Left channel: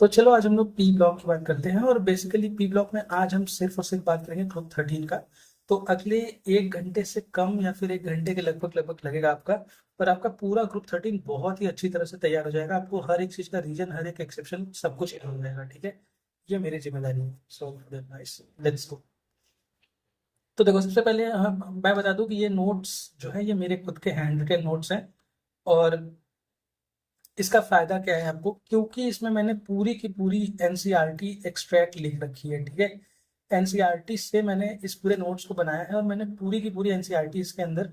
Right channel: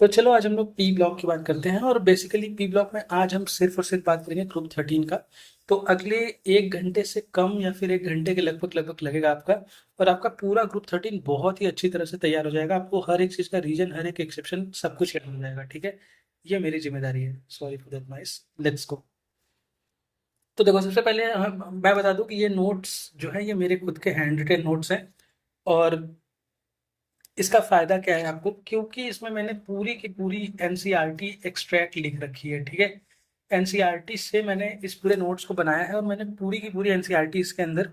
तो चलो आज हम लोग पी ब्लॉक की बात करते हैं। और बेसिकली पी ब्लॉक में आज हम सिर्फ और सिर्फ बात करेंगे ग्रुप 13 का। तो अगले 1 घंटे से कम या फिर 1 घंटे के लगभग लगभग लगेगा आपका। और आपका पूरा ग्रुप 13 बहुत ही अच्छी तरह से तैयार हो जाएगा। आपको हर एक चीज़ का रीजन, हर एक एक्सेप्शन, सब कुछ याद हो जाएगा। ठीक है, ये मेरी जिम्मेदारी है। Sorry for that noise. Let's go. तो देखो, सबसे पहले मैं बता दूं कि ये नोट्स जो है ये मेरे खुद के हैंड रिटेन नोट्स हैं। और इसका फायदा क्या है आपको, क्योंकि इसमें मैंने पूरी की पूरी एनसीईआरटी एक्सट्रैक्ट लिख रखी है। ठीक है, एनसीईआरटी से मैंने इस पूरे नोट्स को बनाया है और मैंने पूरी की पूरी एनसीईआरटी इसके अंदर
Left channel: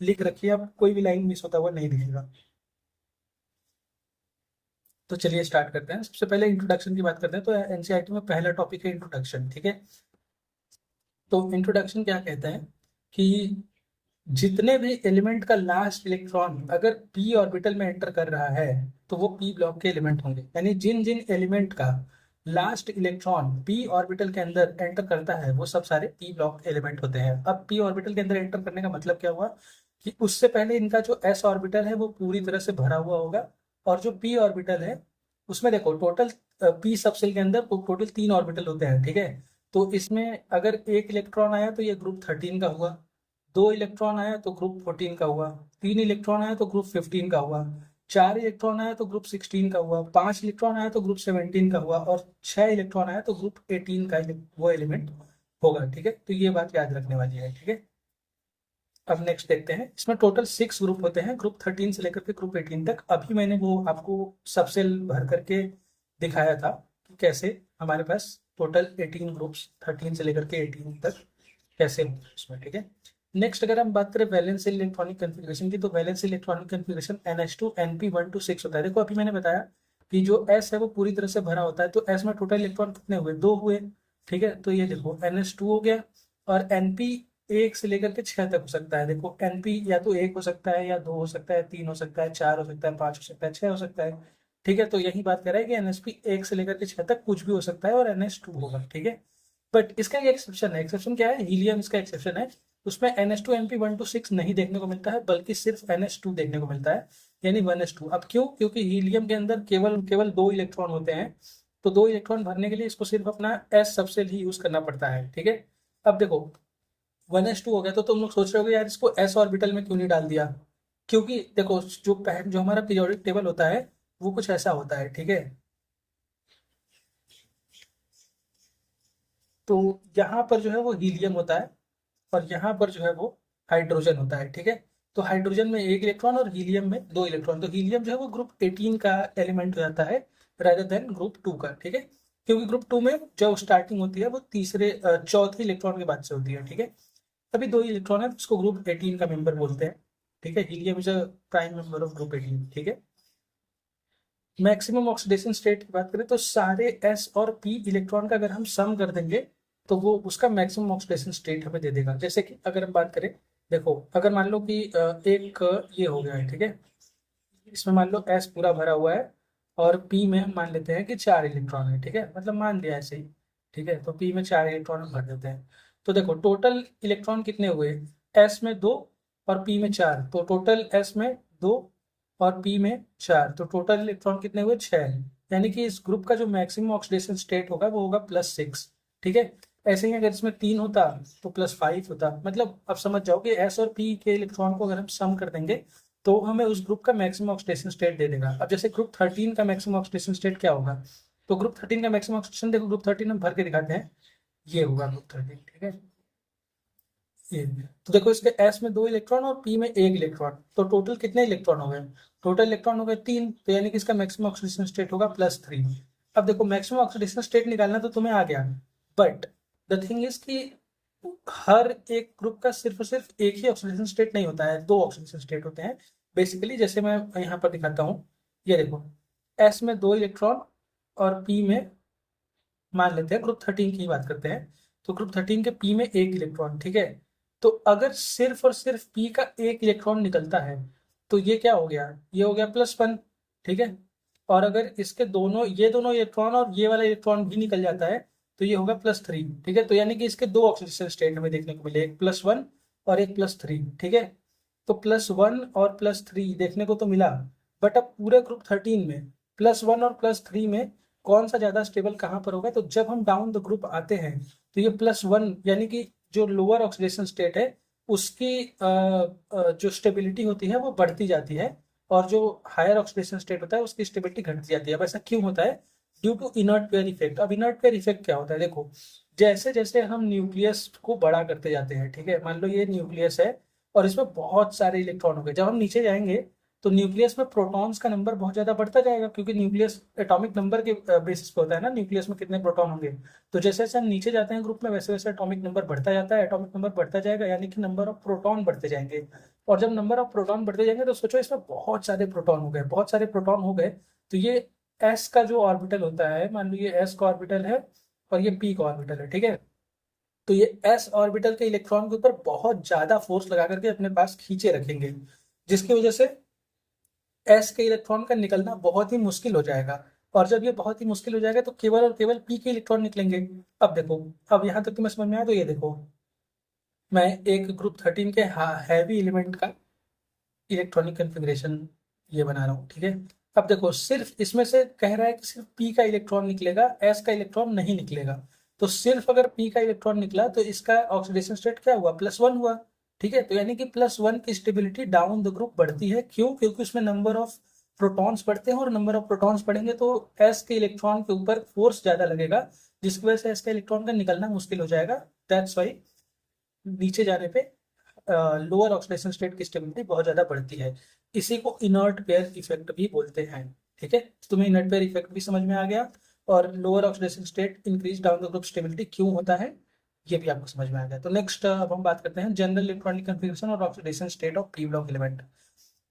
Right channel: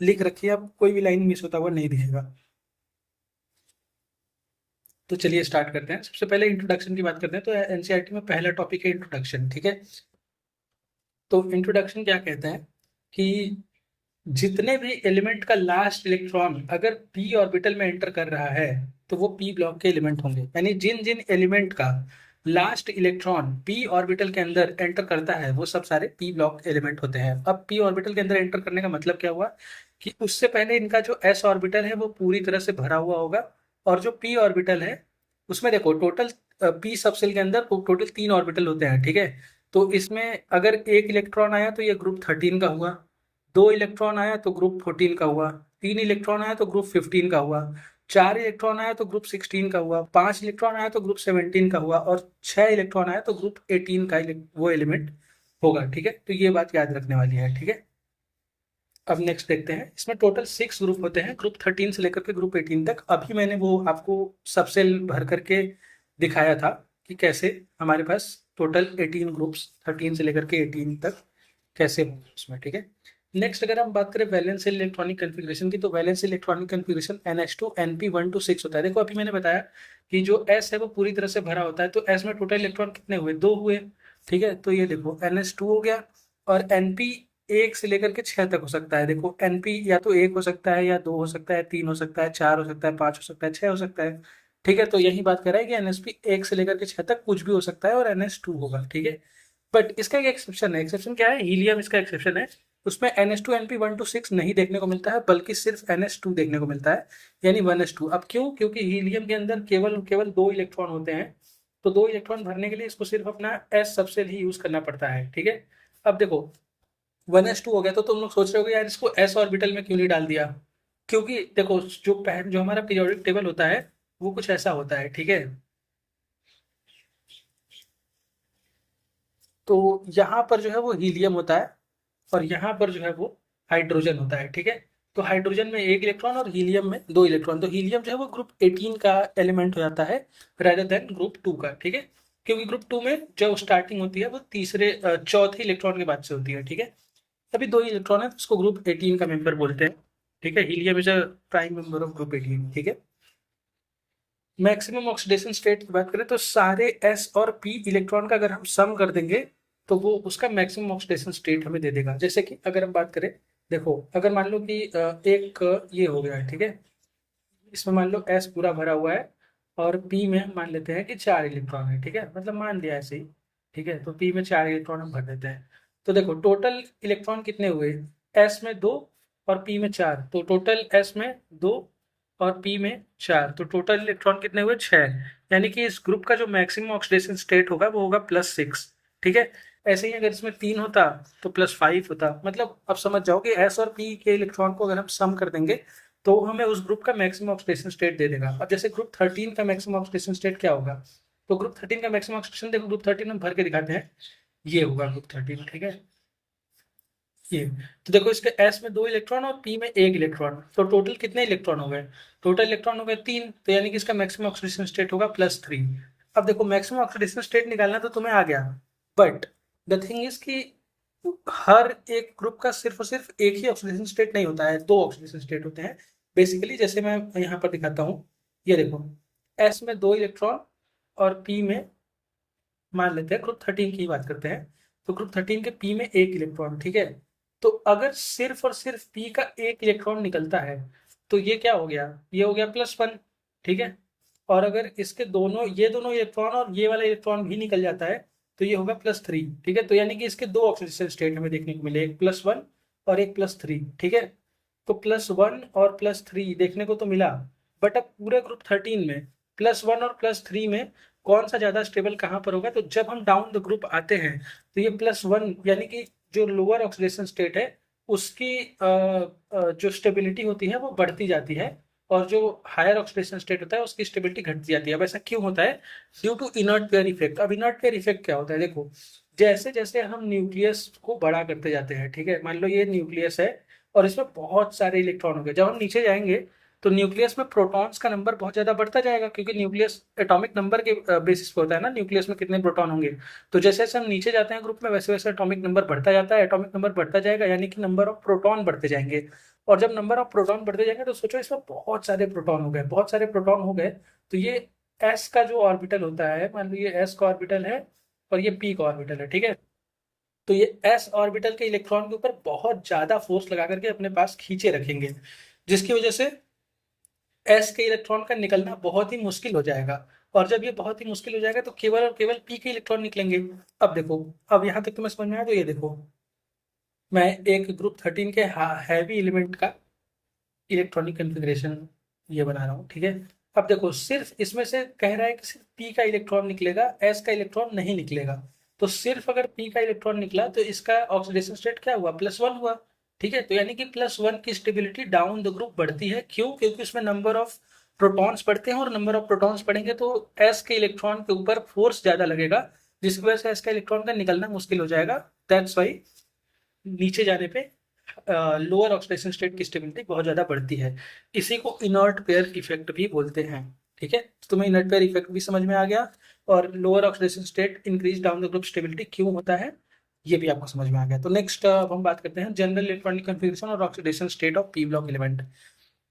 लिख रखी है। अब कोई भी लाइन मिस होता हुआ नहीं दिखेगा। तो चलिए स्टार्ट करते हैं। सबसे पहले इंट्रोडक्शन की बात करते हैं। तो एनसीईआरटी में पहला टॉपिक है इंट्रोडक्शन। ठीक है, तो इंट्रोडक्शन क्या कहता है कि जितने भी एलिमेंट का लास्ट इलेक्ट्रॉन अगर पी ऑर्बिटल में एंटर कर रहा है तो वो पी ब्लॉक के एलिमेंट होंगे। यानी जिन जिन एलिमेंट का लास्ट इलेक्ट्रॉन पी ऑर्बिटल के अंदर एंटर करता है वो सब सारे पी ब्लॉक एलिमेंट होते हैं। अब पी ऑर्बिटल के अंदर एंटर करने का मतलब क्या हुआ कि उससे पहले इनका जो एस ऑर्बिटल है वो पूरी तरह से भरा हुआ होगा। और जो पी ऑर्बिटल है उसमें देखो टोटल पी सबसेल के अंदर टोटल 3 ऑर्बिटल होते हैं। ठीक है, तो इसमें अगर एक इलेक्ट्रॉन आया तो ये ग्रुप 13 का हुआ। 2 इलेक्ट्रॉन आया तो ग्रुप 14 का हुआ। 3 इलेक्ट्रॉन आया तो ग्रुप 15 का हुआ। 4 इलेक्ट्रॉन आया तो ग्रुप 16 का हुआ। 5 इलेक्ट्रॉन आया तो ग्रुप 17 का हुआ। और 6 इलेक्ट्रॉन आया तो ग्रुप 18 का वो एलिमेंट होगा। ठीक है, तो ये बात याद रखने वाली है। ठीक है, अब नेक्स्ट देखते हैं। इसमें टोटल 6 ग्रुप होते हैं, ग्रुप 13 से लेकर के ग्रुप 18 तक। अभी मैंने वो आपको सबसे भर करके दिखाया था कि कैसे हमारे पास टोटल 18 ग्रुप्स 13 से लेकर के 18 तक कैसे होंगे उसमें। ठीक है, नेक्स्ट अगर हम बात करें वैलेंस इलेक्ट्रॉनिक कन्फिग्रेशन की, तो valence electronic configuration NH2 NP1 to 6 होता है। देखो अभी मैंने बताया कि जो S है वो पूरी तरह से भरा होता है। तो S में टोटल इलेक्ट्रॉन कितने हुए? 2 हुए। ठीक है, तो ये देखो NH2 हो गया। और NP 1 से लेकर के 6 तक हो सकता है। देखो NP या तो 1 हो सकता है, या 2 हो सकता है, 3 हो सकता है, 4 हो सकता है, 5 हो सकता है, 6 हो सकता है। ठीक है, तो यही बात कर रहा है कि NSP 1 से लेकर के 6 तक कुछ भी हो सकता है और NH2 होगा। ठीक है, बट इसका एक एक्सेप्शन है। एक्सेप्शन क्या है? हीलियम इसका एक्सेप्शन है। उसमें NH2 NP1 to 6 नहीं देखने को मिलता है, बल्कि सिर्फ NH2 देखने को मिलता है, यानी 1s2। अब क्यों? क्योंकि हीलियम के अंदर केवल केवल 2 इलेक्ट्रॉन होते हैं। तो 2 इलेक्ट्रॉन भरने के लिए इसको सिर्फ अपना एस सबसेल ही यूज करना पड़ता है। ठीक है, अब देखो 1s2 हो गया तो तुम लोग सोच रहे हो यार इसको एस ऑर्बिटल में क्यों नहीं डाल दिया। क्योंकि देखो जो हमारा पीरियोडिक टेबल होता है वो कुछ ऐसा होता है। ठीक है, तो यहाँ पर जो है वो हीलियम होता है और यहाँ पर जो है वो हाइड्रोजन होता है। ठीक है, तो हाइड्रोजन में 1 इलेक्ट्रॉन और हीलियम में 2 इलेक्ट्रॉन। तो हीलियम जो है वो ग्रुप 18 का एलिमेंट हो जाता है rather देन ग्रुप 2 का। ठीक है, क्योंकि ग्रुप 2 में जो स्टार्टिंग होती है वो चौथे इलेक्ट्रॉन के बाद से होती है। ठीक है, तभी 2 इलेक्ट्रॉन है, उसको ग्रुप 18 का मेंबर बोलते हैं। ठीक है, helium is a prime member of group 18। ठीक है, मैक्सिमम ऑक्सीडेशन स्टेट की बात करें तो सारे एस और पी इलेक्ट्रॉन का अगर हम सम कर देंगे तो वो उसका मैक्सिमम ऑक्सीडेशन स्टेट हमें दे देगा। जैसे कि अगर हम बात करें, देखो अगर मान लो कि एक ये हो गया है। ठीक है, इसमें मान लो एस पूरा भरा हुआ है और पी में हम मान लेते हैं कि 4 इलेक्ट्रॉन है। ठीक है, मतलब मान लिया ऐसे ही। ठीक है, तो पी में 4 इलेक्ट्रॉन हम भर देते हैं। तो देखो टोटल इलेक्ट्रॉन कितने हुए? एस में 2 और पी में 4। तो टोटल एस में 2 और पी में 4, तो टोटल इलेक्ट्रॉन कितने हुए? 6। यानी कि इस ग्रुप का जो मैक्सिमम ऑक्सीडेशन स्टेट होगा वो होगा +6। ठीक है, ऐसे ही अगर इसमें 3 होता तो +5 होता। मतलब अब समझ जाओ कि एस और पी के इलेक्ट्रॉन को अगर हम सम कर देंगे तो हमें उस ग्रुप का मैक्सिमम ऑक्सीडेशन स्टेट दे देगा। अब जैसे ग्रुप 13 का मैक्सिमम ऑक्सीडेशन स्टेट क्या होगा? तो ग्रुप 13 का मैक्सिमम ऑक्सीडेशन देखो, ग्रुप 13 हम भर के दिखाते हैं। ये होगा ग्रुप 13। ठीक है, ये तो देखो इसके एस में 2 इलेक्ट्रॉन और पी में 1 इलेक्ट्रॉन। तो टोटल कितने इलेक्ट्रॉन हो गए? टोटल इलेक्ट्रॉन हो गए 3। तो यानी कि इसका मैक्सिमम ऑक्सीडेशन स्टेट होगा +3। अब देखो मैक्सिमम ऑक्सीडेशन स्टेट निकालना तो तुम्हें आ गया, बट द थिंग इज कि हर एक ग्रुप का सिर्फ और सिर्फ एक ही ऑक्सीडेशन स्टेट नहीं होता है, 2 ऑक्सीडेशन स्टेट होते हैं। बेसिकली जैसे मैं यहाँ पर दिखाता हूँ, ये देखो एस में 2 इलेक्ट्रॉन और पी में, मान लेते हैं ग्रुप 13 की बात करते हैं, तो ग्रुप 13 के पी में 1 इलेक्ट्रॉन। ठीक है, तो अगर सिर्फ और सिर्फ पी का 1 इलेक्ट्रॉन निकलता है तो ये क्या हो गया? ये हो गया +1। ठीक है, और अगर इसके दोनों, ये दोनों इलेक्ट्रॉन और ये वाला इलेक्ट्रॉन भी निकल जाता है तो ये होगा +3। ठीक है, तो यानी कि इसके 2 ऑक्सीडेशन स्टेट हमें देखने को मिले, एक +1 और एक +3। ठीक है, तो +1 और +3 देखने को तो मिला, बट अब पूरे ग्रुप 13 में +1 और +3 में कौन सा ज्यादा स्टेबल कहाँ पर होगा, तो जब हम डाउन द ग्रुप आते हैं तो ये +1 यानी कि जो लोअर ऑक्सीडेशन स्टेट है उसकी जो स्टेबिलिटी होती है वो बढ़ती जाती है, और जो हायर ऑक्सीडेशन स्टेट होता है उसकी स्टेबिलिटी घटती जाती है। अब ऐसा क्यों होता है? Due to inert pair effect. अब इनर्ट पेयर इफेक्ट क्या होता है? देखो, जैसे जैसे हम न्यूक्लियस को बड़ा करते जाते हैं, ठीक है, मान लो ये न्यूक्लियस है और इसमें बहुत सारे इलेक्ट्रॉन हो गए, जब हम नीचे जाएंगे तो न्यूक्लियस में प्रोटॉन्स का नंबर बहुत ज्यादा बढ़ता जाएगा, क्योंकि न्यूक्लियस एटॉमिक नंबर के बेसिस पे होता है ना, न्यूक्लियस में कितने प्रोटॉन होंगे। तो जैसे जैसे हम नीचे जाते हैं ग्रुप में वैसे वैसे एटॉमिक नंबर बढ़ता जाता है, एटॉमिक नंबर बढ़ता जाएगा यानी कि नंबर ऑफ प्रोटॉन बढ़ते जाएंगे। और जब नंबर ऑफ प्रोटॉन बढ़ते जाएंगे तो सोचो इसमें बहुत सारे प्रोटॉन हो गए, बहुत सारे प्रोटॉन हो गए, तो ये एस का जो ऑर्बिटल होता है, मान लो ये एस का ऑर्बिटल है और ये पी का ऑर्बिटल है, ठीक है, तो ये एस ऑर्बिटल के इलेक्ट्रॉन के ऊपर बहुत ज्यादा फोर्स लगा करके अपने पास खींचे रखेंगे, जिसकी वजह से एस के इलेक्ट्रॉन का निकलना बहुत ही मुश्किल हो जाएगा। और जब ये बहुत ही मुश्किल हो जाएगा तो केवल और केवल पी के इलेक्ट्रॉन निकलेंगे। अब देखो, अब यहाँ तक तुम्हें समझ में आया? तो ये देखो, मैं एक ग्रुप 13 के हैवी एलिमेंट का इलेक्ट्रॉनिक कन्फिग्रेशन ये बना रहा हूँ, ठीक है। अब देखो, सिर्फ इसमें से कह रहा है कि सिर्फ पी का इलेक्ट्रॉन निकलेगा, एस का इलेक्ट्रॉन नहीं निकलेगा। तो सिर्फ अगर पी का इलेक्ट्रॉन निकला तो इसका ऑक्सीडेशन स्टेट क्या हुआ? +1 हुआ, ठीक है। तो यानी कि +1 की स्टेबिलिटी डाउन द ग्रुप बढ़ती है। क्यों? क्योंकि उसमें नंबर ऑफ प्रोटॉन्स बढ़ते हैं, और नंबर ऑफ प्रोटॉन्स बढ़ेंगे तो एस के इलेक्ट्रॉन के ऊपर फोर्स ज्यादा लगेगा, जिसकी वजह से एस का इलेक्ट्रॉन का निकलना मुश्किल हो जाएगा। दैट्स वाई नीचे जाने पे लोअर ऑक्सीडेशन स्टेट की स्टेबिलिटी बहुत ज्यादा बढ़ती है। इसी को इनर्ट पेयर इफेक्ट भी बोलते हैं, ठीक है। तो तुम्हें इनर्ट पेयर इफेक्ट भी समझ में आ गया, और lower oxidation state increase down the group stability क्यों होता है ये भी आपको समझ में आ गया। तो नेक्स्ट अब हम बात करते हैं जनरल इलेक्ट्रॉनिक कन्फिग्रेशन और oxidation state of P block element.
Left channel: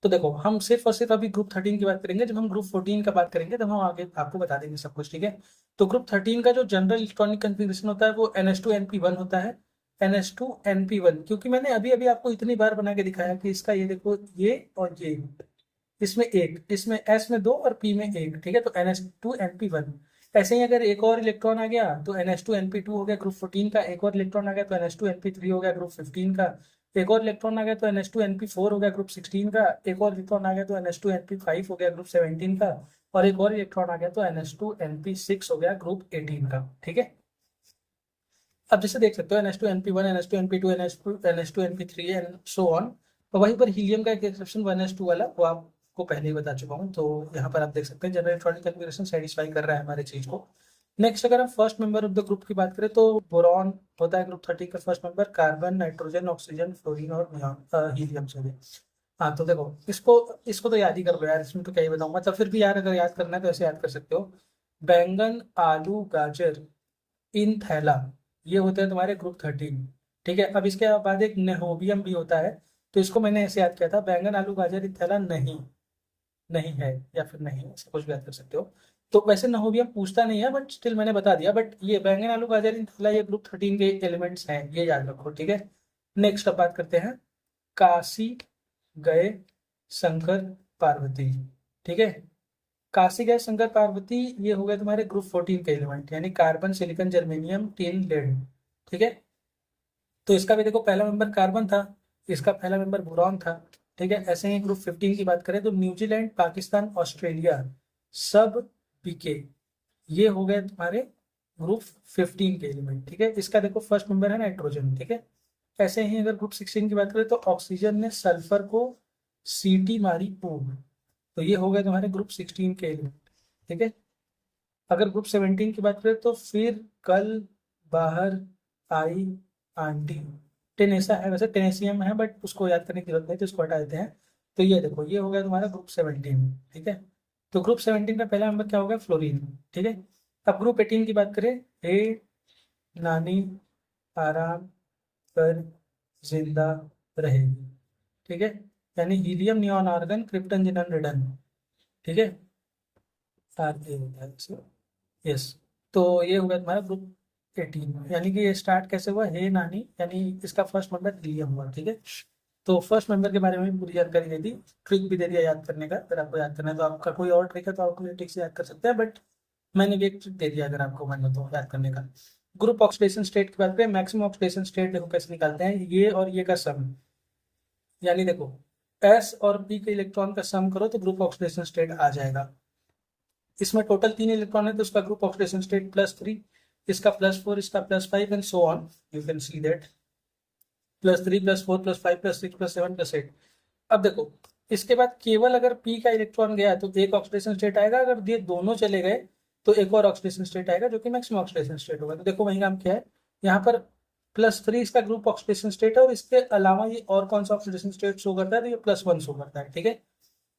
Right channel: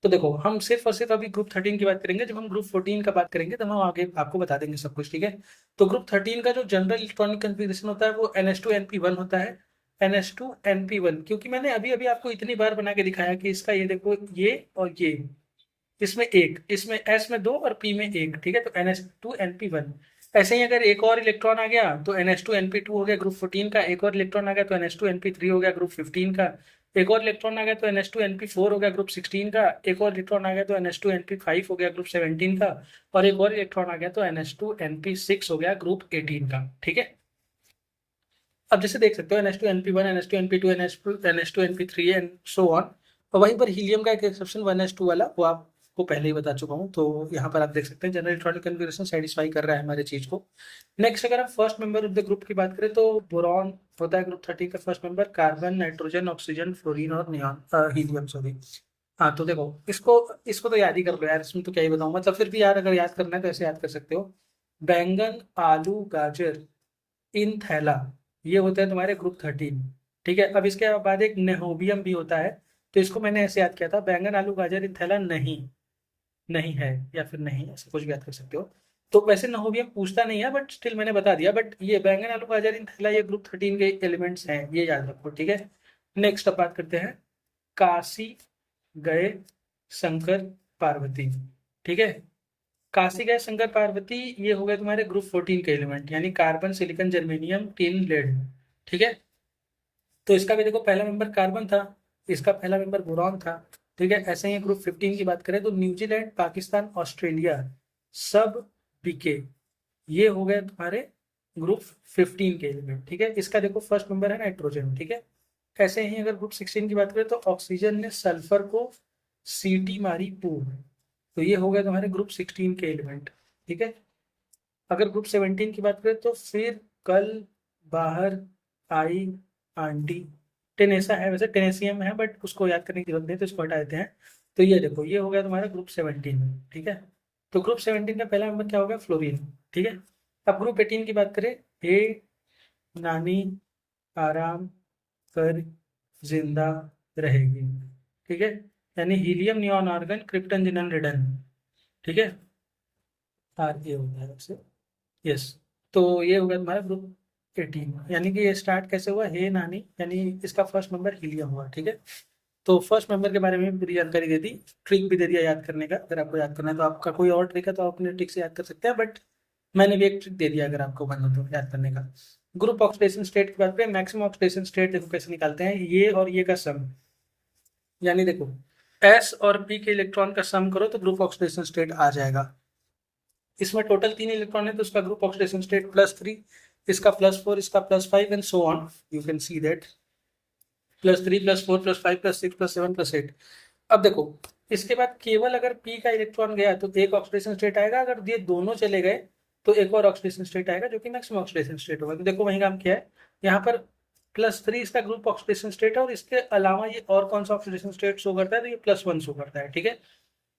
तो देखो, हम सिर्फ और सिर्फ अभी ग्रुप 13 की बात करेंगे, जब हम ग्रुप 14 का बात करेंगे तब हम आगे आपको बता देंगे सब कुछ, ठीक है। तो ग्रुप 13 का जो जनरल इलेक्ट्रॉनिक कन्फिग्रेशन होता है वो NH2 NP1 होता है। NH2 NP1, क्योंकि मैंने अभी अभी आपको इतनी बार बना के दिखाया कि इसका ये देखो, ये और ये, इसमें एक, इसमें एस में दो और पी में एक, ठीक है, तो NH2 NP1। ऐसे ही अगर एक और इलेक्ट्रॉन आ गया तो NH2 NP2 हो गया ग्रुप 14 का, एक और इलेक्ट्रॉन आ गया तो NH2 NP3 हो गया ग्रुप 15 का, एक और इलेक्ट्रॉन आ गया तो NH2 NP4 हो गया ग्रुप 16 का, एक और इलेक्ट्रॉन आ गया तो NH2 NP5 हो गया ग्रुप 17 का, और एक और इलेक्ट्रॉन आ गया तो NH2 NP6 हो गया ग्रुप 18 का, ठीक है। अब जैसे देख सकते हो NH2 NP1, NH2 NP2, NH2 NP3 and so on. और वहीं पर हीलियम का एक एक्सेप्शन 1s2 वाला, वो आपको पहले ही बता चुका हूँ। तो यहाँ पर आप देख सकते हैं जनरल इलेक्ट्रॉनिक कन्फिग्रेशन सेटिस्फाई कर रहा है हमारे चीज को। नेक्स्ट अगर हम first member of the group की बात करें तो बोरॉन होता है ग्रुप 13 का first member, carbon, nitrogen, oxygen, fluorine और नियॉन, हीलियम, सॉरी। हाँ, तो देखो, इसको इसको तो याद ही कर लो यार, इसमें तो क्या ही बताऊँ, मतलब फिर भी यार अगर याद करना है तो ऐसे याद कर सकते हो। बैंगन, आलू, गाजर, इन थैला, ये होते हैं तुम्हारे ग्रुप 13, ठीक है। अब इसके बाद एक नेहोबियम भी होता है, तो इसको मैंने ऐसे याद किया था, बैंगन, आलू, गाजर, इन थैला नहीं, नहीं है, या फिर नहीं, ऐसा कुछ भी याद कर सकते हो। तो वैसे नहोबियम पूछता नहीं है, बट स्टिल मैंने बता दिया। बट ये बैंगन, आलू, गाजर, इन थैला ये ग्रुप 13 के एलिमेंट्स हैं, ये याद रखो, ठीक है। नेक्स्ट अब बात करते हैं काशी गए शंकर पार्वती, ठीक है। काशी गए शंकर पार्वती, ये हो गए तुम्हारे ग्रुप 14 के एलिमेंट, यानी carbon, silicon, germanium, tin, lead, ठीक है। तो इसका भी देखो पहला मेंबर कार्बन था, इसका पहला मेंबर बोरॉन था, ठीक है। ऐसे ही ग्रुप 15 की बात करें तो न्यूजीलैंड, पाकिस्तान, ऑस्ट्रेलिया सब बीके, ये हो गए तुम्हारे ग्रुप 15 के एलिमेंट, ठीक है। इसका देखो फर्स्ट मेंबर है नाइट्रोजन, ठीक है। ऐसे ही अगर ग्रुप 16 की बात करें तो ऑक्सीजन ने सल्फर को सीटी मारी पूर्व, तो ये हो गया तुम्हारे ग्रुप 16 के एलिमेंट, ठीक है। अगर ग्रुप 17 की बात करें तो फिर कल, बाहर, आई, आंटी, टेनेसा है, वैसे टेनेसियम है बट उसको याद करने की जरूरत नहीं, तो इसको हटा देते हैं। तो ये देखो, ये हो गया तुम्हारा ग्रुप 17, ठीक है। तो ग्रुप 17 का पहला नंबर क्या होगा? फ्लोरीन, ठीक है। अब ग्रुप 18 की बात करें, हे नानी आराम कर जिंदा रहेगी, ठीक है, यानी helium, neon, argon, krypton, xenon, radon, ठीक है। आर ए होता है वैसे, यस। तो ये हो गया तुम्हारा ग्रुप 18, यानी कि ये स्टार्ट कैसे हुआ? हे नानी, यानी इसका फर्स्ट मेंबर हीलियम हुआ, ठीक है। तो फर्स्ट मेंबर के बारे में भी पूरी जानकारी दे दी, ट्रिक भी दे दिया याद करने का। अगर आपको याद करना है तो आपका कोई और ट्रिक है तो आप अपने ट्रिक से याद कर सकते हैं, बट मैंने भी एक ट्रिक दे दिया अगर आपको मन हो तो याद करने का। ग्रुप ऑक्सीडेशन स्टेट की बात करें, मैक्सिमम ऑक्सीडेशन स्टेट देखो कैसे निकालते हैं, ये और ये का सम, यानी देखो एस और पी के इलेक्ट्रॉन का सम करो तो ग्रुप ऑक्सीडेशन स्टेट आ जाएगा। इसमें टोटल 3 इलेक्ट्रॉन है तो उसका ग्रुप ऑक्सीडेशन स्टेट +3, इसका +4, इसका +5 and so on, you can see that +3 +4 +5 +6 +7 +8। अब देखो इसके बाद केवल अगर P का इलेक्ट्रॉन गया तो एक ऑक्सीडेशन स्टेट आएगा, अगर ये दोनों चले गए तो एक और ऑक्सीडेशन स्टेट आएगा जो कि मैक्सिमम ऑक्सीडेशन स्टेट होगा। तो देखो वही काम किया है, यहाँ पर +3 इसका ग्रुप ऑक्सीडेशन स्टेट है और इसके अलावा ये और कौन सा ऑक्सीडेशन स्टेट शो करता है, तो ये +1 शो करता है, ठीक है।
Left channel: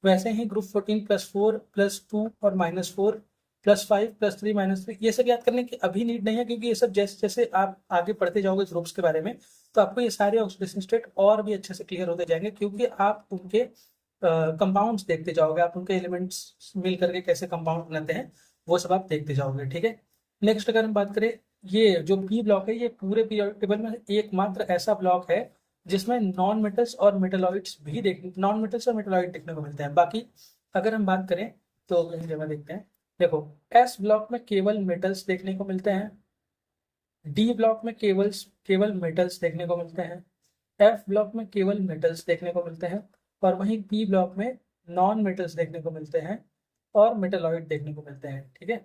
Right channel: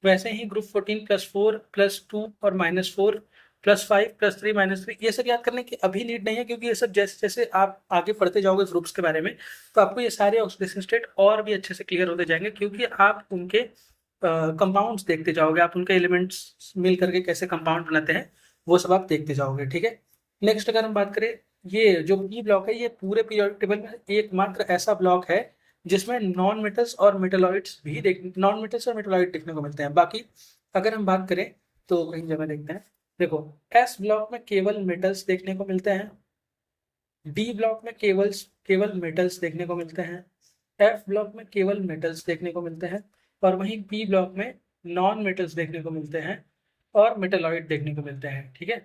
वैसे ही ग्रुप 14 +4 +2 और -4 +5 +3 -3, ये सब याद करने की अभी नीड नहीं है, क्योंकि ये सब जैसे जैसे आप आगे पढ़ते जाओगे ग्रुप्स के बारे में तो आपको ये सारे ऑक्सीडेशन स्टेट और भी अच्छे से क्लियर होते जाएंगे, क्योंकि आप उनके कंपाउंड्स देखते जाओगे, आप उनके एलिमेंट्स मिल करके कैसे कंपाउंड बनाते हैं वो सब आप देखते जाओगे, ठीक है। नेक्स्ट अगर हम बात करें, ये जो पी ब्लॉक है ये पूरे पीरियोडिक टेबल में एकमात्र ऐसा ब्लॉक है जिसमें नॉन मेटल्स और मेटलॉइड्स भी नॉन मेटल्स और मेटलॉइड देखने को मिलते हैं। बाकी अगर हम बात करें तो कई जगह देखते हैं, देखो एस ब्लॉक में केवल मेटल्स देखने को मिलते हैं, डी ब्लॉक में केवल केवल मेटल्स देखने को मिलते हैं, एफ ब्लॉक में केवल मेटल्स देखने को मिलते हैं, और वहीं पी ब्लॉक में नॉन मेटल्स देखने को मिलते हैं और मेटलॉइड देखने को मिलते हैं, ठीक है।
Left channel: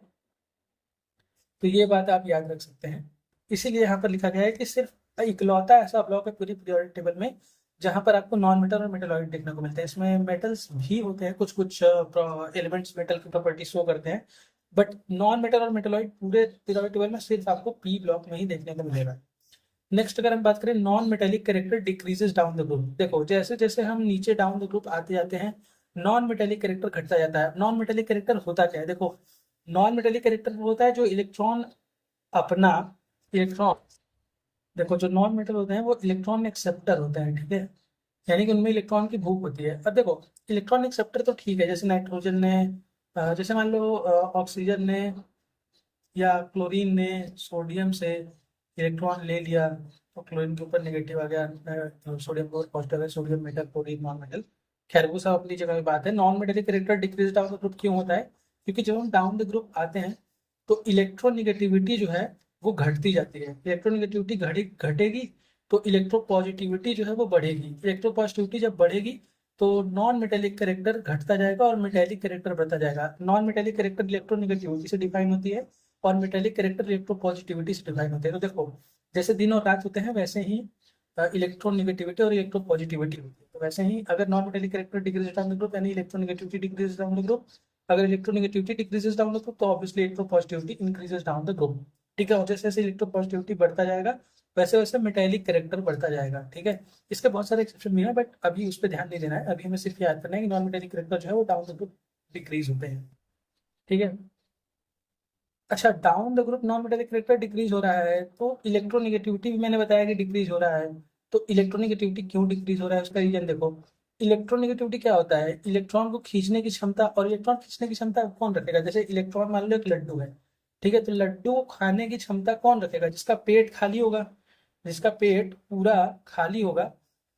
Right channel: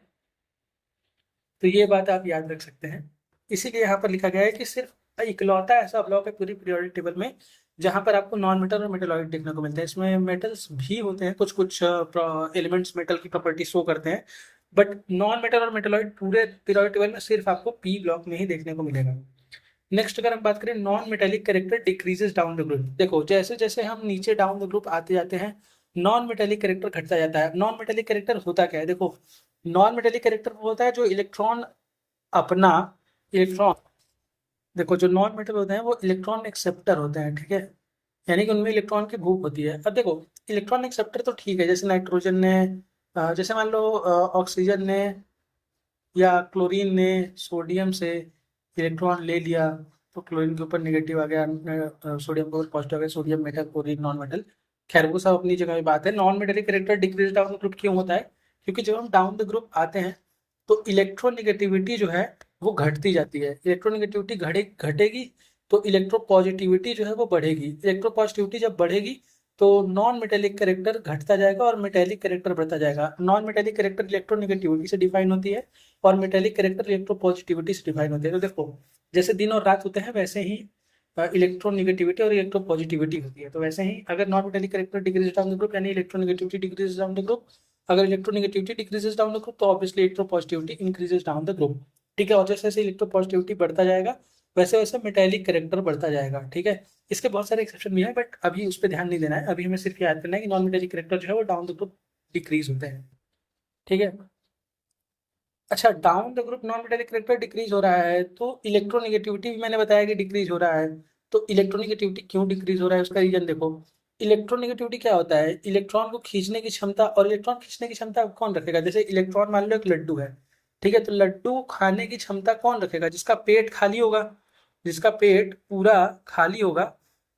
तो ये बात आप याद रख सकते हैं, इसीलिए यहाँ पर लिखा गया है कि सिर्फ इकलौता ऐसा ब्लॉक है पूरी पीरियोडिक टेबल में जहाँ पर आपको नॉन मेटल और मेटलॉइड देखने को मिलते हैं। इसमें मेटल्स भी होते हैं, कुछ कुछ एलिमेंट्स मेटल की प्रॉपर्टी शो करते हैं, बट नॉन मेटल और मेटलॉइड पूरे पीरियोडिक टेबल में सिर्फ आपको पी ब्लॉक में ही देखने को मिलेगा। नेक्स्ट अगर हम बात करें, non metallic character decreases down the group. देखो जैसे जैसे हम नीचे डाउन द ग्रुप आते जाते हैं नॉन मेटेलिक कैरेक्टर घटता जाता है। नॉन मेटेलिक कैरेक्टर होता क्या है, देखो नॉन मेटेलिक कैरेक्टर होता है जो इलेक्ट्रॉन अपना इलेक्ट्रॉन, देखो जो नॉन मेटल होते हैं वो इलेक्ट्रॉन एक्सेप्टर होते हैं, ठीक है, यानी कि उनमें इलेक्ट्रॉन की भूख होती है। अब देखो इलेक्ट्रॉन एक्सेप्टर तो ठीक है, जैसे नाइट्रोजन ने जैसे मान लो ऑक्सीजन ने या क्लोरीन ने सोडियम से इलेक्ट्रॉन ले लिया तो क्लोरीन के ऊपर नेगेटिव आ गया, सोडियम के ऊपर पॉजिटिव आ गया, sodium metal chlorine non metal. खैर वो सब अपनी जगह में बात है। Non metallic character decrease down the group क्यों होता है, क्योंकि जब हम डाउन द ग्रुप आते हैं तो इलेक्ट्रोनिगेटिविटी जो है वो घटती जाती है। इलेक्ट्रोनिगेटिविटी घटेगी तो इलेक्ट्रोपॉजिटिविटी जो है वो बढ़ेगी। इलेक्ट्रोपॉजिटिविटी जब बढ़ेगी तो नॉन मेटेलिक कैरेक्टर घटता जाएगा और मेटेलिक कैरेक्टर बढ़ता जाएगा। नॉन मेटेलिक कैरेक्टर इलेक्ट्रोनिगेटिविटी से डिफाइन होती है और मेटेलिक कैरेक्टर इलेक्ट्रोपॉजिटिविटी से डिफाइन होती है। तो देखो जैसे दिन और रात होते हैं वैसे ही इलेक्ट्रोनिगेटिविटी और इलेक्ट्रोपॉजिटिविटी होती है। तो वैसे ही अगर non metallic character decrease down the group यानी electronegativity decrease down the group, अगर electronegativity decreases down the group तो obviously electropositivity increases down the group, ठीक है। और जैसे जैसे इलेक्ट्रोपॉजिटिविटी बढ़ता जाएगा वैसे वैसे मेटेलिक कैरेक्टर बढ़ता जाएगा, ठीक है। इसके बहुत सारे एक्सेप्शन भी हैं बट अभी उस पर ध्यान नहीं देना है, अभी हमें सिर्फ याद करना है कि नॉन मेटेलिक कैरेक्टर जो है वो डाउन द ग्रुप डिक्रीज होते हैं, ठीक है। अच्छा down the group non metallic character decrease हो रहा है तो इलेक्ट्रोनिगेटिविटी भी मैंने बताया कि डिक्रीज हो रहा है। तो इलेक्ट्रोनिगेटिविटी क्यों डिक्रीज हो रहा है उसका रीजन देखो। इलेक्ट्रोनिगेटिविटी क्या होता है, इलेक्ट्रॉन को खींचने की क्षमता, और इलेक्ट्रॉन खींचने की क्षमता कौन रखेगा, जैसे इलेक्ट्रॉन मान लो एक लड्डू है, ठीक है, तो लड्डू खाने की क्षमता कौन रखेगा, जिसका पेट खाली होगा, जिसका पेट पूरा खाली होगा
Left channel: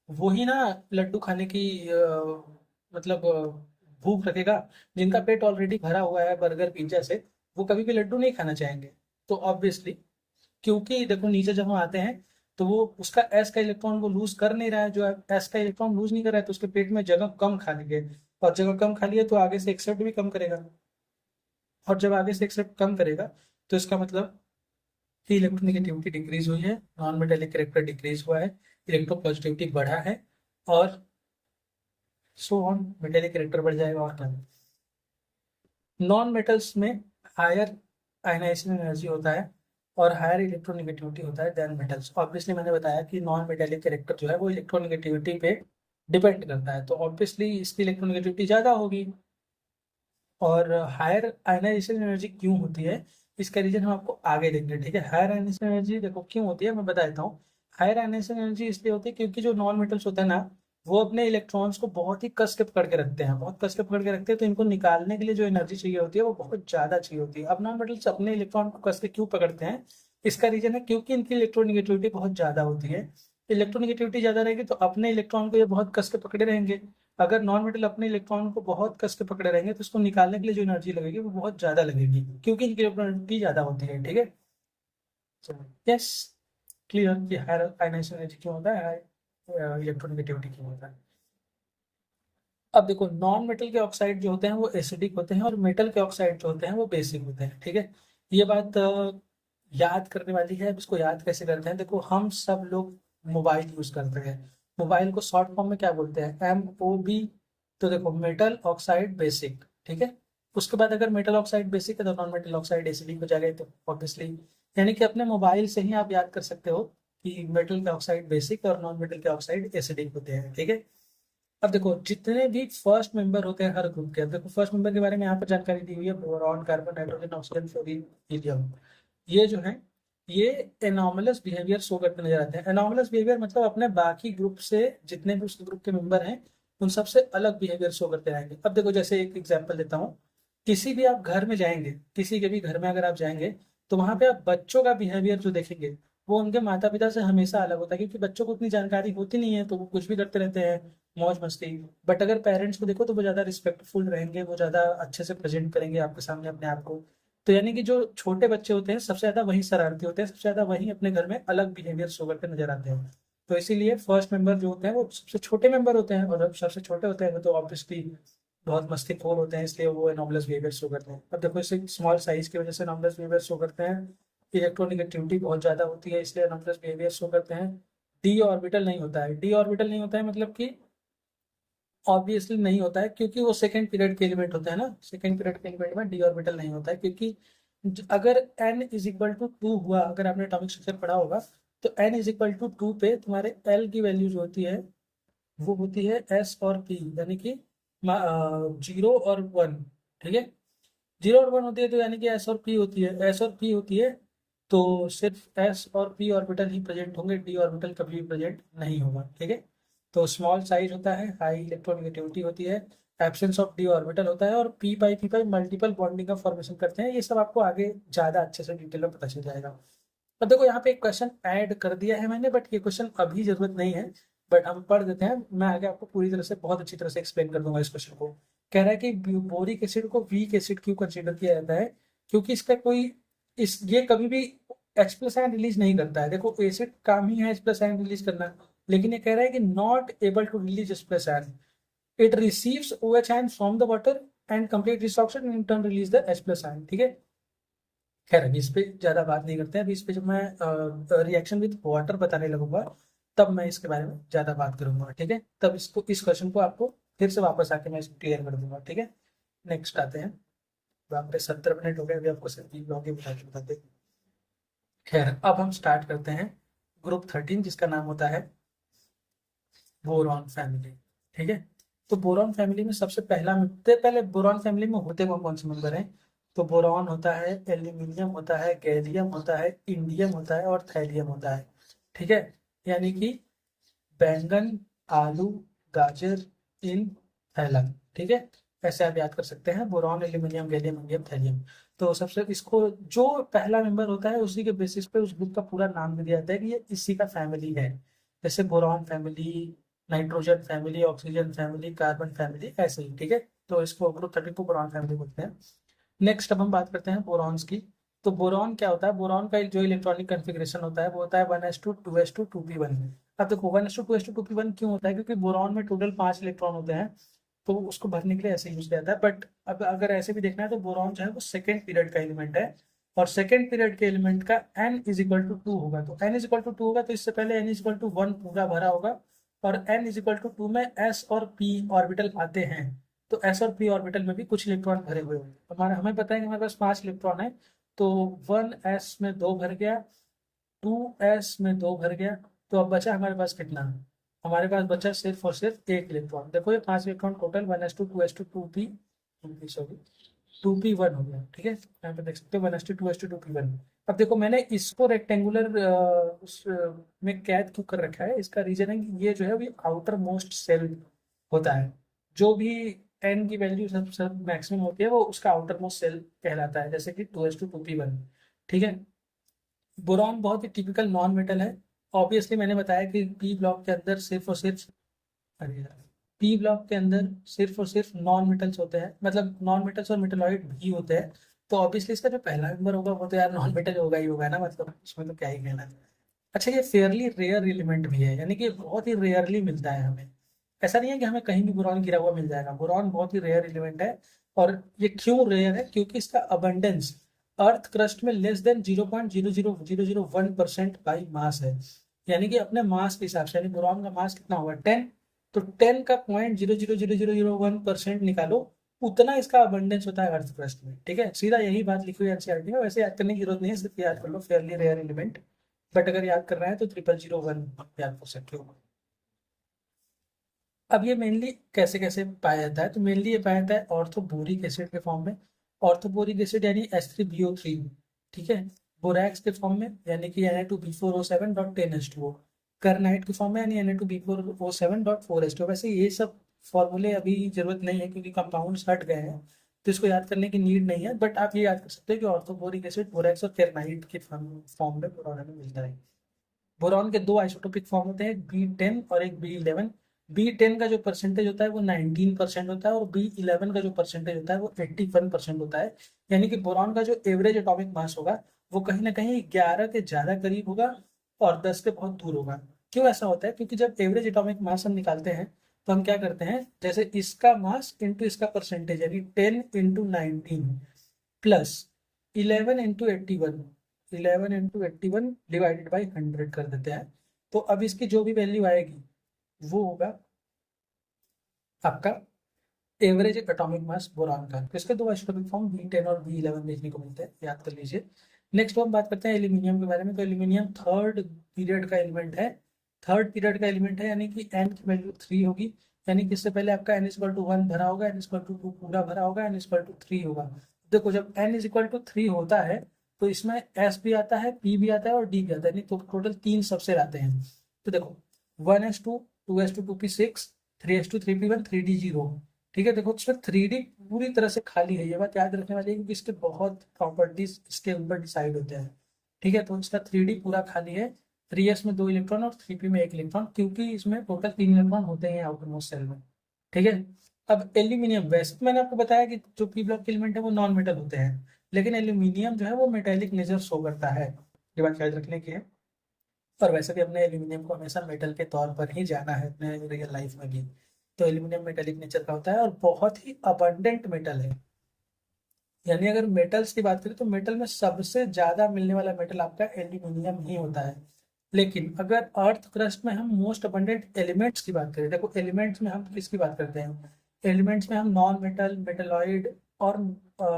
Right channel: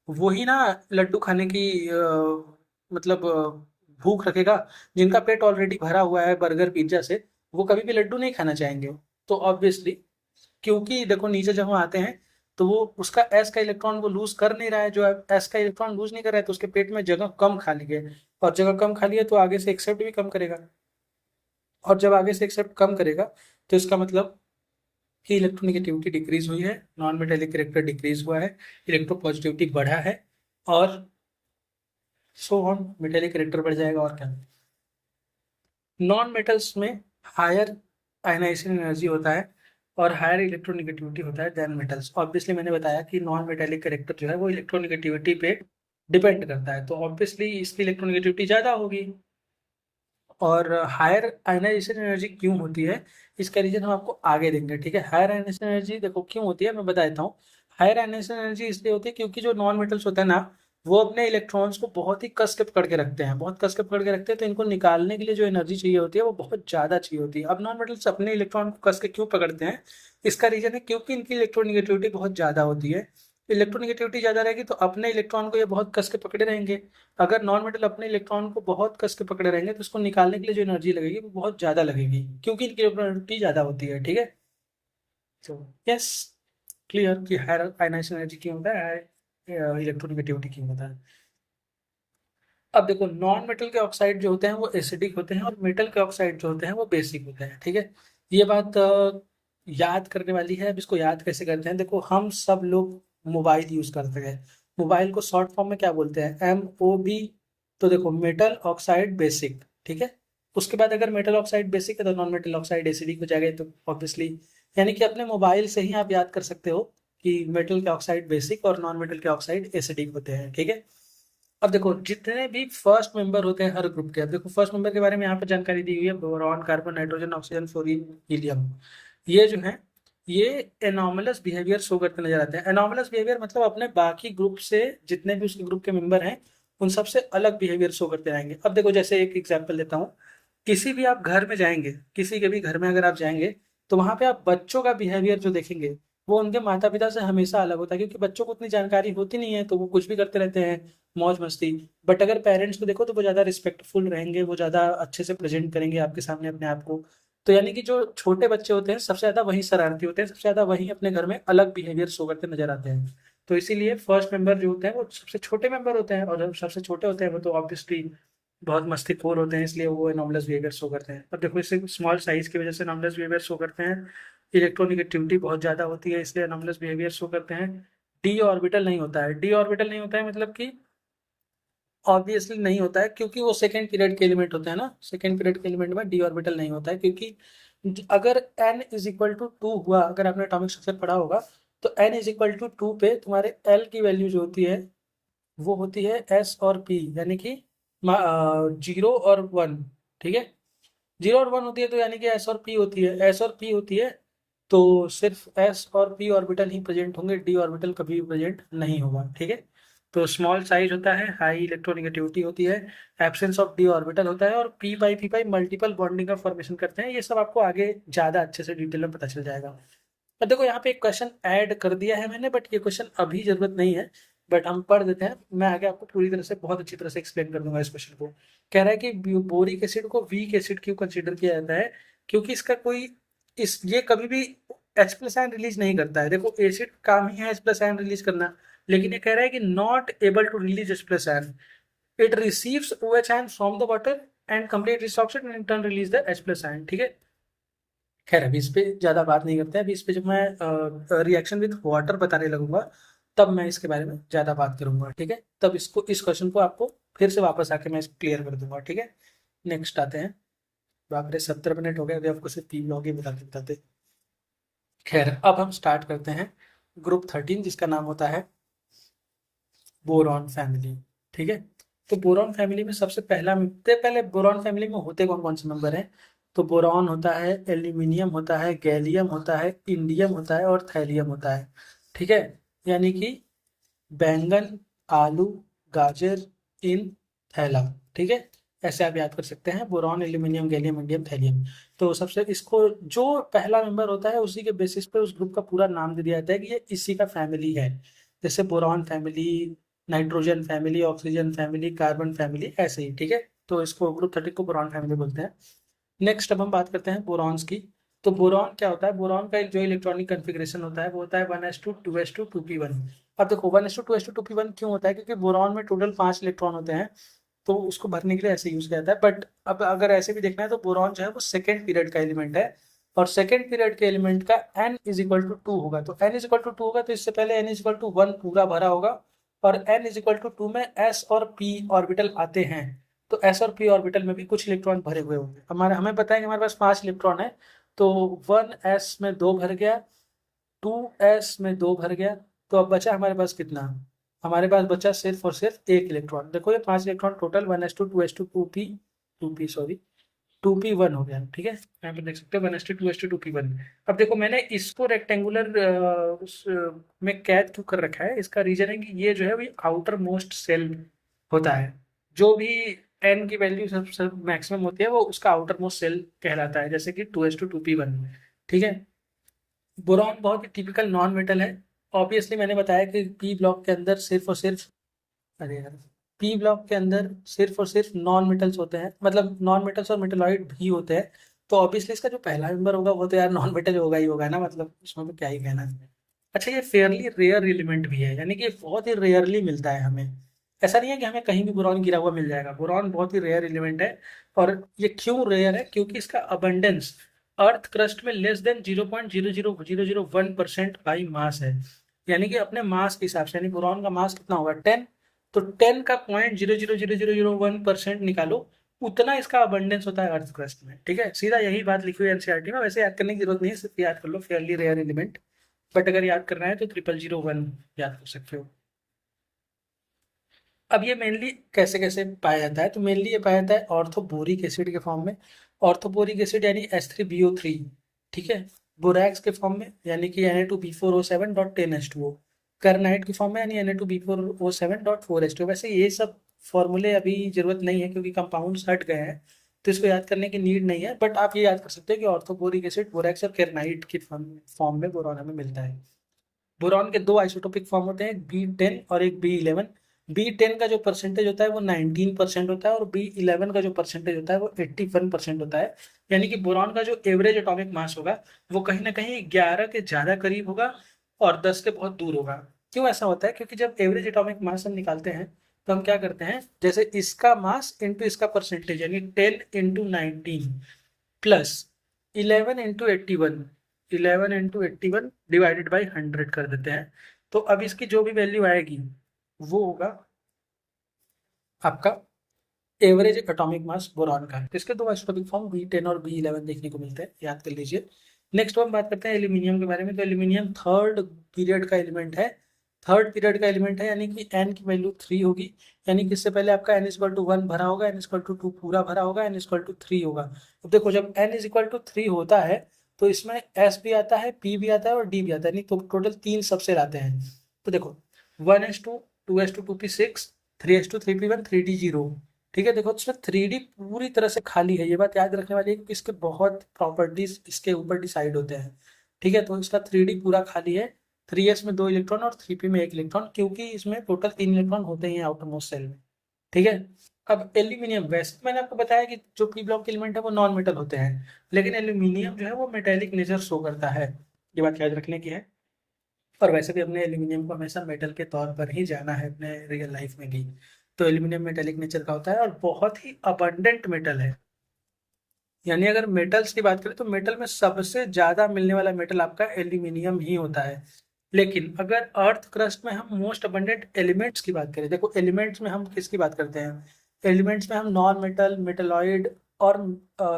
वही ना लड्डू खाने की मतलब भूख रखेगा। जिनका पेट ऑलरेडी भरा हुआ है बर्गर पिज्जा से वो कभी भी लड्डू नहीं खाना चाहेंगे। तो ऑब्वियसली क्योंकि देखो नीचे जब हम आते हैं तो वो उसका एस का इलेक्ट्रॉन वो लूज कर नहीं रहा है, जो एस का इलेक्ट्रॉन लूज नहीं कर रहा है तो उसके पेट में जगह कम खाली है, और जगह कम खाली है तो आगे से एक्सेप्ट भी कम करेगा, और जब आगे से एक्सेप्ट कम करेगा तो इसका मतलब कि इलेक्ट्रोनिगेटिविटी डिक्रीज हुई है, नॉन मेटेलिक कैरेक्टर डिक्रीज हुआ है, इलेक्ट्रोपॉजिटिविटी बढ़ा है, और सो ऑन मेटेलिक कैरेक्टर बढ़ जाएगा। और क्या, नॉन मेटल्स में हायर आयनाइजेशन एनर्जी होता है और हायर इलेक्ट्रोनिगेटिविटी होता है देन मेटल्स। ऑब्वियसली मैंने बताया कि नॉन मेटेलिक कैरेक्टर जो है वो इलेक्ट्रोनिगेटिविटी पे डिपेंड करता है, तो ऑब्वियसली इसकी इलेक्ट्रोनिगेटिविटी ज़्यादा होगी। और हायर आयनाइजेशन एनर्जी क्यों होती है इसका रीजन हम आपको आगे देंगे, ठीक है। हायर आयनाइजेशन एनर्जी देखो क्यों होती है मैं बता देता हूँ। हायर आयनाइजेशन एनर्जी इसलिए होती है क्योंकि जो नॉन मेटल्स होते हैं ना वो अपने इलेक्ट्रॉन्स को बहुत ही कस के पकड़ के रखते हैं, बहुत कस के पकड़ के रखते हैं, तो इनको निकालने के लिए जो एनर्जी चाहिए होती है वो बहुत ज़्यादा चाहिए होती है। अब नॉन मेटल्स अपने इलेक्ट्रॉन को कस के क्यों पकड़ते हैं, इसका रीजन है क्योंकि इनकी इलेक्ट्रोनिगेटिविटी बहुत ज़्यादा होती है। इलेक्ट्रोनिगेटिविटी ज़्यादा रहेगी तो अपने इलेक्ट्रॉन को ये बहुत कस के पकड़े रहेंगे। अगर नॉन मेटल अपने इलेक्ट्रॉन को बहुत कस के पकड़े रहेंगे तो उसको निकालने के लिए जो एनर्जी लगेगी वो बहुत ज़्यादा लगेगी क्योंकि इनकी इलेक्ट्रोनिगेटिविटी ज़्यादा होती है, ठीक है। यस क्लियर कि हायर आयनाइजेशन एनर्जी क्यों होता है, हायर इलेक्ट्रोनिगेटिविटी क्यों होता है। अब देखो, नॉन मेटल के ऑक्साइड जो होते हैं वो एसिडिक होते हैं और मेटल के ऑक्साइड जो होते हैं वो बेसिक होते हैं, ठीक है। ये बात याद करने वाली है। अब इसको याद कैसे करते हैं, देखो हम सब लोग मोबाइल यूज करते हैं। मोबाइल को शॉर्ट फॉर्म में क्या बोलते हैं, MOB। तो देखो, मेटल ऑक्साइड बेसिक, ठीक है। उसके बाद अगर मेटल ऑक्साइड बेसिक है तो नॉन मेटल ऑक्साइड एसिडिक हो जाएगा, तो ऑब्वियसली यानी कि अपने मोबाइल से ही आप याद कर सकते हो कि मेटल के ऑक्साइड बेसिक और नॉन मेटल के ऑक्साइड एसिडिक होते हैं, ठीक है। अब देखो, जितने भी फर्स्ट मेंबर होते हैं हर ग्रुप के, अब देखो फर्स्ट मेंबर के बारे में यहाँ पे जानकारी दी हुई है, boron, carbon, nitrogen, oxygen, fluorine, helium. ये जो है, ये एनॉमलस बिहेवियर शो करते नजर आते हैं। एनॉमलस बिहेवियर मतलब अपने बाकी ग्रुप से, जितने भी उसके ग्रुप के मेंबर हैं उन सबसे अलग बिहेवियर शो करते रहेंगे। अब देखो, जैसे एक एग्जाम्पल देता हूँ। किसी भी आप घर में जाएंगे, किसी के भी घर में अगर आप जाएंगे, तो वहां पे आप बच्चों का बिहेवियर जो देखेंगे वो उनके माता पिता से हमेशा अलग होता है, क्योंकि बच्चों को उतनी जानकारी होती नहीं है तो वो कुछ भी करते रहते हैं, मौज मस्ती। बट अगर पेरेंट्स को देखो तो वो ज़्यादा रिस्पेक्टफुल रहेंगे, वो ज़्यादा अच्छे से प्रेजेंट करेंगे आपके सामने अपने आप को। तो यानी कि जो छोटे बच्चे होते हैं सबसे ज़्यादा वही शरारती होते हैं, सबसे ज़्यादा वही अपने घर में अलग बिहेवियर शो करते नजर आते हैं। तो इसीलिए फर्स्ट मेंबर जो होते हैं वो सबसे छोटे मेंबर होते हैं, और जब सबसे छोटे होते हैं वो तो ऑब्वियसली बहुत मस्तीखोर होते हैं, इसलिए वो एनॉमलस बिहेवियर शो करते हैं। अब देखो, इसे स्मॉल साइज की वजह से एनॉमलस बिहेवियर शो करते हैं। इलेक्ट्रोनिगेटिविटी बहुत ज़्यादा होती है, इसलिए एनॉमलस बिहेवियर शो करते हैं। डी ऑर्बिटल नहीं होता है। डी ऑर्बिटल नहीं होता है मतलब कि ऑब्वियसली नहीं होता है, क्योंकि वो सेकेंड पीरियड के एलिमेंट होते हैं ना। सेकेंड पीरियड के एलिमेंट में डी ऑर्बिटल नहीं होता है, क्योंकि अगर n इज इक्वल टू 2 हुआ, अगर आपने एटॉमिक स्ट्रक्चर पढ़ा होगा, तो n इज इक्वल टू 2 पे तुम्हारे l की वैल्यू जो होती है वो होती है s और p, यानी कि 0 और 1, ठीक है। 0 और 1 होती है तो यानी कि एस और पी होती है, एस और पी होती है। तो सिर्फ एस और पी ऑर्बिटल ही प्रेजेंट होंगे, डी ऑर्बिटल कभी भी प्रेजेंट नहीं होगा, ठीक है। तो स्मॉल साइज होता है, हाई इलेक्ट्रोनिगेटिविटी होती है, एब्सेंस ऑफ डी ऑर्बिटल होता है, और पी पाई मल्टीपल बॉन्डिंग का फॉर्मेशन करते हैं। ये सब आपको आगे ज़्यादा अच्छे से डिटेल में पता चल जाएगा। और देखो, यहाँ पे एक क्वेश्चन ऐड कर दिया है मैंने, बट ये क्वेश्चन अभी जरूरत नहीं है। बट हम पढ़ देते हैं, मैं आगे आपको पूरी तरह से बहुत अच्छी तरह से एक्सप्लेन कर दूंगा इस क्वेश्चन को। कह रहा है कि बोरिक एसिड को वीक एसिड क्यों कंसिडर किया जाता है, क्योंकि इसका कोई, इस ये कभी भी H प्लस आयन रिलीज नहीं करता है। देखो, एसिड काम ही है H प्लस आयन रिलीज करना, लेकिन ये कह रहा है कि not able to release H plus ion. It receives OH ion from the water and complete resorption and in turn release the H plus ion, ठीक है। खैर, अभी इस पे ज्यादा बात नहीं करते हैं। अभी इस पे जब मैं रिएक्शन विद वाटर बताने लगूंगा, तब मैं इसके बारे में ज्यादा बात करूंगा, ठीक है। तब इसको, इस क्वेश्चन को आपको फिर से वापस आके मैं इसको क्लियर कर दूंगा, ठीक है। नेक्स्ट आते हैं। बाप रे, 70 मिनट हो गए, अभी आपको सिर्फ 3 लॉग ही बता के बताते। खैर, अब हम स्टार्ट करते हैं ग्रुप 13, जिसका नाम होता है बोरॉन फैमिली, ठीक है। तो बोरॉन फैमिली में सबसे पहले बोरॉन फैमिली में होते कौन कौन से मेंबर हैं। तो बोरॉन होता है, एल्यूमिनियम होता है, गैलियम होता है, इंडियम होता है और थैलियम होता है, ठीक है। यानी कि बैंगन, आलू, गाजर, इन, थैला, ठीक है। ऐसे आप याद कर सकते हैं, boron, aluminium, gallium, indium, thallium. तो सबसे इसको जो पहला मेंबर होता है उसी के बेसिस पे उस ग्रुप का पूरा नाम दे दिया जाता है कि ये इसी का फैमिली है। जैसे boron family, nitrogen family, oxygen family, carbon family, ऐसे ही, ठीक है। तो इसको ग्रुप 13 को बोरॉन फैमिली बोलते हैं। नेक्स्ट अब हम बात करते हैं बोरॉन्स की। तो बोरॉन क्या होता है, बोरॉन का जो इलेक्ट्रॉनिक कन्फिग्रेशन होता है वो होता है 1s2 2s2 2p1। अब देखो, 1s2 2s2 2p1 क्यों होता है, क्योंकि बोरॉन में टोटल 5 इलेक्ट्रॉन होते हैं, तो उसको भरने के लिए ऐसे यूज किया जाता है। बट अब अगर ऐसे भी देखना है तो बोरॉन जो है वो सेकेंड पीरियड का एलिमेंट है, और सेकेंड पीरियड के एलिमेंट का n इज इक्वल टू 2 होगा। तो n इज इक्वल टू 2 होगा, तो इससे पहले n इज इक्वल टू 1 पूरा भरा होगा, और n इज इक्वल टू 2 में s और p ऑर्बिटल आते हैं। तो s और p ऑर्बिटल में भी कुछ इलेक्ट्रॉन भरे हुए होंगे। हमें पता है कि हमारे पास 5 इलेक्ट्रॉन है, तो 1s में 2 भर गया, 2s में 2 भर गया, तो अब बचा हमारे पास कितना, हमारे पास बचा सिर्फ और सिर्फ एक इलेक्ट्रॉन। देखो, ये 5 electron total, 1s2 2s2 2p sorry 2p1 हो गया, ठीक है। यहाँ पे देख सकते हैं 1s2 2s2 2p1। अब देखो, मैंने इसको रेक्टेंगुलर में कैद क्यों कर रखा है, इसका रीजन है कि ये जो है वो आउटर मोस्ट सेल होता है। जो भी n की वैल्यू सब मैक्सिमम होती है वो उसका आउटर मोस्ट सेल कहलाता है, जैसे कि 2s2 2p1, ठीक है। बोरॉन बहुत ही टिपिकल नॉन मेटल है। ऑब्वियसली मैंने बताया कि पी ब्लॉक के अंदर सिर्फ और सिर्फ, अरे यार, पी ब्लॉक के अंदर सिर्फ और सिर्फ नॉन मेटल्स होते हैं, मतलब नॉन मेटल्स और मेटलॉइड भी होते हैं। तो ऑब्वियसली इसका जो पहला मेंबर होगा वो तो यार नॉन मेटल होगा ही होगा ना, मतलब इसमें तो क्या ही कहना है। अच्छा, ये फेयरली रेयर एलिमेंट भी है, यानी कि बहुत ही रेयरली मिलता है हमें। ऐसा नहीं है कि हमें कहीं भी बोरॉन गिरा हुआ मिल जाएगा। बोरॉन बहुत ही रेयर एलिमेंट है, और ये क्यों रेयर है, क्योंकि इसका अबंडेंस अर्थ क्रस्ट में लेस देन 0.00001% बाई मास है। यानी कि अपने मास के हिसाब से, यानी बोरॉन का मास कितना होगा 10, तो 10 का 0.00001% निकालो, उतना इसका अबंडेंस होता है अर्थ क्रस्ट में। ठीक है, सीधा यही बात लिखी हुई एनसीईआरटी में। वैसे याद करने की जरूरत नहीं है, सिर्फ याद कर लो फेयरली रेयर एलिमेंट। बट अगर याद करना है तो 0001 याद कर सकते हो। अब ये मेनली कैसे कैसे पाया जाता है, तो मेनली ये पाया जाता है ऑर्थोबोरिक एसिड के फॉर्म में। ऑर्थोबोरिक एसिड यानी H3BO3, ठीक है। बोरैक्स के फॉर्म में यानी कि Na2B4O7.10H2O। कार्नाइट के फॉर्म में यानी Na2B4O7.4H2O। वैसे ये सब फॉर्मूले अभी जरूरत नहीं है क्योंकि कंपाउंड्स हट गए हैं, तो इसको याद करने की नीड नहीं है। बट आप ये याद कर सकते हो कि ऑर्थोबोरिक एसिड बोरैक्स और कार्नाइट के फॉर्म में बोरॉन हमें मिलता है। बोरॉन के दो आइसोटोपिक फॉर्म होते हैं, एक B10 और एक B11। B10 का जो परसेंटेज होता है वो 19% होता है, और B11 का जो परसेंटेज होता है वो 81% होता है। यानी कि बोरॉन का जो एवरेज एटॉमिक मास होगा वो कहीं ना कहीं 11 के ज़्यादा करीब होगा और 10 के बहुत दूर होगा। क्यों ऐसा होता है, क्योंकि जब एवरेज एटॉमिक मास हम निकालते हैं तो हम क्या करते हैं, जैसे इसका मास इंटू इसका परसेंटेज, यानी 10 × 19 प्लस 11 × 81, 11 × 81 डिवाइडेड बाई 100 कर देते हैं। तो अब इसकी जो भी वैल्यू आएगी वो होगा आपका एवरेज एटॉमिक मास बोरॉन का। तो इसके दो आइसोटोपिक फॉर्म B10 और B11 देखने को मिलते हैं, याद कर लीजिए। नेक्स्ट हम बात करते हैं एल्यूमिनियम के बारे में। तो एल्यूमिनियम थर्ड पीरियड का एलिमेंट है। थर्ड पीरियड का एलिमेंट है, यानी कि n की वैल्यू 3 होगी। यानी कि इससे पहले आपका n=1 भरा होगा, n=2 पूरा भरा होगा, n=3 होगा। तो देखो जब n=3 होता है तो इसमें s भी आता है, p भी आता है और d भी आता है, यानी तो टोटल 3 सबसे आते हैं। तो देखो 1s2, 2s2, 2p6, 3s2, 3p1, 3d0। ठीक है, देखो इसमें 3D पूरी तरह से खाली है। ये बात याद रखने वाली है क्योंकि इसके बहुत प्रॉपर्टीज इसके ऊपर डिसाइड होते हैं। ठीक है, तो इसका 3D पूरा खाली है। 3s में 2 इलेक्ट्रॉन और 3p में 1 इलेक्ट्रॉन, क्योंकि इसमें टोटल 3 इलेक्ट्रॉन होते हैं आउटर मोस्ट सेल में। ठीक है, अब एल्यूमिनियम, वैसे मैंने आपको बताया कि जो पी ब्लॉक के एलिमेंट है वो नॉन मेटल होते हैं, लेकिन एल्यूमिनियम जो है वो मेटेलिक नेचर शो करता है। ये बात याद रखने की है। और वैसे भी अपने एल्यूमिनियम को हमेशा मेटल के तौर पर ही जाना है अपने रियल लाइफ में भी। तो एल्यूमिनियम मेटेलिक नेचर का होता है और बहुत ही अबंडेंट मेटल है। यानी अगर मेटल्स की बात करें तो मेटल में सबसे ज्यादा मिलने वाला मेटल आपका एल्यूमिनियम ही होता है। लेकिन अगर अर्थ क्रस्ट में हम मोस्ट अबंडेंट एलिमेंट्स की बात करें, देखो एलिमेंट्स में हम किसकी बात करते हैं, एलिमेंट्स में हम नॉन मेटल, मेटलॉइड और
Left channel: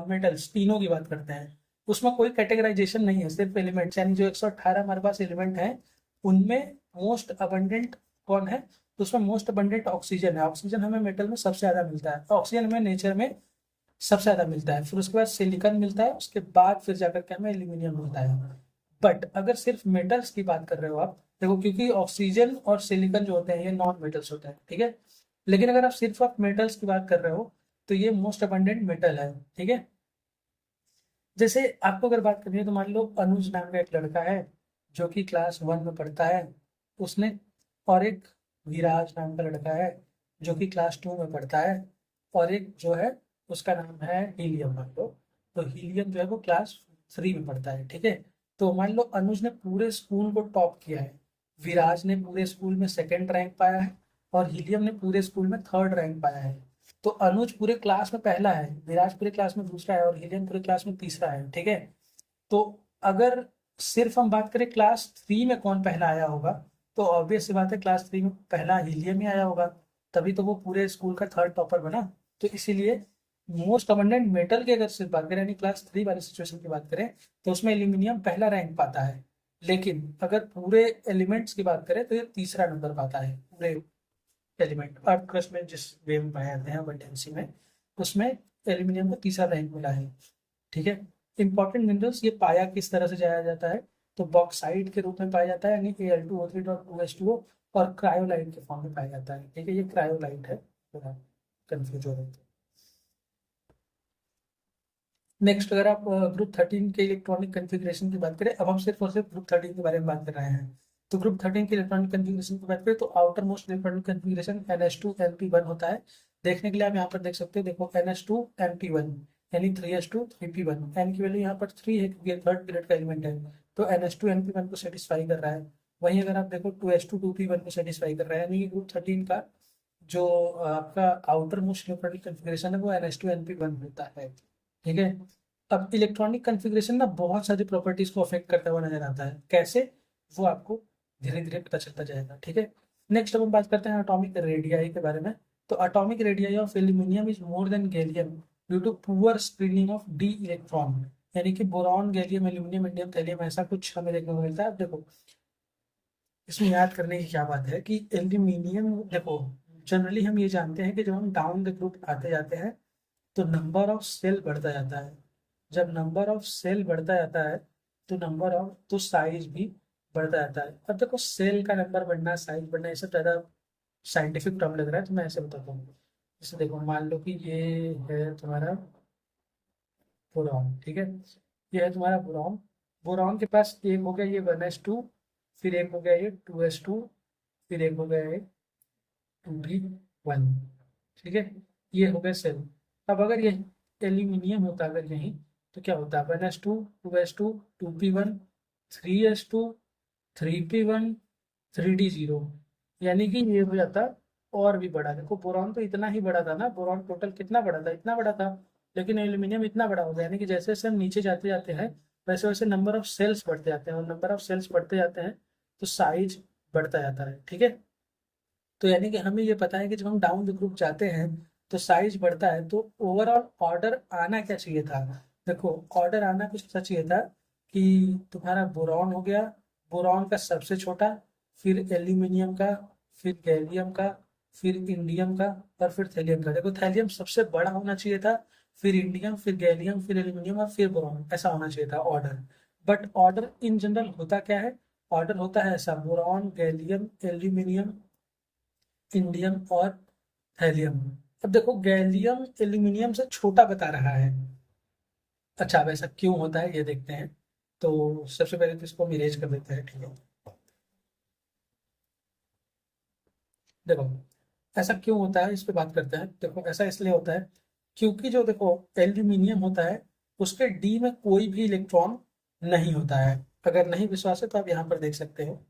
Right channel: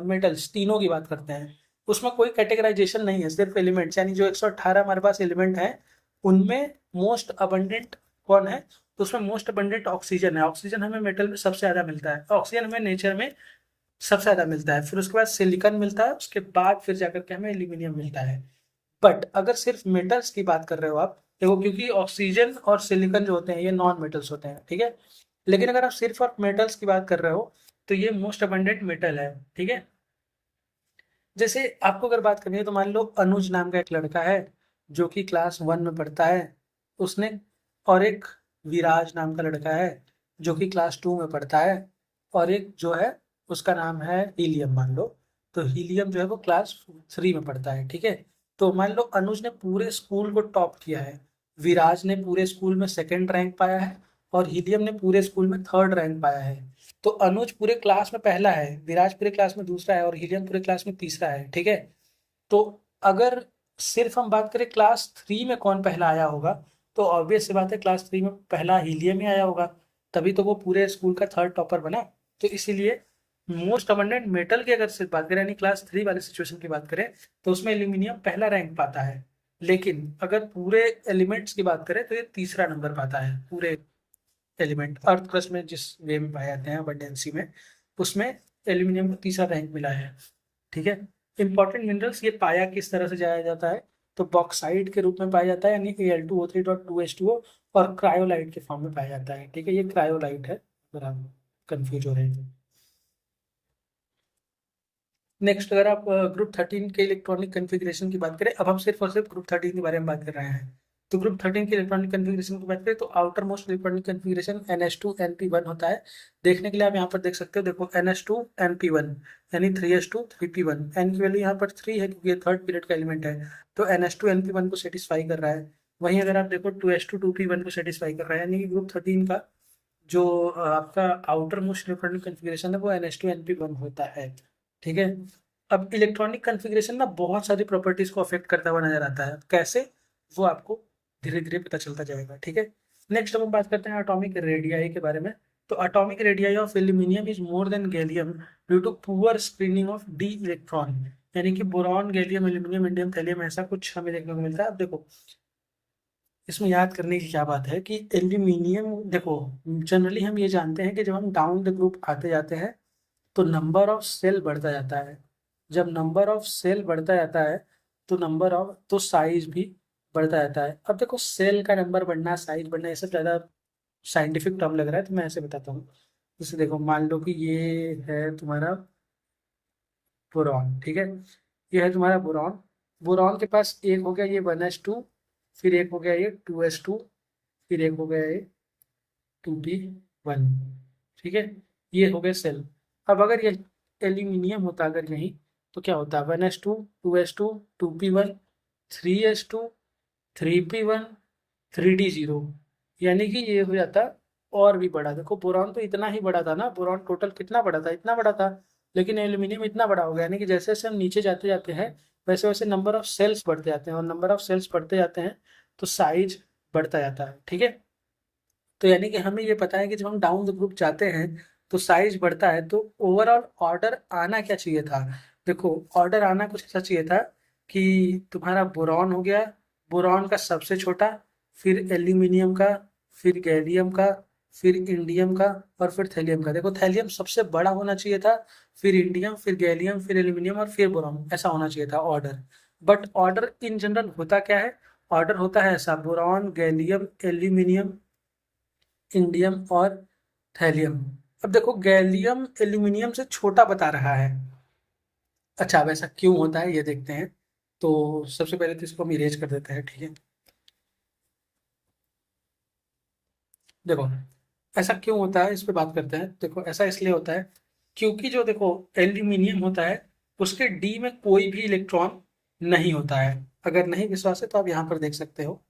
मेटल्स तीनों की बात करते हैं। उसमें कोई कैटेगराइजेशन नहीं है, सिर्फ एलिमेंट्स, यानी जो 118 हमारे पास एलिमेंट हैं उनमें मोस्ट अबंडेंट कौन है, तो उसमें मोस्ट अबंडेंट ऑक्सीजन है। ऑक्सीजन हमें मेटल में सबसे ज्यादा मिलता है, ऑक्सीजन हमें नेचर में सबसे ज्यादा मिलता है, फिर उसके बाद सिलिकॉन मिलता है, उसके बाद फिर जाकर के हमें एल्यूमिनियम मिलता है। बट अगर सिर्फ मेटल्स की बात कर रहे हो आप, देखो क्योंकि ऑक्सीजन और सिलिकॉन जो होते हैं ये नॉन मेटल्स होते हैं, ठीक है। लेकिन अगर आप सिर्फ और मेटल्स की बात कर रहे हो तो ये मोस्ट अबंडेंट मेटल है, ठीक है। जैसे आपको अगर बात करनी है तो मान लो अनुज नाम का एक लड़का है जो कि क्लास 1 में पढ़ता है, उसने, और एक विराज नाम का लड़का है जो कि क्लास 2 में पढ़ता है, और एक जो है उसका नाम है हीलियम मान लो। तो हीलियम जो है वो क्लास 3 में पढ़ता है, ठीक है। तो मान लो अनुज ने पूरे स्कूल को टॉप किया है, विराज ने पूरे स्कूल में सेकंड रैंक पाया है, और हीलियम ने पूरे स्कूल में थर्ड रैंक पाया है। तो अनुज पूरे क्लास में पहला है, विराज पूरे क्लास में दूसरा है, और हीलियम पूरे क्लास में तीसरा है, ठीक है। तो अगर सिर्फ हम बात करें क्लास 3 में कौन पहला आया होगा, तो ऑब्वियस सी बात है क्लास 3 में पहला हीलियम ही आया होगा, तभी तो वो पूरे स्कूल का थर्ड टॉपर बना। तो इसीलिए मोस्ट अबंडेंट मेटल की अगर सिर्फ बात करें, यानी क्लास 3 वाले सिचुएशन की बात करें, तो उसमें एल्यूमिनियम पहला रैंक पाता है। लेकिन अगर पूरे एलिमेंट्स की बात करें तो ये तीसरा नंबर पाता है। पूरे एलिमेंट अर्थ क्रस्ट में जिस वे में पाए जाते हैं अबंडेंसी में, उसमें एल्यूमिनियम को तीसरा रैंक मिला है, ठीक है। इंपॉर्टेंट मिनरल्स ये पाया किस तरह से जाया जाता है, तो बॉक्साइट के रूप में पाया जाता है, यानी Al2O3.2H2O, और क्रायोलाइट के फॉर्म में पाया जाता है, ठीक है। ये क्रायोलाइट है, अगर आप कंफ्यूज हो रहे हैं। नेक्स्ट अगर आप ग्रुप 13 के इलेक्ट्रॉनिक कन्फिग्रेशन की बात करें, अब हम सिर्फ और सिर्फ ग्रुप 13 के बारे में बात कर रहे हैं। तो ग्रुप 13 के इलेक्ट्रॉनिक कन्फिग्रेशन की बात करें तो outer most electronic configuration NH2 NP1 होता है। देखने के लिए आप यहाँ पर देख सकते हो, देखो NH2 NP1 यानी 3s2 3p1, n की वैल्यू यहाँ पर 3 है क्योंकि ये थर्ड पीरियड का एलिमेंट है, तो NH2 NP1 को सेटिस्फाई कर रहा है। वहीं अगर आप देखो 2s2 2p1 को सेटिस्फाई कर रहा है, यानी कि ग्रुप 13 का जो आपका आउटर मोस्ट इलेक्ट्रॉनिक कन्फिग्रेशन है वो NH2 NP1 होता है। ठीक है। अब इलेक्ट्रॉनिक कन्फिग्रेशन ना बहुत सारी प्रॉपर्टीज को अफेक्ट करता हुआ नजर आता है, कैसे वो आपको धीरे धीरे पता चलता जाएगा। ठीक है। नेक्स्ट अब हम बात करते हैं एटॉमिक रेडियाई के बारे में। तो atomic radii of aluminium is more than gallium due to poor screening of d electron. यानी कि boron, gallium, aluminium, indium, thallium ऐसा कुछ हमें देखने को मिलता है। अब देखो इसमें याद करने की क्या बात है कि एल्यूमिनियम, देखो जनरली हम ये जानते हैं कि जब हम डाउन द ग्रुप आते जाते हैं तो नंबर ऑफ सेल बढ़ता जाता है। जब नंबर ऑफ सेल बढ़ता जाता है तो नंबर ऑफ तो साइज भी बढ़ता जाता है। अब देखो सेल का नंबर बढ़ना, साइज बढ़ना, ये सब ज़्यादा साइंटिफिक टर्म लग रहा है तो मैं ऐसे बताता हूँ। जैसे देखो मान लो कि ये है तुम्हारा बोरॉन। ठीक है। ये है तुम्हारा बोरॉन। बोरॉन के पास एक हो गया ये 1s2, फिर एक हो गया ये 2s2, फिर एक हो गया ये 2p1। ठीक है। ये हो गए सेल। अब अगर ये एल्यूमिनियम होता अगर यहीं तो क्या होता, 1s2, 2s2, 2p1, 3s2, 3p1, 3d0। यानी कि ये हो जाता और भी बड़ा। देखो बोरॉन तो इतना ही बड़ा था ना, बोरॉन टोटल कितना बड़ा था, इतना बड़ा था। लेकिन एल्यूमिनियम इतना बड़ा हो गया, यानी कि जैसे जैसे हम नीचे जाते जाते हैं वैसे वैसे नंबर ऑफ सेल्स बढ़ते जाते हैं, और नंबर ऑफ सेल्स बढ़ते जाते हैं तो साइज बढ़ता जाता है। ठीक है। तो यानी कि हमें ये पता है कि जब हम डाउन द ग्रुप जाते हैं तो साइज बढ़ता है, तो ओवरऑल ऑर्डर आना क्या चाहिए था। देखो ऑर्डर आना कुछ ऐसा चाहिए था कि तुम्हारा बोरॉन हो गया, बोरॉन का सबसे छोटा, फिर एल्यूमिनियम का, फिर गैलियम का, फिर इंडियम का, और फिर थैलियम का। देखो थैलियम सबसे बड़ा होना चाहिए था, फिर इंडियम, फिर गैलियम, फिर एल्यूमिनियम और फिर बोरॉन, ऐसा होना चाहिए था order. But order in general होता क्या है, ऑर्डर होता है ऐसा, बोरॉन, गैलियम, एल्यूमिनियम, इंडियम और थैलियम। अब देखो गैलियम एल्यूमिनियम से छोटा बता रहा है। अच्छा अब ऐसा क्यों होता है ये देखते हैं। तो सबसे पहले तो इसको हम इरेज कर देते हैं। ठीक है। देखो ऐसा क्यों होता है इस पे बात करते हैं। देखो ऐसा इसलिए होता है क्योंकि जो देखो एल्यूमिनियम होता है उसके डी में कोई भी इलेक्ट्रॉन नहीं होता है। अगर नहीं विश्वास है तो आप यहाँ पर देख सकते हो।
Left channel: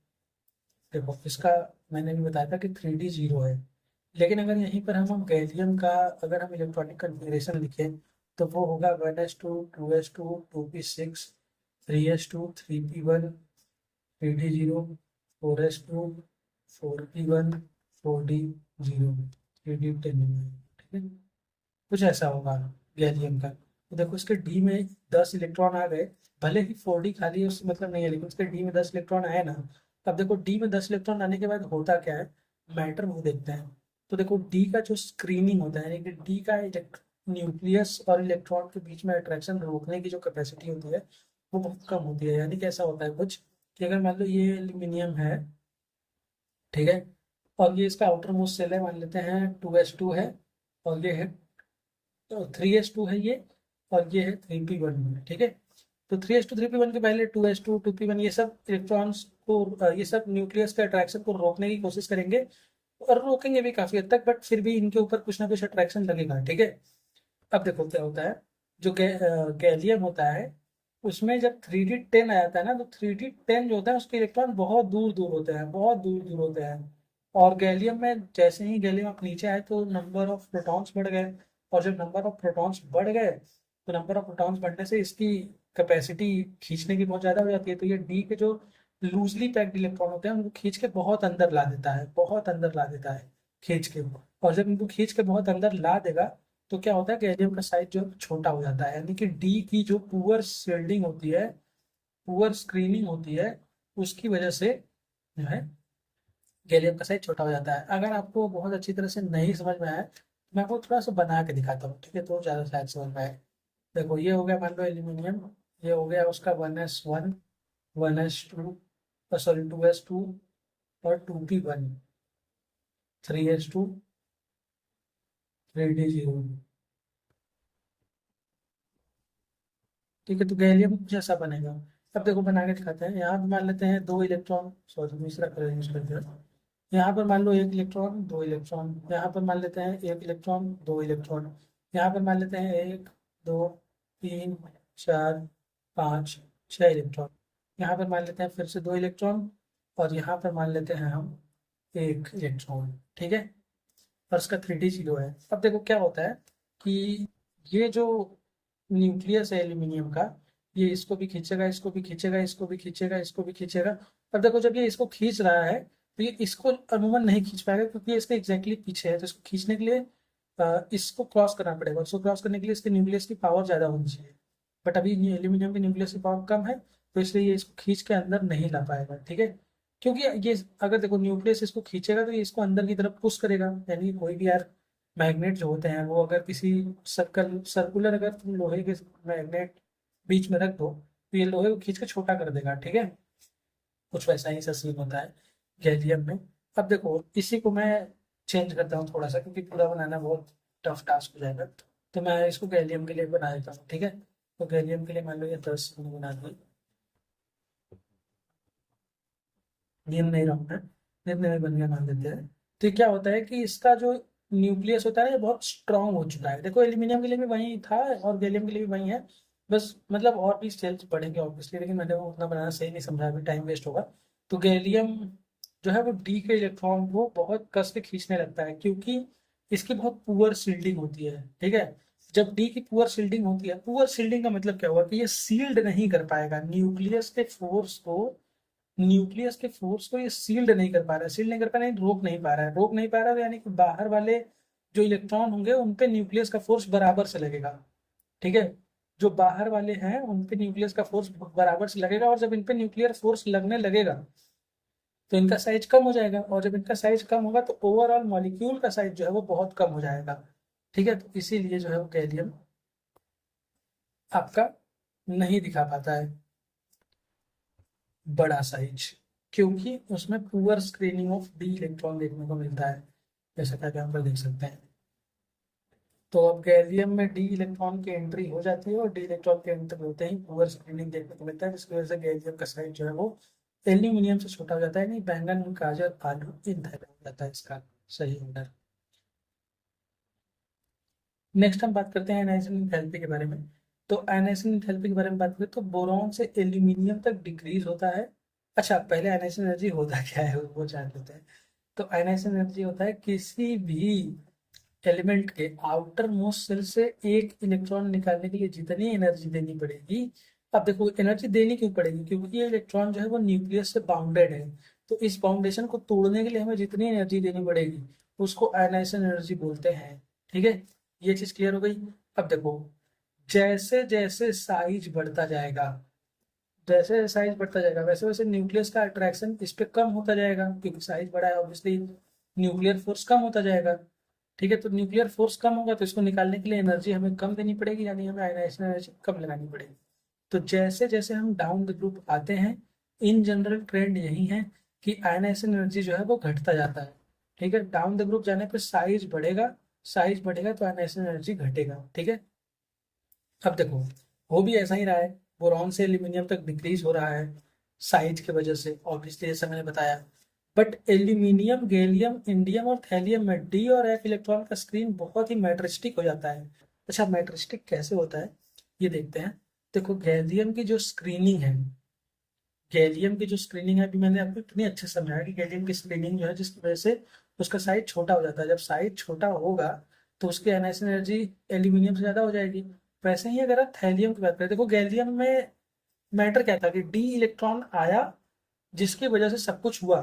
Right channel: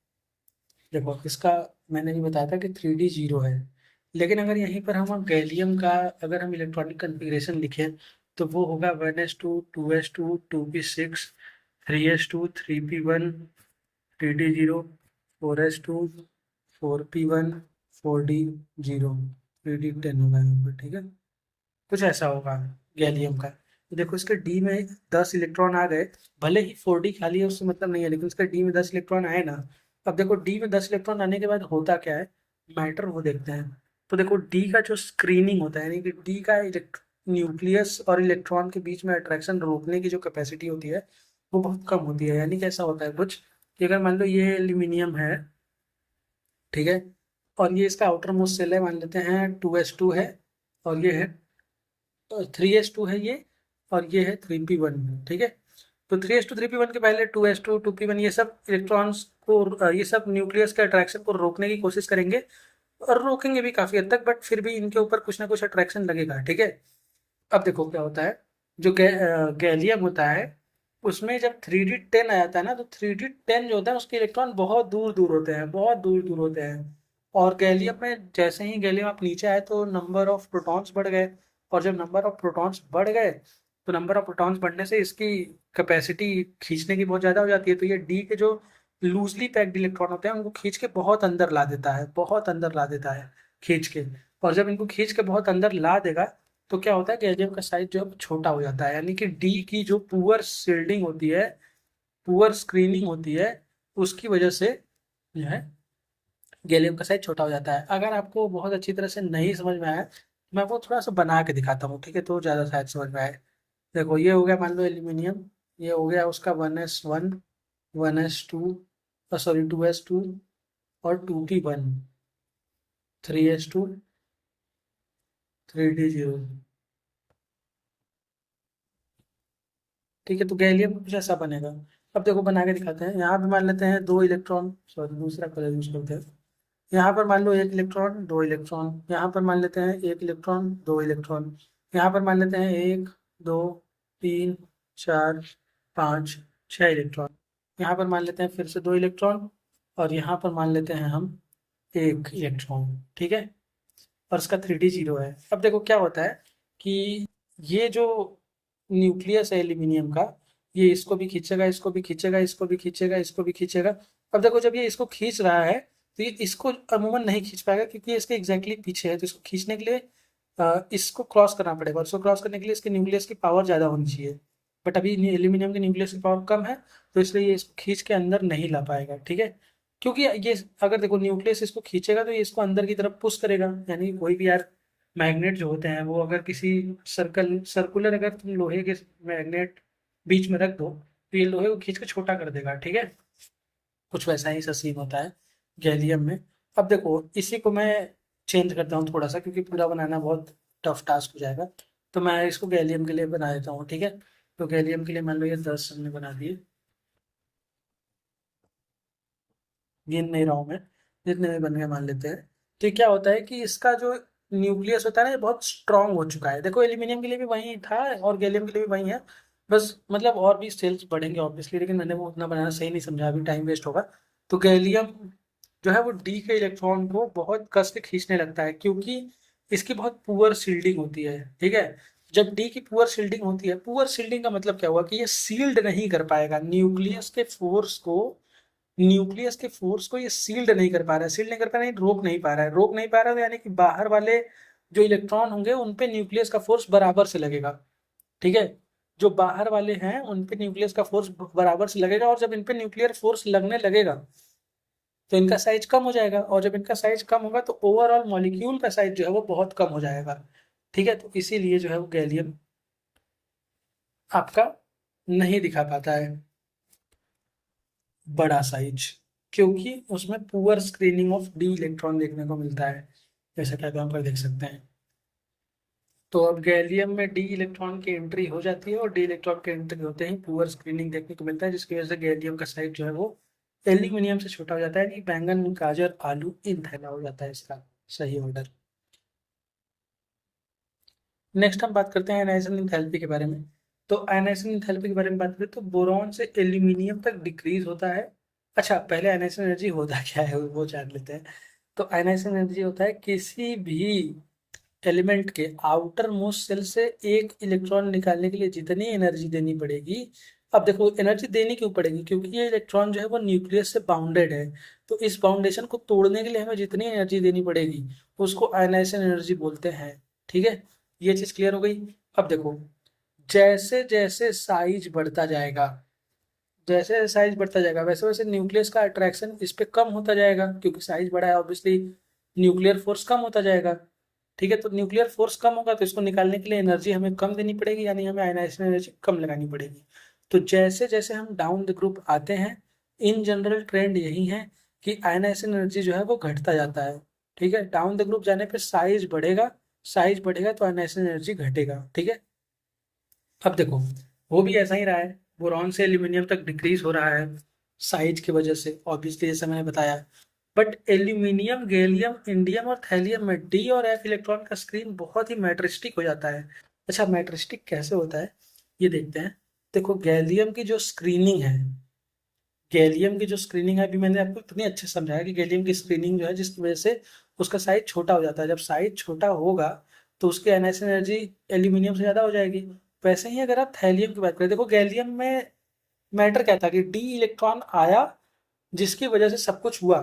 देखो इसका मैंने भी बताया था कि 3d0 है। लेकिन अगर यहीं पर हम गैलियम का अगर हम इलेक्ट्रॉनिक कन्फिग्रेशन लिखें तो वो होगा 1s2, 2s2, 2p6, 3s2, 3p1, 3d0, 4s2, 4p1, 4d0, 3d10 होगा यहाँ पर। ठीक है। कुछ ऐसा होगा गैलियम का। तो देखो इसके डी में 10 इलेक्ट्रॉन आ गए, भले ही 4d खाली है उससे मतलब नहीं है, लेकिन इसके डी में 10 इलेक्ट्रॉन आए ना। अब देखो डी में 10 इलेक्ट्रॉन आने के बाद होता क्या है, मैटर वो देखते हैं। तो देखो डी का जो स्क्रीनिंग होता है, यानी कि डी का न्यूक्लियस और इलेक्ट्रॉन के बीच में अट्रैक्शन रोकने की जो कैपेसिटी होती है वो बहुत कम होती है। यानी कि ऐसा होता है कुछ कि अगर मान लो ये एल्यूमिनियम है, ठीक है, और ये इसका आउटर मोस्ट सेल है, मान लेते हैं 2s2 है, और ये है 3s2 है ये, और ये है 3p1। ठीक है। तो 3s2 3p1 के पहले 2s2 2p1 ये सब इलेक्ट्रॉन्स को ये सब न्यूक्लियस के अट्रैक्शन को रोकने की कोशिश करेंगे, और रोकेंगे भी काफी हद तक, बट फिर भी इनके ऊपर कुछ ना कुछ अट्रैक्शन लगेगा। ठीक है। अब देखो क्या होता है, जो गैलियम होता है उसमें जब 3d10 आ जाता है ना, तो 3d10 जो होता है उसके इलेक्ट्रॉन बहुत दूर दूर होते हैं, बहुत दूर दूर होते हैं। और गैलियम में जैसे ही गैलियम आप नीचे आए तो नंबर ऑफ प्रोटॉन्स बढ़ गए, और जब नंबर ऑफ प्रोटॉन्स बढ़ गए तो नंबर ऑफ प्रोटॉन्स बढ़ने से इसकी कैपेसिटी खींचने की बहुत ज़्यादा हो जाती है। तो ये डी के जो लूजली पैक्ड इलेक्ट्रॉन होते हैं उनको खींच के बहुत अंदर ला देता है, बहुत अंदर ला देता है खींच के। और जब इनको खींच के बहुत अंदर ला देगा तो क्या होता है कि गैलियम का साइज जो है छोटा हो जाता है। यानी कि डी की जो पुअर शील्डिंग होती है, पुअर स्क्रीनिंग होती है, उसकी वजह से जो है गैलियम का साइज छोटा हो जाता है। अगर आपको बहुत अच्छी तरह से नहीं समझ में आया तो मैं आपको थोड़ा सा बना के दिखाता हूँ। ठीक है। तो ज़्यादा शायद समझ में आए। देखो ये हो गया मान लो एल्यूमिनियम, ये हो गया उसका 1s1, 1s2, सॉरी 2s2, और 2p1, 3s2, 3d0। ठीक है। तो गैलियम कुछ ऐसा बनेगा। अब देखो बना के दिखाते हैं। यहाँ पे मान लेते हैं दो इलेक्ट्रॉन, सॉरी दूसरा कलर यूज करते हैं। यहाँ पर मान लो एक इलेक्ट्रॉन, दो इलेक्ट्रॉन, यहाँ पर मान लेते हैं एक इलेक्ट्रॉन, दो इलेक्ट्रॉन, यहाँ पर मान लेते हैं एक, दो, तीन, चार, पाँच, छह इलेक्ट्रॉन, यहाँ पर मान लेते हैं फिर से दो इलेक्ट्रॉन, और यहाँ पर मान लेते हैं हम एक इलेक्ट्रॉन। ठीक है। और इसका 3D 0 है। अब देखो क्या होता है कि ये जो न्यूक्लियस है एल्यूमिनियम का, ये इसको भी खींचेगा, इसको भी खींचेगा, इसको भी खींचेगा, इसको भी खींचेगा। अब देखो जब ये इसको खींच रहा है तो ये इसको अमूमन नहीं खींच पाएगा क्योंकि ये इसके एग्जैक्टली पीछे है। तो इसको खींचने के लिए इसको क्रॉस करना पड़ेगा, और इसको क्रॉस करने के लिए इसके न्यूक्लियस की पावर ज़्यादा होनी चाहिए। बट अभी एल्यूमिनियम के न्यूक्लियस की पावर कम है, तो इसलिए ये इसको खींच के अंदर नहीं ला पाएगा, ठीक है। क्योंकि ये अगर देखो न्यूक्लियस इसको खींचेगा तो ये इसको अंदर की तरफ पुश करेगा। यानी कोई भी यार मैग्नेट जो होते हैं वो अगर किसी सर्कुलर अगर तुम लोहे के मैग्नेट बीच में रख दो तो ये लोहे को खींच के छोटा कर देगा, ठीक है। कुछ वैसा ही सा सीन होता है गैलियम में। अब देखो इसी को मैं चेंज करता हूँ थोड़ा सा, क्योंकि पूरा बनाना बहुत टफ टास्क हो जाएगा। तो मैं इसको गैलियम के लिए बना देता हूँ, ठीक है। तो गैलियम के लिए मान लो ये 10 हमने बना दिए, गिन नहीं रहा हूँ मैं, जितने में बन गए मान लेते हैं। तो ये क्या होता है कि इसका जो न्यूक्लियस होता है ना, ये बहुत स्ट्रांग हो चुका है। देखो एल्यूमिनियम के लिए भी वही था और गैलियम के लिए भी वही है, बस मतलब और भी सेल्स बढ़ेंगे ऑब्वियसली, लेकिन मैंने वो उतना बनाना सही नहीं समझा, अभी टाइम वेस्ट होगा। तो गैलियम जो है वो डी के इलेक्ट्रॉन को बहुत कस के खींचने लगता है, क्योंकि इसकी बहुत पुअर सील्डिंग होती है, ठीक है। जब डी की पुअर सील्डिंग होती है, पुअर सील्डिंग का मतलब क्या हुआ कि ये सील्ड नहीं कर पाएगा न्यूक्लियस के फोर्स को ये सील्ड नहीं कर पा रहा है। सील्ड नहीं कर पा रहा है, रोक नहीं पा रहा है। रोक नहीं पा रहा है तो यानी कि बाहर वाले जो इलेक्ट्रॉन होंगे उन पे न्यूक्लियस का फोर्स बराबर से लगेगा, ठीक है। जो बाहर वाले हैं उन पे न्यूक्लियस का फोर्स बराबर से लगेगा, और जब इन पे न्यूक्लियर फोर्स लगने लगेगा तो इनका साइज कम हो जाएगा, और जब इनका साइज कम होगा तो ओवरऑल मॉलिक्यूल का साइज जो है वो बहुत कम हो जाएगा, ठीक है। तो इसीलिए जो है वो गैलियम आपका नहीं दिखा पाता है बड़ा साइज, क्योंकि उसमें poor screening of d electron देखने को मिलता है, जैसा कि आप यहाँ पर देख सकते हैं। तो अब गैलियम में डी इलेक्ट्रॉन की एंट्री हो जाती है, और डी इलेक्ट्रॉन की एंट्री होते ही पुअर स्क्रीनिंग देखने को मिलता है, जिसकी वजह से गैलियम का साइज जो है वो एल्यूमिनियम से छोटा हो जाता है। यानी बैंगन गाजर आलू इन थैला हो जाता है इसका सही ऑर्डर। नेक्स्ट हम बात करते हैं आयनाइजेशन एंथैल्पी के बारे में। तो आयनाइजेशन एंथैल्पी के बारे में बात करें तो बोरॉन से एल्यूमिनियम तक डिक्रीज होता है। अच्छा, पहले आयनाइजेशन एनर्जी होता क्या है वो जान लेते हैं। तो आयनाइजेशन एनर्जी होता है किसी भी एलिमेंट के आउटर मोस्ट सेल से एक इलेक्ट्रॉन निकालने के लिए जितनी एनर्जी देनी पड़ेगी। अब देखो एनर्जी देनी क्यों पड़ेगी, क्योंकि ये इलेक्ट्रॉन जो है वो न्यूक्लियस से बाउंडेड है। तो इस बाउंडेशन को तोड़ने के लिए हमें जितनी एनर्जी देनी पड़ेगी उसको आयनाइजेशन एनर्जी बोलते हैं, ठीक है। ये चीज क्लियर हो गई। अब देखो जैसे जैसे साइज बढ़ता जाएगा, जैसे जैसे साइज बढ़ता जाएगा वैसे वैसे न्यूक्लियस का अट्रैक्शन इस पे कम होता जाएगा, क्योंकि साइज बड़ा है ऑब्वियसली न्यूक्लियर फोर्स कम होता जाएगा, ठीक है। तो न्यूक्लियर फोर्स कम होगा तो इसको निकालने के लिए एनर्जी हमें कम देनी पड़ेगी, यानी हमें आयनाइजेशन एनर्जी कम लगानी पड़ेगी। तो जैसे जैसे हम डाउन द ग्रुप आते हैं, इन जनरल ट्रेंड यही है कि आयनाइजेशन एनर्जी जो है वो घटता जाता है, ठीक है। डाउन द ग्रुप जाने पे साइज बढ़ेगा, साइज बढ़ेगा तो आयनाइजेशन एनर्जी घटेगा, ठीक है। अब देखो वो भी ऐसा ही रहा है, बोरॉन से एल्यूमिनियम तक डिक्रीज हो रहा है साइज की वजह से ऑब्वियसली, जैसे मैंने बताया। बट एल्यूमिनियम गैलियम इंडियम और थैलियम में डी और एफ इलेक्ट्रॉन का स्क्रीन बहुत ही मैट्रिस्टिक हो जाता है। अच्छा, मैट्रिस्टिक कैसे होता है ये देखते हैं। देखो गैलियम की जो स्क्रीनिंग है, गैलियम की जो स्क्रीनिंग है, अभी मैंने आपको इतनी अच्छे से समझाया कि गैलियम की स्क्रीनिंग जो है जिसकी वजह से उसका साइज छोटा हो जाता है। जब साइज छोटा होगा तो उसकी आयनाइजेशन एनर्जी एल्यूमिनियम से ज़्यादा हो जाएगी। वैसे ही अगर आप थैलियम की बात करें, देखो गैलियम में मैटर क्या था कि डी इलेक्ट्रॉन आया जिसकी वजह से सब कुछ हुआ।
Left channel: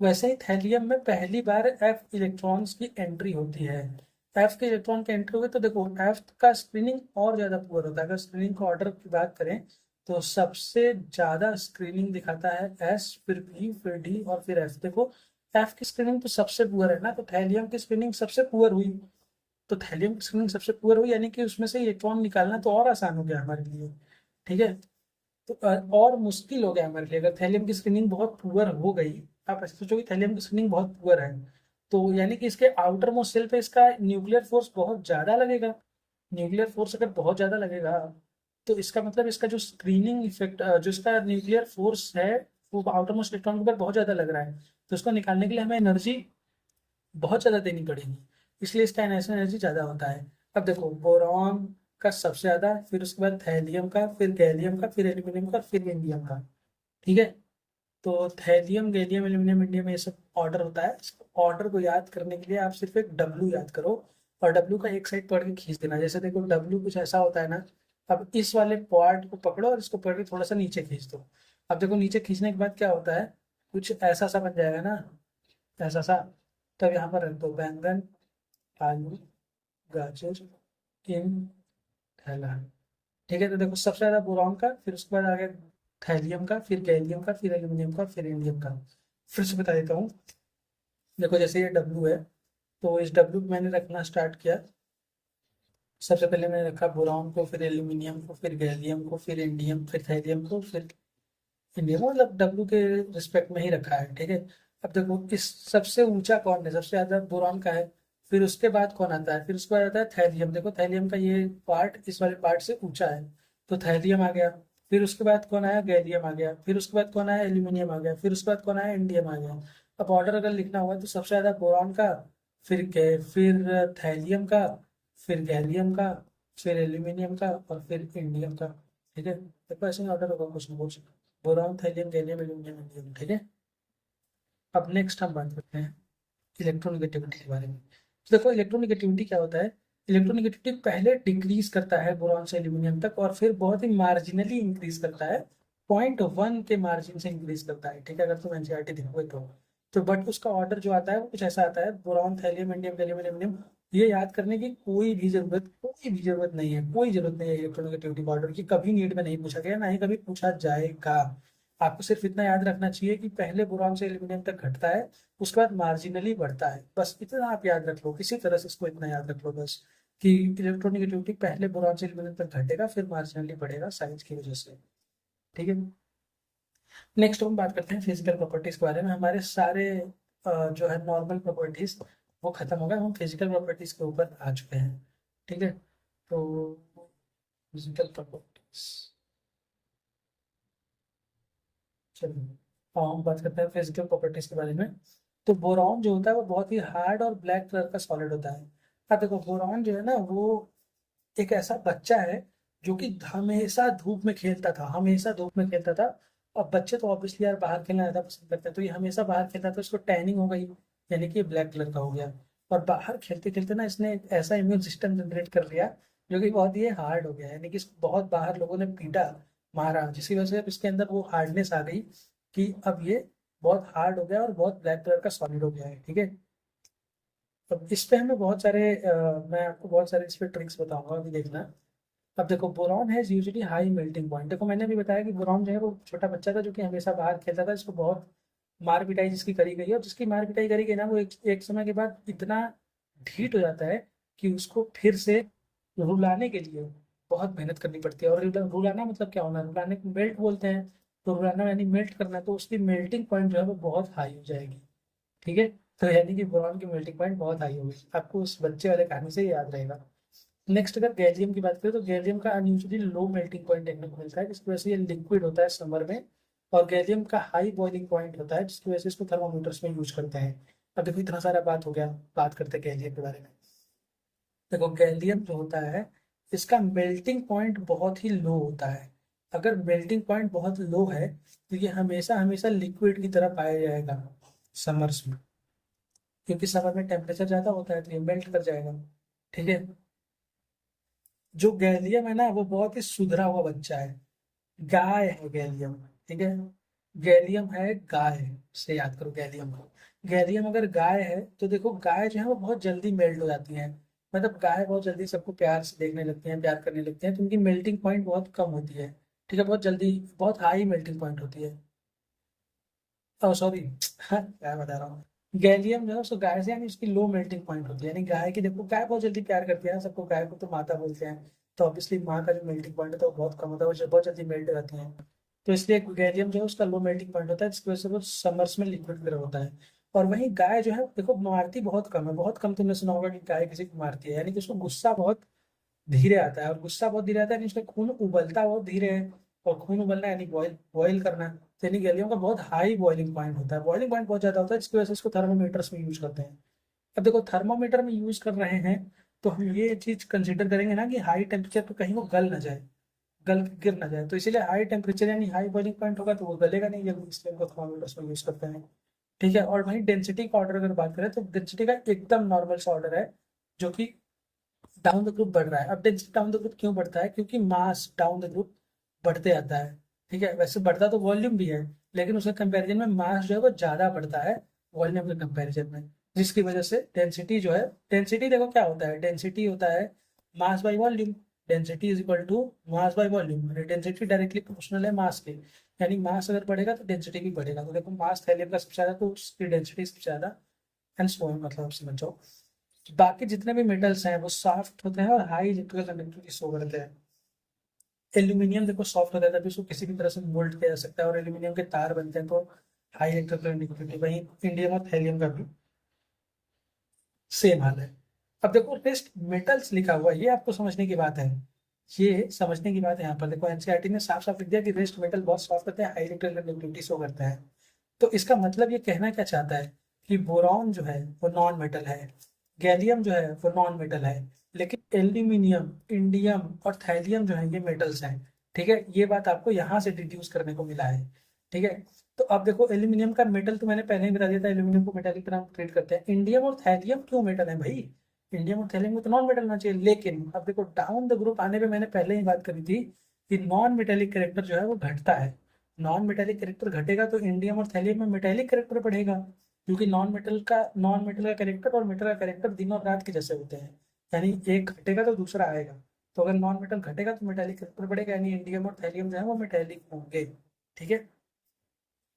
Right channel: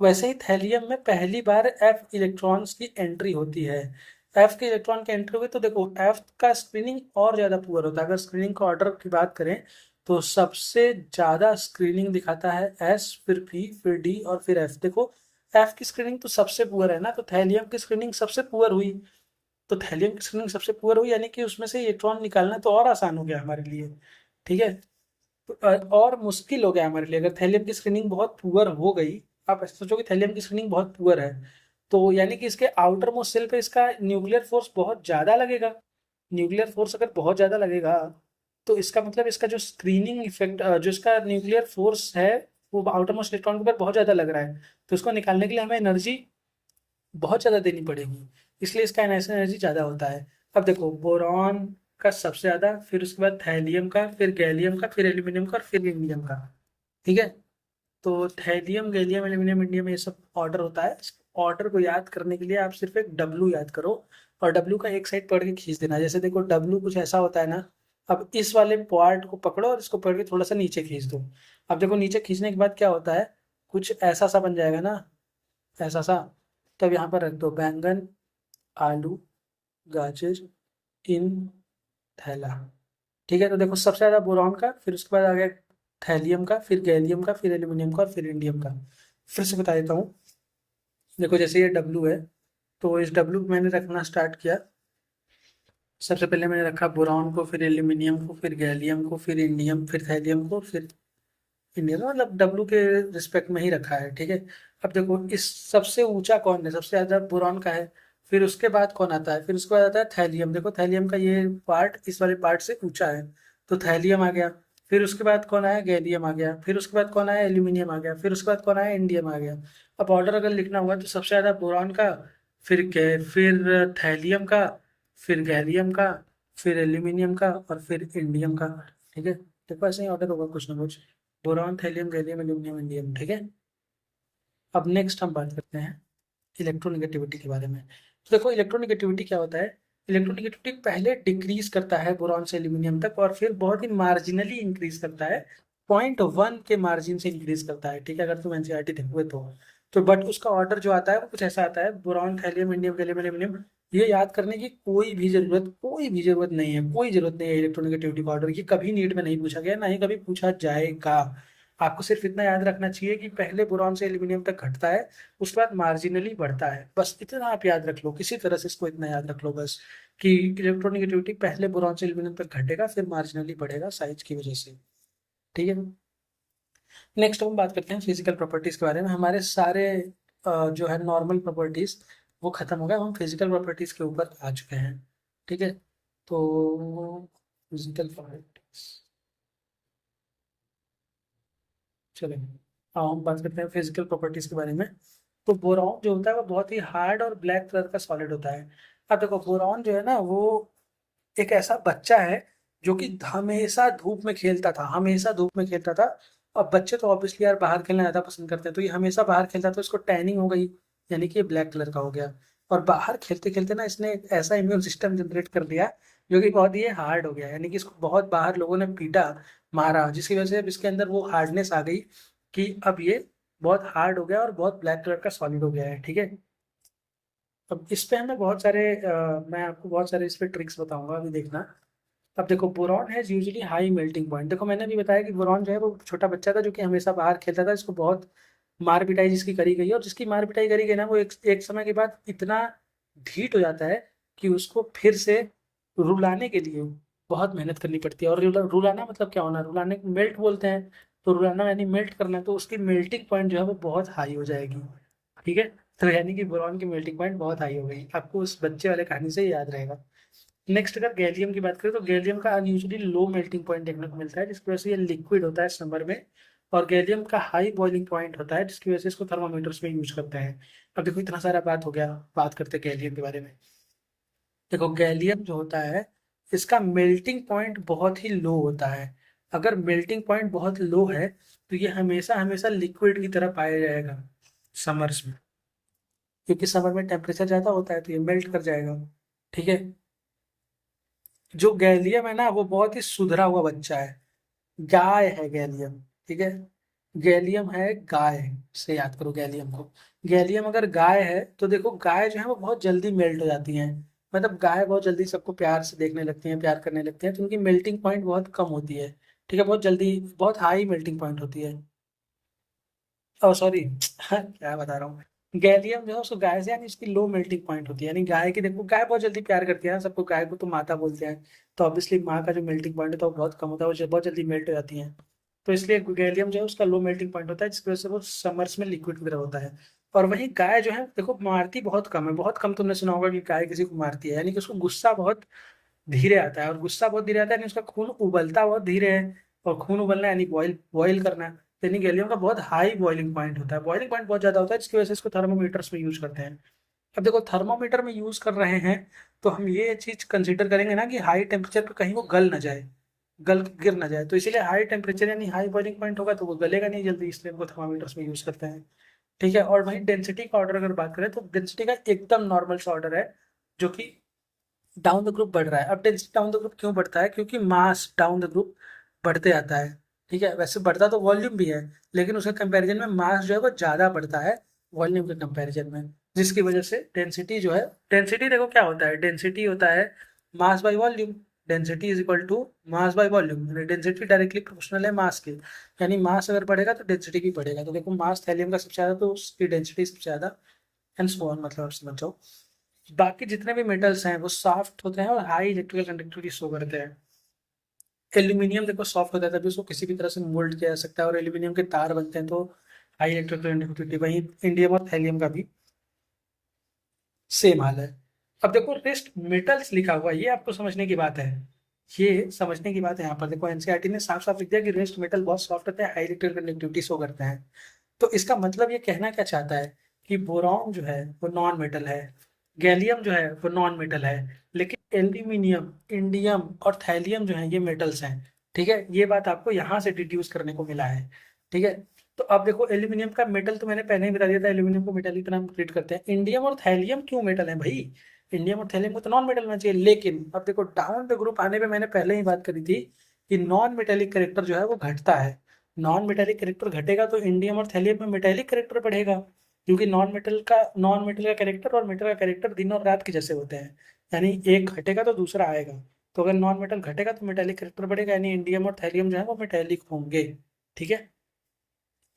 वैसे ही थैलियम में पहली बार एफ इलेक्ट्रॉन्स की एंट्री होती है। एफ के इलेक्ट्रॉन की एंट्री हुई तो देखो एफ का स्क्रीनिंग और ज़्यादा पुअर होता है। अगर स्क्रीनिंग का ऑर्डर की बात करें तो सबसे ज़्यादा स्क्रीनिंग दिखाता है एस, फिर पी, फिर डी और फिर एफ। देखो एफ की स्क्रीनिंग तो सबसे पुअर है ना, तो थैलियम की स्क्रीनिंग सबसे पुअर हुई। तो थैलियम की स्क्रीनिंग सबसे पुअर हुई यानी कि उसमें से इलेक्ट्रॉन निकालना तो और आसान हो गया हमारे लिए, ठीक है। तो और मुश्किल हो गया हमारे लिए अगर थैलियम की स्क्रीनिंग बहुत पुअर हो गई। आप ऐसे सोचो कि थैलियम की स्क्रीनिंग बहुत पुअर है, तो यानी कि इसके आउटर मोस्ट सेल पे इसका न्यूक्लियर फोर्स बहुत ज़्यादा लगेगा। न्यूक्लियर फोर्स अगर बहुत ज़्यादा लगेगा तो इसका मतलब इसका जो स्क्रीनिंग इफेक्ट, जो इसका न्यूक्लियर फोर्स है वो आउटर मोस्ट इलेक्ट्रॉन के ऊपर बहुत ज़्यादा लग रहा है। तो इसको निकालने के लिए हमें एनर्जी बहुत ज़्यादा देनी पड़ेगी, इसलिए इसका आयनाइजेशन एनर्जी ज़्यादा होता है। अब देखो बोरॉन का सबसे ज़्यादा, फिर उसके बाद थैलियम का, फिर गैलियम का, फिर एल्यूमिनियम का और फिर इंडियम का, ठीक है। तो थैलियम, गैलियम, एल्यूमिनियम, इंडियम, ये सब ऑर्डर होता है। ऑर्डर को याद करने के लिए आप सिर्फ एक डब्लू याद करो और डब्लू का एक साइड पकड़ के खींच देना। जैसे देखो डब्लू कुछ ऐसा होता है ना, अब इस वाले पार्ट को पकड़ो और इसको पकड़ के थोड़ा सा नीचे खींच दो। अब देखो नीचे खींचने के बाद क्या होता है, कुछ ऐसा सा बन जाएगा ना, ऐसा सा। तब यहाँ पर रख दो बैंगन, आलू, गाजर इन थैला। ठीक है, तो देखो सबसे ज़्यादा बोरॉन का, फिर उसके बाद आ गया थैलियम का, फिर गैलियम का, फिर एल्यूमिनियम का, फिर इंडियम का। फिर से बता देता हूँ। देखो जैसे ये डब्लू है, तो इस डब्लू को मैंने रखना स्टार्ट किया। सबसे पहले मैंने रखा बोरॉन को, फिर एल्यूमिनियम को, फिर गैलियम को, फिर इंडियम, फिर थैलियम को, फिर इंडियम, मतलब डब्लू के रिस्पेक्ट में ही रखा है। ठीक है, अब देखो इस सबसे ऊंचा कौन है, सबसे ज़्यादा बोरॉन का है। फिर उसके बाद कौन आता है, फिर उसके बाद आता है थैलियम। देखो थैलियम का ये पार्ट इस वाले पार्ट से ऊंचा है, तो थैलियम आ गया। फिर उसके बाद कौन आया, गैलियम आ गया। फिर उसके बाद कौन आया, एल्यूमिनियम आ गया। फिर उसके बाद कौन आया, इंडियम आ गया। अब ऑर्डर अगर लिखना हुआ तो सबसे ज़्यादा बोरॉन का, फिर थैलियम का, फिर गैलियम का, फिर एल्यूमिनियम का, और फिर इंडियम का। ठीक है, देखो ऐसे ही ऑर्डर होगा कुछ ना कुछ। Boron, thallium, gallium, aluminium, indium. ठीक है, अब नेक्स्ट हम बात करते हैं इलेक्ट्रोनेगेटिविटी के बारे में। तो देखो इलेक्ट्रोनेगेटिविटी क्या होता है। इलेक्ट्रोनेगेटिविटी पहले डिक्रीज करता है बोरॉन से एल्यूमिनियम तक, और फिर बहुत ही मार्जिनली इंक्रीज करता है, 0.1 के मार्जिन से इंक्रीज करता है। ठीक है, अगर तुम एनसीईआरटी देखोगे तो बट उसका ऑर्डर जो आता है वो कुछ ऐसा आता है, boron, thallium, indium, gallium, aluminium. ये याद करने की कोई भी जरूरत नहीं है, कोई जरूरत नहीं है इलेक्ट्रोनेगेटिविटी का ऑर्डर। ये कभी नीट में नहीं पूछा गया, ना ही कभी पूछा जाएगा। आपको सिर्फ इतना याद रखना चाहिए कि पहले बोरॉन से एल्यूमिनियम तक घटता है, उसके बाद मार्जिनली बढ़ता है। बस इतना आप याद रख लो, किसी तरह से इसको इतना याद रख लो बस, कि इलेक्ट्रोनेगेटिविटी पहले बोरॉन से एल्यूमिनियम तक घटेगा, फिर मार्जिनली बढ़ेगा साइज की वजह से। ठीक है, नेक्स्ट हम बात करते हैं फिजिकल प्रॉपर्टीज के बारे में। हमारे सारे जो है नॉर्मल प्रॉपर्टीज वो खत्म हो गए, हम फिजिकल प्रॉपर्टीज के ऊपर आ चुके हैं। ठीक है, तो फिजिकल प्रॉपर्टीज, चलिए अब हम बात करते हैं फिजिकल प्रॉपर्टीज के बारे में। तो बोरॉन जो होता है वो बहुत ही हार्ड और ब्लैक कलर का सॉलिड होता है। अब देखो बोरॉन जो है ना, वो एक ऐसा बच्चा है जो कि हमेशा धूप में खेलता था, हमेशा धूप में खेलता था। अब बच्चे तो ऑब्वियसली यार बाहर खेलना ज़्यादा पसंद करते हैं, तो ये हमेशा बाहर खेलता था, तो इसको टैनिंग हो गई, यानी कि ये ब्लैक कलर का हो गया। और बाहर खेलते खेलते ना इसने एक ऐसा इम्यून सिस्टम जनरेट कर लिया जो कि बहुत ही हार्ड हो गया, यानी कि इसको बहुत बाहर लोगों ने पीटा, मारा, जिसकी वजह से अब इसके अंदर वो हार्डनेस आ गई कि अब ये बहुत हार्ड हो गया और बहुत ब्लैक कलर का सॉलिड हो गया है। ठीक है, अब इस पे हमें बहुत सारे मैं आपको बहुत सारे इस पे ट्रिक्स बताऊंगा, अभी देखना। अब देखो boron has usually high melting point. देखो मैंने भी बताया कि बोरॉन जो है वो छोटा बच्चा था जो कि हमेशा बाहर खेलता था, इसको बहुत मार पिटाई जिसकी करी गई है, और जिसकी मार पिटाई करी गई ना, वो एक समय के बाद इतना ढीठ हो जाता है कि उसको फिर से रुलाने के लिए बहुत मेहनत करनी पड़ती है। और रुलाना मतलब क्या होना, रुलाने को मेल्ट बोलते हैं। तो रुलाना यानी मेल्ट करना, तो उसकी मेल्टिंग पॉइंट जो है वो बहुत हाई हो जाएगी। ठीक है, तो यानी कि बोरॉन की मेल्टिंग पॉइंट बहुत हाई हो गई, आपको उस बच्चे वाले कहानी से याद रहेगा। नेक्स्ट अगर गैलियम की बात करें तो गैलियम का अनयूजुअली लो मेल्टिंग पॉइंट देखने को मिलता है, जिसकी वजह से ये लिक्विड होता है समर में। और गैलियम का हाई बॉइलिंग पॉइंट होता है, जिसकी वजह से इसको थर्मामीटर्स में यूज करते हैं। अब देखो इतना सारा बात हो गया, बात करते हैं गैलियम के बारे में। देखो गैलियम जो होता है, इसका मेल्टिंग पॉइंट बहुत ही लो होता है। अगर मेल्टिंग पॉइंट बहुत लो है तो ये हमेशा हमेशा लिक्विड की तरह पाया जाएगा समर्स में, क्योंकि समर में टेम्परेचर ज़्यादा होता है तो ये मेल्ट कर जाएगा। ठीक है, जो गैलियम है ना वो बहुत ही सुधरा हुआ बच्चा है, गाय है गैलियम। ठीक है, गैलियम है गाय, से याद करो गैलियम को। गैलियम अगर गाय है तो देखो गाय जो है वो बहुत जल्दी मेल्ट हो जाती हैं, मतलब गाय बहुत जल्दी सबको प्यार से देखने लगती हैं, प्यार करने लगती हैं, तो उनकी मेल्टिंग पॉइंट बहुत कम होती है। ठीक है, बहुत जल्दी, बहुत हाई मेल्टिंग पॉइंट होती है। ओ सॉरी क्या बता रहा हूँ, गैलियम जो है उसको गाय से यानी उसकी लो मेल्टिंग पॉइंट होती है। यानी गाय की देखो, गाय बहुत जल्दी प्यार करती है ना सबको, गाय को तो माता बोलते हैं, तो ऑब्वियसली माँ का जो मेल्टिंग पॉइंट है तो वो बहुत कम होता है, वो बहुत जल्दी मेल्ट हो जाती हैं। तो इसलिए गैलियम जो है उसका लो मेल्टिंग पॉइंट होता है, जिसकी वजह से वो समर्स में लिक्विड की तरह होता है। और वहीं गाय जो है देखो मारती बहुत कम है, बहुत कम तुमने सुना होगा कि गाय किसी को मारती है, यानी कि उसको गुस्सा बहुत धीरे आता है, और गुस्सा बहुत धीरे आता है यानी उसका खून उबलता बहुत धीरे है। और खून उबलना यानी बॉयल बॉयल करना, तो यानी गैलियम का बहुत हाई बॉइलिंग पॉइंट होता है, बॉइलिंग पॉइंट बहुत ज्यादा होता है, जिसकी वजह से इसको थर्मोमीटर्स में यूज करते हैं। अब देखो थर्मोमीटर में यूज कर रहे हैं तो हम ये चीज कंसिडर करेंगे ना कि हाई टेम्परेचर पे कहीं वो गल ना जाए। गल के गिर ना जाए, तो इसीलिए हाई टेम्परेचर यानी हाई बॉइलिंग पॉइंट होगा तो वो गलेगा नहीं जल्दी, इसलिए हमको थर्मामीटर्स में यूज करते हैं। ठीक है, और वहीं डेंसिटी का ऑर्डर अगर बात करें तो डेंसिटी का एकदम नॉर्मल सा ऑर्डर है, जो कि डाउन द ग्रुप बढ़ रहा है। अब डेंसिटी डाउन द ग्रुप क्यों बढ़ता है? क्योंकि मास डाउन द ग्रुप बढ़ते जाता है। ठीक है, वैसे बढ़ता तो वॉल्यूम भी है, लेकिन उसके कंपैरिजन में मास जो है वो ज़्यादा बढ़ता है वॉल्यूम के कंपैरिजन में, जिसकी वजह से डेंसिटी जो है, डेंसिटी देखो क्या होता है, डेंसिटी होता है mass by volume. Density is equal to mass by volume, density directly proportional है मास के, यानी मास अगर बढ़ेगा तो डेंसिटी भी बढ़ेगा। तो देखो मास थैलियम का सबसे ज़्यादा तो उसकी डेंसिटी सबसे ज़्यादा, एंड सो ऑन, मतलब आप समझ जाओ। बाकी जितने भी मेटल्स हैं वो सॉफ्ट होते हैं और हाई इलेक्ट्रिकल कंडक्टिविटी शो करते हैं। एल्यूमिनियम देखो सॉफ्ट होता है तभी उसको किसी भी तरह से मोल्ड किया जा सकता है, और एल्यूमिनियम के तार बनते हैं तो हाई इलेक्ट्रिकल कंडक्टिविटी। वही इंडियम और थैलियम का भी सेम हाल है। अब देखो रेस्ट मेटल्स लिखा हुआ है, ये आपको समझने की बात है, ये समझने की बात है। यहाँ पर देखो एनसीईआरटी ने साफ साफ लिख दिया कि रेस्ट मेटल बहुत सॉफ्ट होते हैं, हाई इलेक्ट्रिकल कंडक्टिविटी शो करते हैं। तो इसका मतलब ये कहना क्या चाहता है कि बोरॉन जो है वो नॉन मेटल है, गैलियम जो है वो नॉन मेटल है, लेकिन एल्यूमिनियम, इंडियम और थैलियम जो है ये मेटल्स हैं। ठीक है, ये बात आपको यहाँ से डिड्यूस करने को मिला है। ठीक है, तो अब देखो एल्यूमिनियम का मेटल तो मैंने पहले ही बता दिया था, एल्यूमिनियम को मेटल की तरह हम ट्रीट करते हैं। इंडियम और थैलियम क्यों मेटल है भाई? इंडियम और थैलियम को तो नॉन मेटल होना चाहिए, लेकिन अब देखो डाउन द ग्रुप आने पे मैंने पहले ही बात करी थी कि नॉन मेटेलिक करेक्टर जो है वो घटता है। नॉन मेटेलिक करेक्टर घटेगा तो इंडियम और थैलियम में मेटेलिक करेक्टर बढ़ेगा, क्योंकि नॉन मेटल का करेक्टर और मेटल का करेक्टर दिन और रात के जैसे होते हैं, यानी एक घटेगा तो दूसरा आएगा। तो अगर नॉन मेटल घटेगा तो मेटेलिक करेक्टर बढ़ेगा, यानी इंडियम और थैलियम जो है वो मेटेलिक होंगे। ठीक है,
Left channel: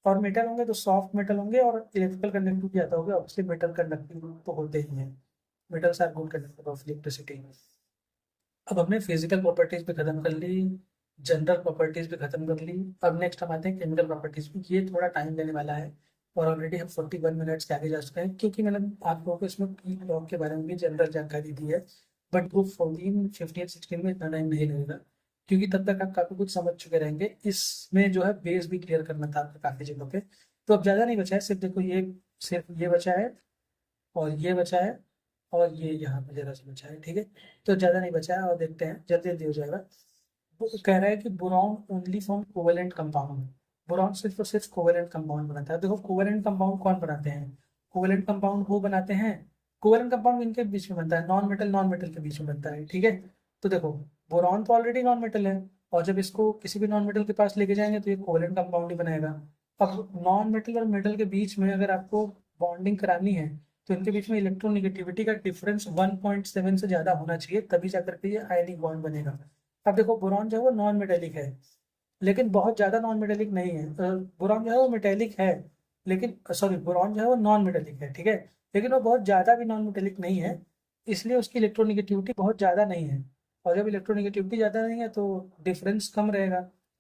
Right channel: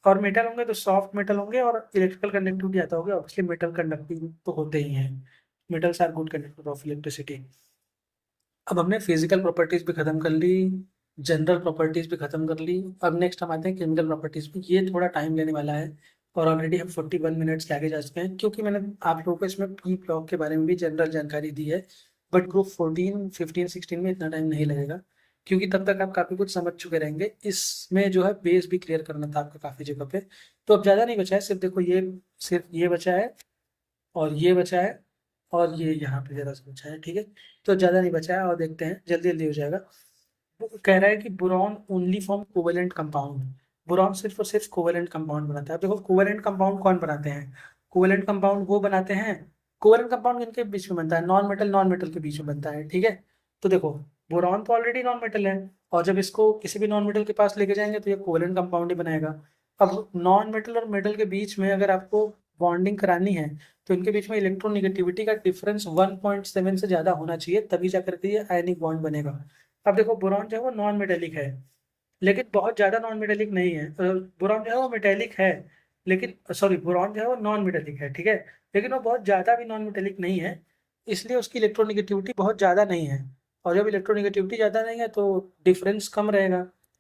और मेटल होंगे तो सॉफ्ट मेटल होंगे और इलेक्ट्रिकल कंडक्टिविटी आता होगा, ऑब्वियसली मेटल कंडक्टिव तो होते ही हैं। Metals are good conductor of electricity. अब हमने फिजिकल प्रॉपर्टीज भी खत्म कर ली, जनरल प्रॉपर्टीज भी खत्म कर ली। अब नेक्स्ट हम आते हैं केमिकल प्रॉपर्टीज में, ये थोड़ा टाइम लेने वाला है, और ऑलरेडी हम 41 मिनट्स के आगे जा चुके हैं, क्योंकि मैंने आप लोगों को इसमें पी ब्लॉक के बारे में भी जनरल जानकारी दी है। बट ग्रुप 14, 15, 16 में इतना टाइम नहीं लगेगा, क्योंकि तब तक आप काफ़ी कुछ समझ चुके रहेंगे। इसमें जो है बेस भी क्लियर करना था आपका काफ़ी जगह पे, तो अब ज़्यादा नहीं बचा है, सिर्फ देखो ये, सिर्फ ये बचा है और ये बचा है और ये यहाँ पे जरा सा बचा है। ठीक है, तो ज़्यादा नहीं बचा है, और देखते हैं जल्दी जल्दी हो जाएगा। वो कह रहा है कि boron only form covalent compound, boron सिर्फ और सिर्फ कोवेलेंट कंपाउंड बनाता है। अब देखो कोवेलेंट कंपाउंड कौन बनाते हैं? कोवेलेंट कंपाउंड वो बनाते हैं, कोवेलेंट कंपाउंड इनके बीच में बनता है, नॉन मेटल के बीच में बनता है। ठीक है, तो देखो बोरॉन तो ऑलरेडी नॉन मेटल है, और जब इसको किसी भी नॉन मेटल के पास लेके जाएंगे तो ये कोवेलेंट कंपाउंड ही बनाएगा। अब नॉन मेटल और मेटल के बीच में अगर आपको बॉन्डिंग करानी है तो इनके बीच में इलेक्ट्रोनिगेटिविटी का डिफरेंस 1.7 से ज़्यादा होना चाहिए, तभी जाकर के ये आयनिक बॉन्ड बनेगा। अब देखो बोरॉन जो है वो नॉन मेटेलिक है, लेकिन बहुत ज़्यादा नॉन मेटेलिक नहीं है। बोरॉन जो है वो मेटेलिक है, लेकिन सॉरी बोरॉन जो है वो नॉन मेटेलिक है। ठीक है, लेकिन वो बहुत ज़्यादा भी नॉन मेटेलिक नहीं है, इसलिए उसकी इलेक्ट्रोनिगेटिविटी बहुत ज़्यादा नहीं है। और जब इलेक्ट्रोनिगेटिविटी ज़्यादा नहीं है तो डिफरेंस कम रहेगा।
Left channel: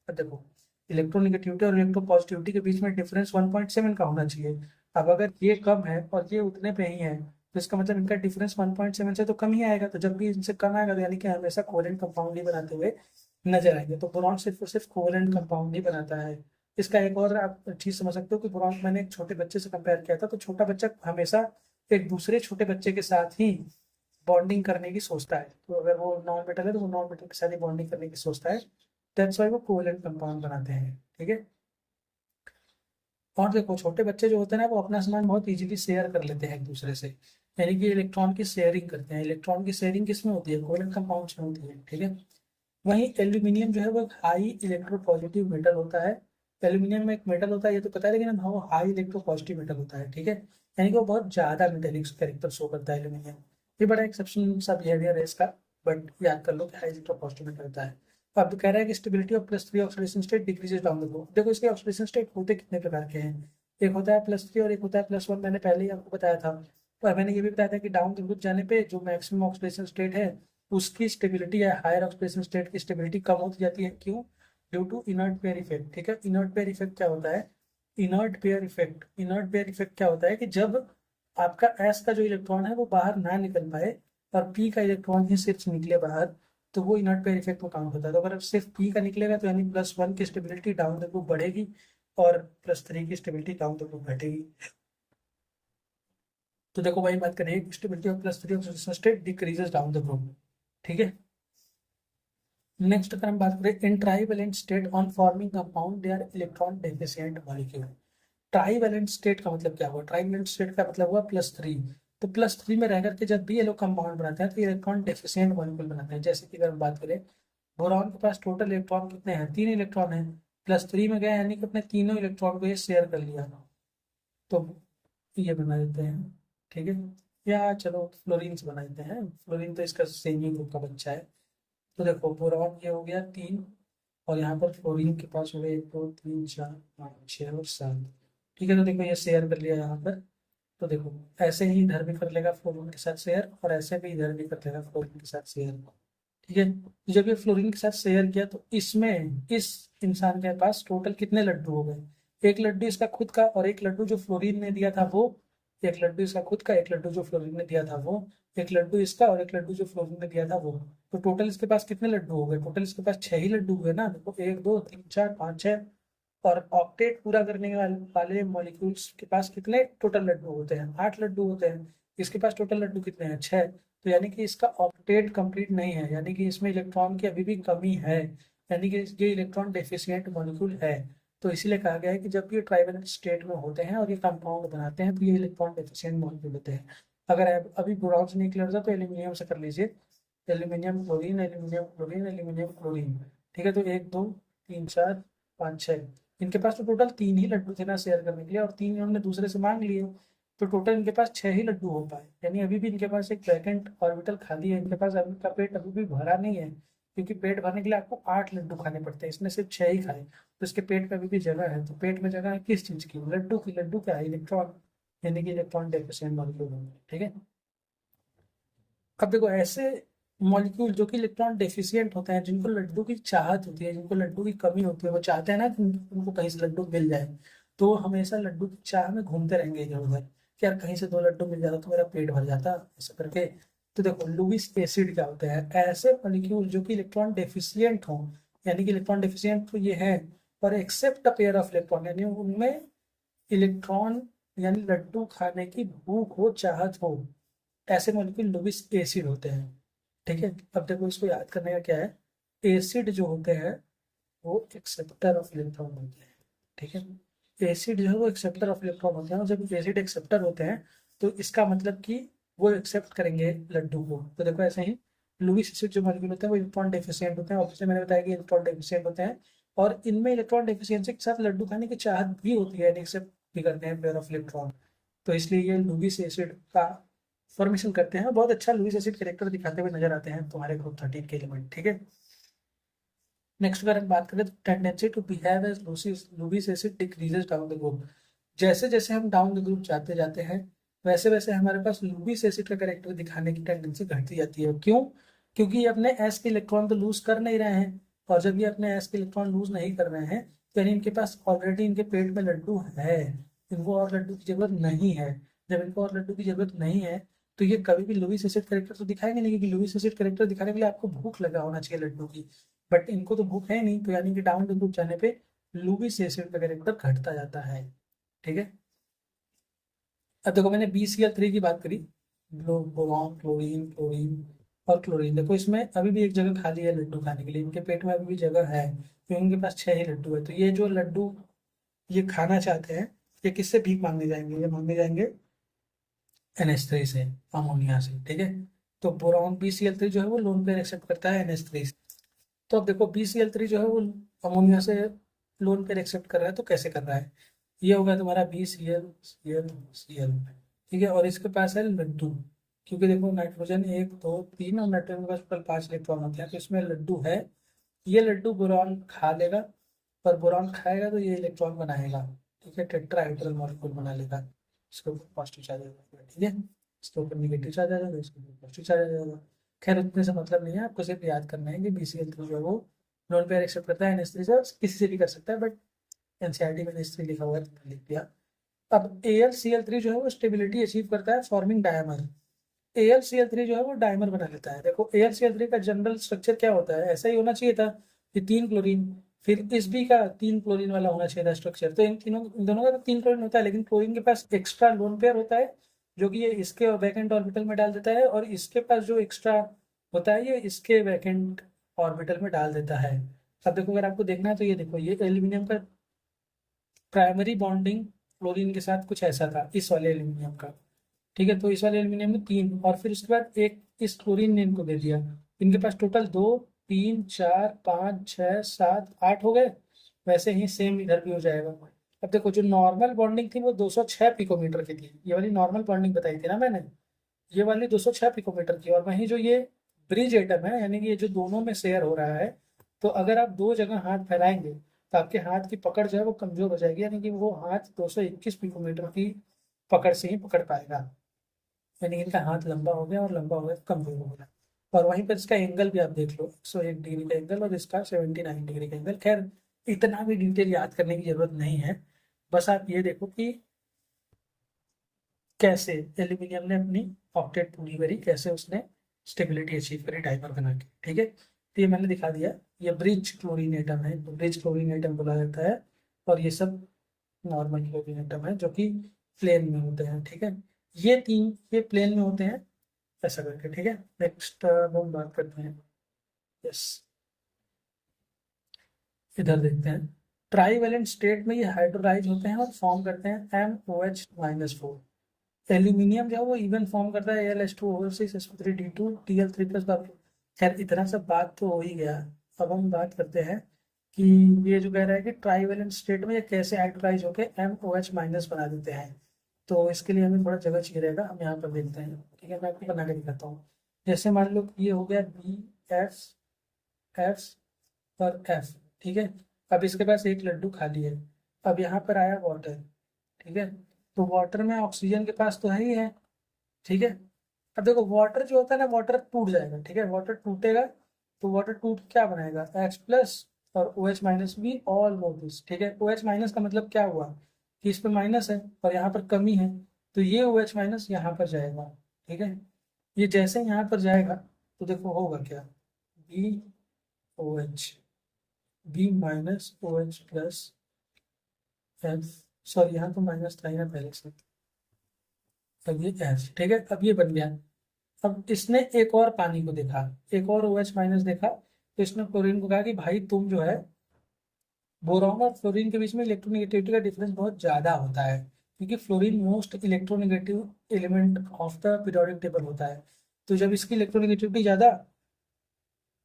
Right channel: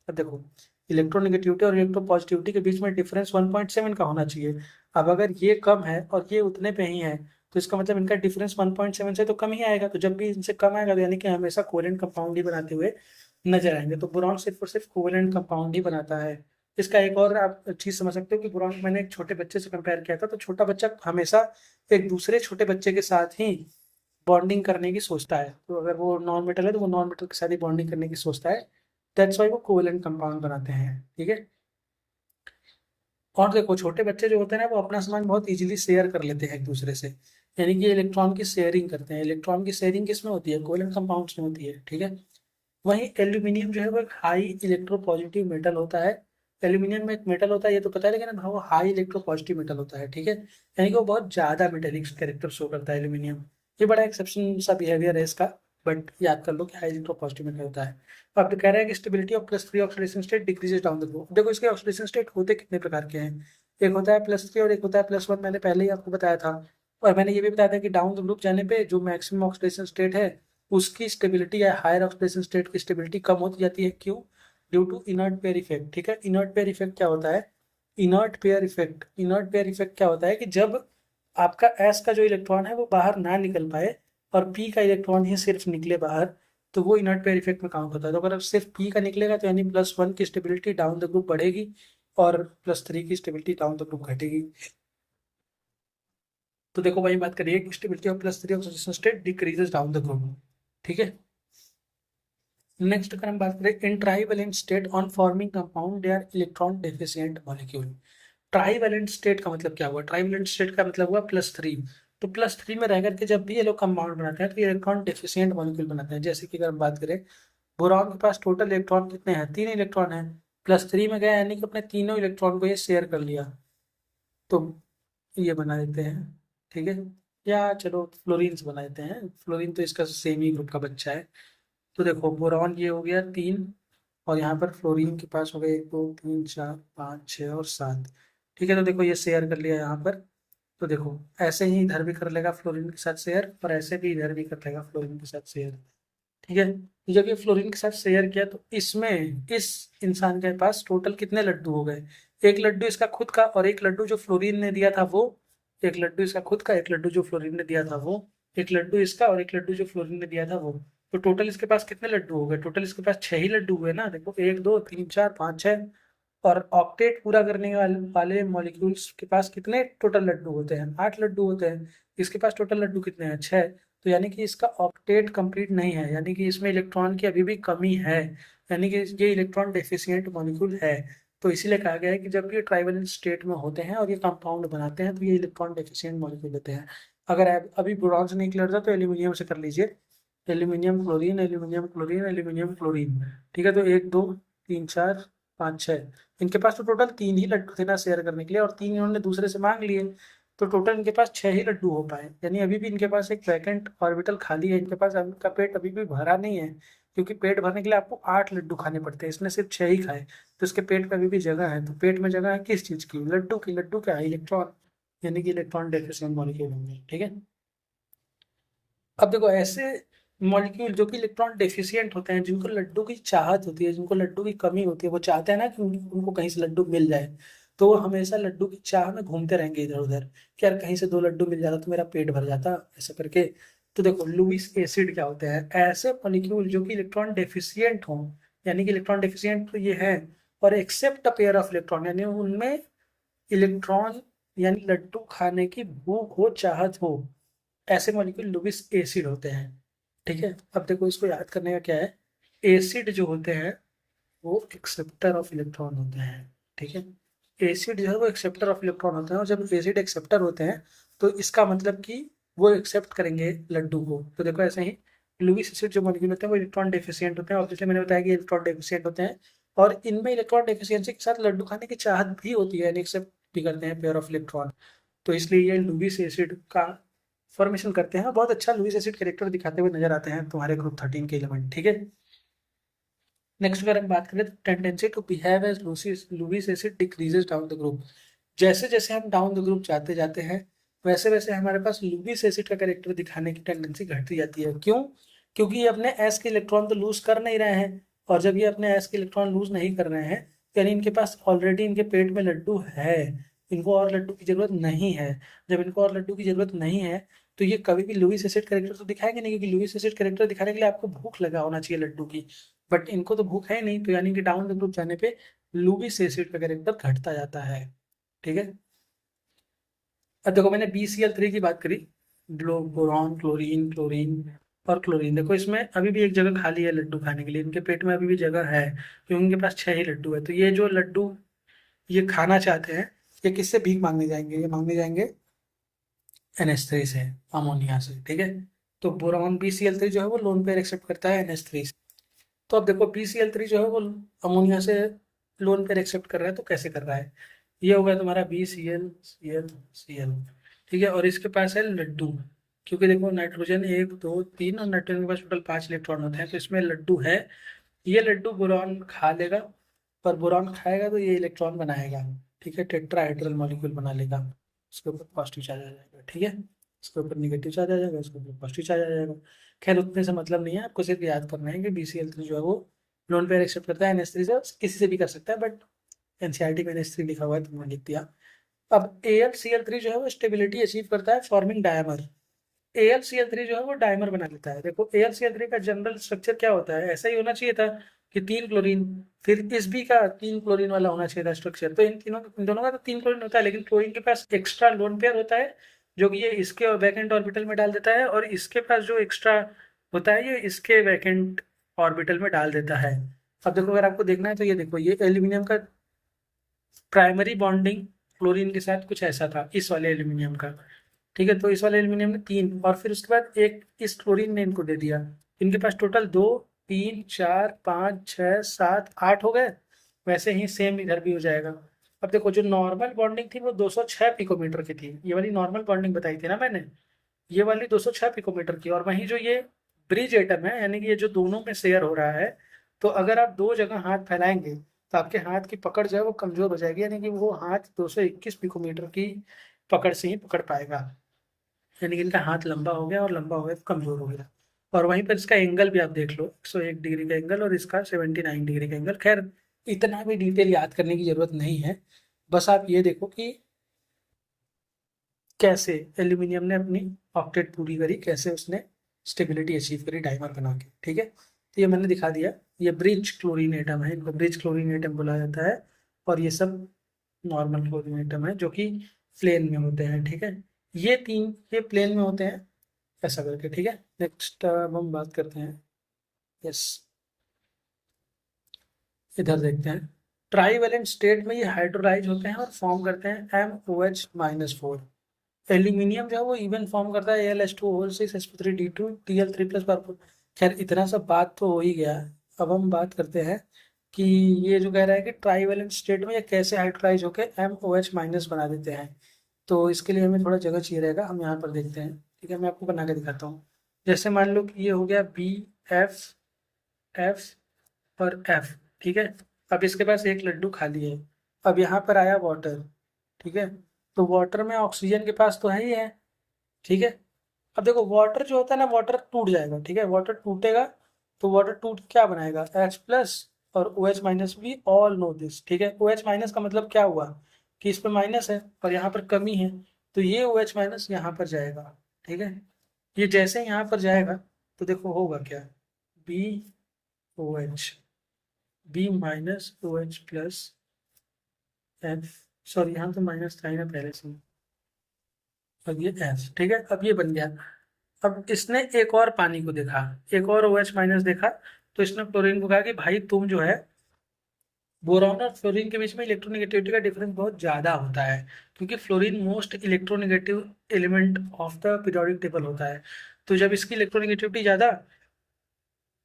अब देखो इलेक्ट्रोनिगेटिविटी और इलेक्ट्रोपॉजिटिविटी के बीच में डिफरेंस 1.7 का होना चाहिए। अब अगर ये कम है और ये उतने पे ही है, तो इसका मतलब इनका डिफरेंस 1.7 से तो कम ही आएगा। तो जब भी इनसे कम आएगा तो यानी कि हमेशा कोवेलेंट कंपाउंड ही बनाते हुए नजर आएंगे। तो बोरॉन सिर्फ और सिर्फ कोवेलेंट कंपाउंड ही बनाता है। इसका एक और आप चीज समझ सकते हो कि बोरॉन मैंने एक छोटे बच्चे से कंपेयर किया था, तो छोटा बच्चा हमेशा एक दूसरे छोटे बच्चे के साथ ही बॉन्डिंग करने की सोचता है। तो अगर वो नॉन मेटल है तो वो नॉन मेटल के साथ ही बॉन्डिंग करने की सोचता है, दैट्स वाई वो कोवेलेंट कंपाउंड बनाते हैं। ठीक है, और देखो छोटे बच्चे जो होते हैं ना वो अपना सामान बहुत इजीली शेयर कर लेते हैं एक दूसरे से, यानी कि इलेक्ट्रॉन की शेयरिंग करते हैं। इलेक्ट्रॉन की शेयरिंग किस में होती है? कोवेलेंट कंपाउंड्स में होती है। ठीक है, वहीं एल्यूमिनियम जो है वो एक हाई इलेक्ट्रोपॉजिटिव मेटल होता है। एल्यूमिनियम में एक मेटल होता है ये तो पता है, लेकिन वो हाई इलेक्ट्रोपॉजिटिव मेटल होता है। ठीक है, यानी कि वो बहुत ज़्यादा मेटेलिक कैरेक्टर शो करता है एल्यूमिनियम। ये बड़ा एक्सेप्शन सा बिहेवियर है इसका, बट याद कर लो कि हाई इलेक्ट्रोपॉजिटिव मेटल होता है। अब तो कह रहा है कि stability of +3 oxidation state decreases down the group. देखो इसके ऑक्सीडेशन स्टेट होते कितने प्रकार के हैं, एक होता है +3 और एक होता है +1, मैंने पहले ही आपको बताया था। और मैंने ये भी बताया था कि डाउन द ग्रुप जाने पे जो मैक्सिमम ऑक्सीडेशन स्टेट है उसकी स्टेबिलिटी या हायर ऑक्सीडेशन स्टेट की स्टेबिलिटी कम होती जाती है। क्यों? Due to inert pair effect. ठीक है, इनर्ट पेयर इफेक्ट क्या होता है? इनर्ट पेयर इफेक्ट क्या होता है कि जब आपका एस का जो इलेक्ट्रॉन है वो बाहर ना निकल पाए और पी का इलेक्ट्रॉन ही सिर्फ निकले बाहर, तो वो इनर्ट पेयर इफेक्ट में काउंट होता है। तो अगर सिर्फ पी का निकलेगा तो यानी +1 की स्टेबिलिटी डाउन द ग्रुप बढ़ेगी और +3 की स्टेबिलिटी डाउन द ग्रुप घटेगी। तो देखो वही बात करिए, stability of +3 oxidation state decreases down the group. ठीक है, नेक्स्ट अगर हम बात करें in trivalent state on forming compound they are electron deficient molecule. Trivalent state का मतलब क्या हुआ? ट्राइवेलेंट स्टेट का मतलब हुआ +3। तो +3 में रह करके जब भी ये लोग कंपाउंड बनाते हैं तो इलेक्ट्रॉन डेफिशिएंट मॉलिक्यूल बनाते हैं। जैसे कि अगर हम बात करें बोरॉन के पास टोटल इलेक्ट्रॉन कितने हैं? 3 इलेक्ट्रॉन हैं। +3 में गए यानी कि अपने तीनों इलेक्ट्रॉन को ये शेयर कर लिया, तो ये बना देते हैं। ठीक है, या चलो फ्लोरीन से बना देते हैं। फ्लोरीन तो इसका सेम ही ग्रुप का बच्चा है। तो देखो बोरॉन ये हो गया 3, और यहाँ पर फ्लोरीन के पास हो गए 1 2 3 4 5 6 और 7। ठीक है, तो देखो ये शेयर कर लिया यहाँ पर। तो देखो ऐसे ही इधर भी कर लेगा फ्लोरीन के साथ शेयर, और ऐसे भी इधर भी कर लेगा फ्लोरीन के साथ शेयर। ठीक है, तो जब ये फ्लोरीन के साथ शेयर किया तो इसमें इस इंसान के पास टोटल कितने लड्डू हो गए? एक लड्डू इसका खुद का, और एक लड्डू जो फ्लोरीन ने दिया था वो। एक लड्डू इसका खुद का, एक लड्डू जो फ्लोरीन ने दिया था वो। एक लड्डू इसका और एक लड्डू जो फ्लोरीन ने दिया था वो। तो टोटल इसके पास कितने लड्डू हो गए? टोटल इसके पास 6 ही लड्डू हुए ना। देखो 1 2 3 4 5 6। और ऑक्टेट पूरा करने वाले मॉलिक्यूल्स के पास कितने टोटल लड्डू होते हैं? 8 लड्डू होते हैं। इसके पास टोटल लड्डू कितने हैं? 6। तो यानी कि इसका ऑक्टेट कंप्लीट नहीं है, यानी कि इसमें इलेक्ट्रॉन की अभी भी कमी है, यानी कि ये इलेक्ट्रॉन डेफिशिएंट मॉलिक्यूल है। तो इसीलिए कहा गया है कि जब ये ट्राइवेलेंट स्टेट में होते हैं और ये कंपाउंड बनाते हैं तो ये इलेक्ट्रॉन डेफिशिएंट मॉलिक्यूल होते हैं। अगर अभी बोरॉन से नहीं क्लियर था तो एल्यूमिनियम से कर लीजिए। Aluminium chlorine, aluminium chlorine, aluminium chlorine. ठीक है, तो 1 2 3 4 5 6। इनके पास तो टोटल 3 ही लड्डू थे ना शेयर करने के लिए, और 3 इन्होंने दूसरे से मांग लिए। तो टोटल इनके पास 6 ही लड्डू हो पाए, यानी अभी भी इनके पास एक वैकेंट ऑर्बिटल खाली है। इनके पास इनका पेट अभी भी भरा नहीं है, क्योंकि पेट भरने के लिए आपको 8 लड्डू खाने पड़ते हैं, इसने सिर्फ 6 ही खाए। तो इसके पेट में अभी भी जगह है। तो पेट में जगह है किस चीज की? लड्डू की। लड्डू क्या है? इलेक्ट्रॉन, यानी कि इलेक्ट्रॉन डेफिशिएंट मॉलिक्यूल होंगे। ठीक है, अब देखो ऐसे मॉलिक्यूल जो कि इलेक्ट्रॉन डेफिशिएंट होते हैं, जिनको लड्डू की चाहत होती है, जिनको लड्डू की कमी होती है, वो चाहते हैं ना कि उनको कहीं से लड्डू मिल जाए, तो वो हमेशा लड्डू की चाह में घूमते रहेंगे इधर उधर कि यार कहीं से 2 लड्डू मिल जाता तो मेरा पेट भर जाता, ऐसा करके। तो देखो लुईस एसिड क्या होते हैं? ऐसे मॉलिक्यूल जो कि इलेक्ट्रॉन डेफिशिएंट हों, यानी कि इलेक्ट्रॉन डेफिशिएंट तो ये है, और accept a pair of electron, यानी उनमें इलेक्ट्रॉन यानी लड्डू खाने की भूख हो, चाहत हो, ऐसे मॉलिक्यूल लुईस एसिड होते हैं। ठीक है, अब देखो इसको याद करने का क्या है। एसिड जो होते हैं वो एक्सेप्टर ऑफ इलेक्ट्रॉन होते हैं। ठीक है, एसिड जो है वो एक्सेप्टर ऑफ इलेक्ट्रॉन होते हैं, और जब एसिड एक्सेप्टर होते हैं तो इसका मतलब कि वो एक्सेप्ट करेंगे लड्डू को। तो देखो ऐसे ही लुईस एसिड जो मॉलिक्यूल होते हैं वो इलेक्ट्रॉन डेफिशिएंट होते हैं, ऑब्वियसली मैंने बताया कि इलेक्ट्रॉन डेफिशिएंट होते हैं। और इनमें इलेक्ट्रॉन डेफिशिएंसी के साथ लड्डू खाने की चाहत भी होती है, यानी एक्सेप्ट भी करते हैं पेयर ऑफ इलेक्ट्रॉन। तो इसलिए ये लुईस एसिड का फॉर्मेशन करते हैं। बहुत अच्छा लुईस एसिड कैरेक्टर दिखाते हुए नजर आते हैं तुम्हारे ग्रुप 13 के एलिमेंट। ठीक है, नेक्स्ट अगर हम बात करें तो tendency to behave as Lewis acid decreases down the group. जैसे जैसे हम डाउन द ग्रुप जाते जाते हैं वैसे वैसे हमारे पास लुईस एसिड का कैरेक्टर दिखाने की टेंडेंसी घटती जाती है। क्यों? क्योंकि ये अपने एस के इलेक्ट्रॉन तो लूज कर नहीं रहे हैं, और जब ये अपने एस के इलेक्ट्रॉन लूज नहीं कर रहे हैं तो यानी इनके पास ऑलरेडी इनके पेट में लड्डू है, इनको और लड्डू की जरूरत नहीं है। जब इनको और लड्डू की जरूरत नहीं है तो ये कभी भी लुईस एसिड कैरेक्टर तो दिखाएंगे नहीं, क्योंकि लुईस एसिड कैरेक्टर दिखाने के लिए आपको भूख लगा होना चाहिए लड्डू की। बट इनको तो भूख है नहीं, तो यानी कि डाउन द ग्रुप जाने पे लुईस एसिड का कैरेक्टर घटता जाता है। ठीक है, अब देखो मैंने BCl3 की बात करी, बोरॉन, क्लोरीन, क्लोरीन और क्लोरीन। देखो इसमें अभी भी एक जगह खाली है लड्डू खाने के लिए, इनके पेट में अभी भी जगह है क्योंकि इनके पास 6 ही लड्डू है। तो ये जो लड्डू ये खाना चाहते हैं, ये किससे भीख मांगने जाएंगे? ये मांगने जाएंगे NH3 से, अमोनिया से। ठीक है, तो बोरॉन BCl3 जो है वो लोन पेयर एक्सेप्ट करता है NH3 से। तो अब देखो BCl3 जो है वो अमोनिया से लोन पेयर एक्सेप्ट कर रहा है, तो कैसे कर रहा है? ये हो गया तुम्हारा BCl, Cl, Cl। ठीक है, और इसके पास है लड्डू, क्योंकि देखो नाइट्रोजन 1 2 3 और नाइट्रोजन के पास टोटल 5 इलेक्ट्रॉन होते हैं, तो इसमें लड्डू है। ये लड्डू बोरॉन खा लेगा, पर बोरॉन खाएगा तो ये इलेक्ट्रॉन बनाएगा। ठीक है, टेट्राहेड्रल मॉलिक्यूल बना लेगा। इसके ऊपर पॉजिटिव चार्ज आ जाएगा। ठीक है, इसके ऊपर निगेटिव चार्ज आ जाएगा, इसके ऊपर पॉजिटिव चार्ज आ जाएगा। खैर उतने से मतलब नहीं है, आपको सिर्फ याद करना है कि BCl3 जो है वो लोन पेयर एक्सेप्ट करता है NH3 से, किसी से भी कर सकता है, बट NCERT में NH3 लिखा हुआ है तो मैंने लिख दिया। अब AlCl3 जो है वो स्टेबिलिटी अचीव करता है फॉर्मिंग डायमर। AlCl3 जो है वो डायमर बना लेता है। देखो AlCl3 का जनरल स्ट्रक्चर क्या होता है? ऐसा ही होना चाहिए था कि 3 क्लोरीन, फिर इस भी का 3 क्लोरीन वाला होना चाहिए था स्ट्रक्चर। तो इन दोनों का तो 3 क्लोरीन होता है, लेकिन क्लोरीन के पास एक्स्ट्रा लोन पेयर होता है जो कि ये इसके वैकेंट ऑर्बिटल में डाल देता है, और इसके पास जो एक्स्ट्रा होता है ये इसके वैकेंट ऑर्बिटल में डाल देता है। अब देखो अगर आपको देखना है तो ये देखो, ये एल्यूमिनियम का प्राइमरी बॉन्डिंग क्लोरीन के साथ कुछ ऐसा था इस वाले एल्यूमिनियम का। ठीक है, तो इस वाले एल्यूमिनियम ने 3 और फिर उसके बाद एक इस क्लोरीन ने इनको दे दिया। इनके पास टोटल 2 3 4 5 6 7 8 हो गए। वैसे ही सेम इधर भी हो जाएगा। अब देखो जो नॉर्मल बॉन्डिंग थी वो 206 पिकोमीटर की थी, ये वाली नॉर्मल बॉन्डिंग बताई थी ना मैंने, ये वाली 206 पिकोमीटर की। और वहीं जो ये ब्रिज एटम है, यानी कि ये जो दोनों में शेयर हो रहा है, तो अगर आप दो जगह हाथ फैलाएंगे तो आपके हाथ की पकड़ जो है वो कमजोर हो जाएगी, यानी कि वो हाथ 221 पिकोमीटर की पकड़ से ही पकड़ पाएगा। यानी कि इनका हाथ लंबा हो गया और लंबा हो गया तो कमजोर हो गया। और वहीं पर इसका एंगल भी आप देख लो, 101 डिग्री का एंगल और इसका 79 डिग्री का एंगल। खैर इतना भी डिटेल याद करने की जरूरत नहीं है, बस आप ये देखो कि कैसे एल्यूमिनियम ने अपनी ऑक्टेट पूरी करी, कैसे उसने स्टेबिलिटी अचीव करी डाइमर बना के। ठीक है, तो ये मैंने दिखा दिया। ये ब्रिज क्लोरीन एटम है, इनको ब्रिज क्लोरीन एटम बोला जाता है। और ये सब नॉर्मल क्लोरीन एटम है जो कि प्लेन में होते हैं। ठीक है, ये तीन ये प्लेन में होते हैं ऐसा करके। ठीक है, नेक्स्ट हम बात करते हैं। यस, इधर देखते हैं। ट्राईवेलेंट स्टेट में ये हाइड्रोलाइज होते हैं और फॉर्म करते हैं MOH-4। एल्यूमिनियम जो है वो इवन फॉर्म करता है Al2O6 sp3 D2 Tl3+। खैर इतना सब बात तो हो ही गया। अब हम बात करते हैं कि ये जो कह रहा है कि ट्राईवेलेंट स्टेट में ये कैसे हाइड्रोलाइज होकर MOH- बना देते हैं। तो इसके लिए हमें थोड़ा जगह चाहिए रहेगा, हम यहाँ पर देखते हैं। ठीक है, मैं आपको बना के दिखाता हूँ। जैसे मान लो कि ये हो गया BF, F और F। ठीक है, अब इसके पास एक लड्डू खाली है। अब यहाँ पर आया वाटर। ठीक है, तो वाटर में ऑक्सीजन के पास तो है ही है। ठीक है, अब देखो वाटर जो होता है ना, वाटर टूट जाएगा। ठीक है, वाटर टूटेगा तो वाटर टूट के क्या बनाएगा, H+ और OH- भी ऑल नो दिस। ठीक है, OH- का मतलब क्या हुआ कि इस पर माइनस है और यहाँ पर कमी है, तो ये OH- यहाँ पर जाएगा। ठीक है, ये जैसे यहाँ पर जाएगा तो देखो होगा क्या, BOH, B-OH+F, सॉरी यहाँ तो माइनस था ही ना पहले से। अब ये F। ठीक है, अब ये बन गया। अब इसने एक और पानी को देखा, एक और OH- देखा, तो इसने क्लोरीन को कहा कि भाई तुम जो है, बोरॉन और फ्लोरीन के बीच में इलेक्ट्रोनेगेटिविटी का डिफरेंस बहुत ज़्यादा होता है, क्योंकि fluorine most electronegative element of the periodic table होता है। तो जब इसकी इलेक्ट्रोनेगेटिविटी ज़्यादा,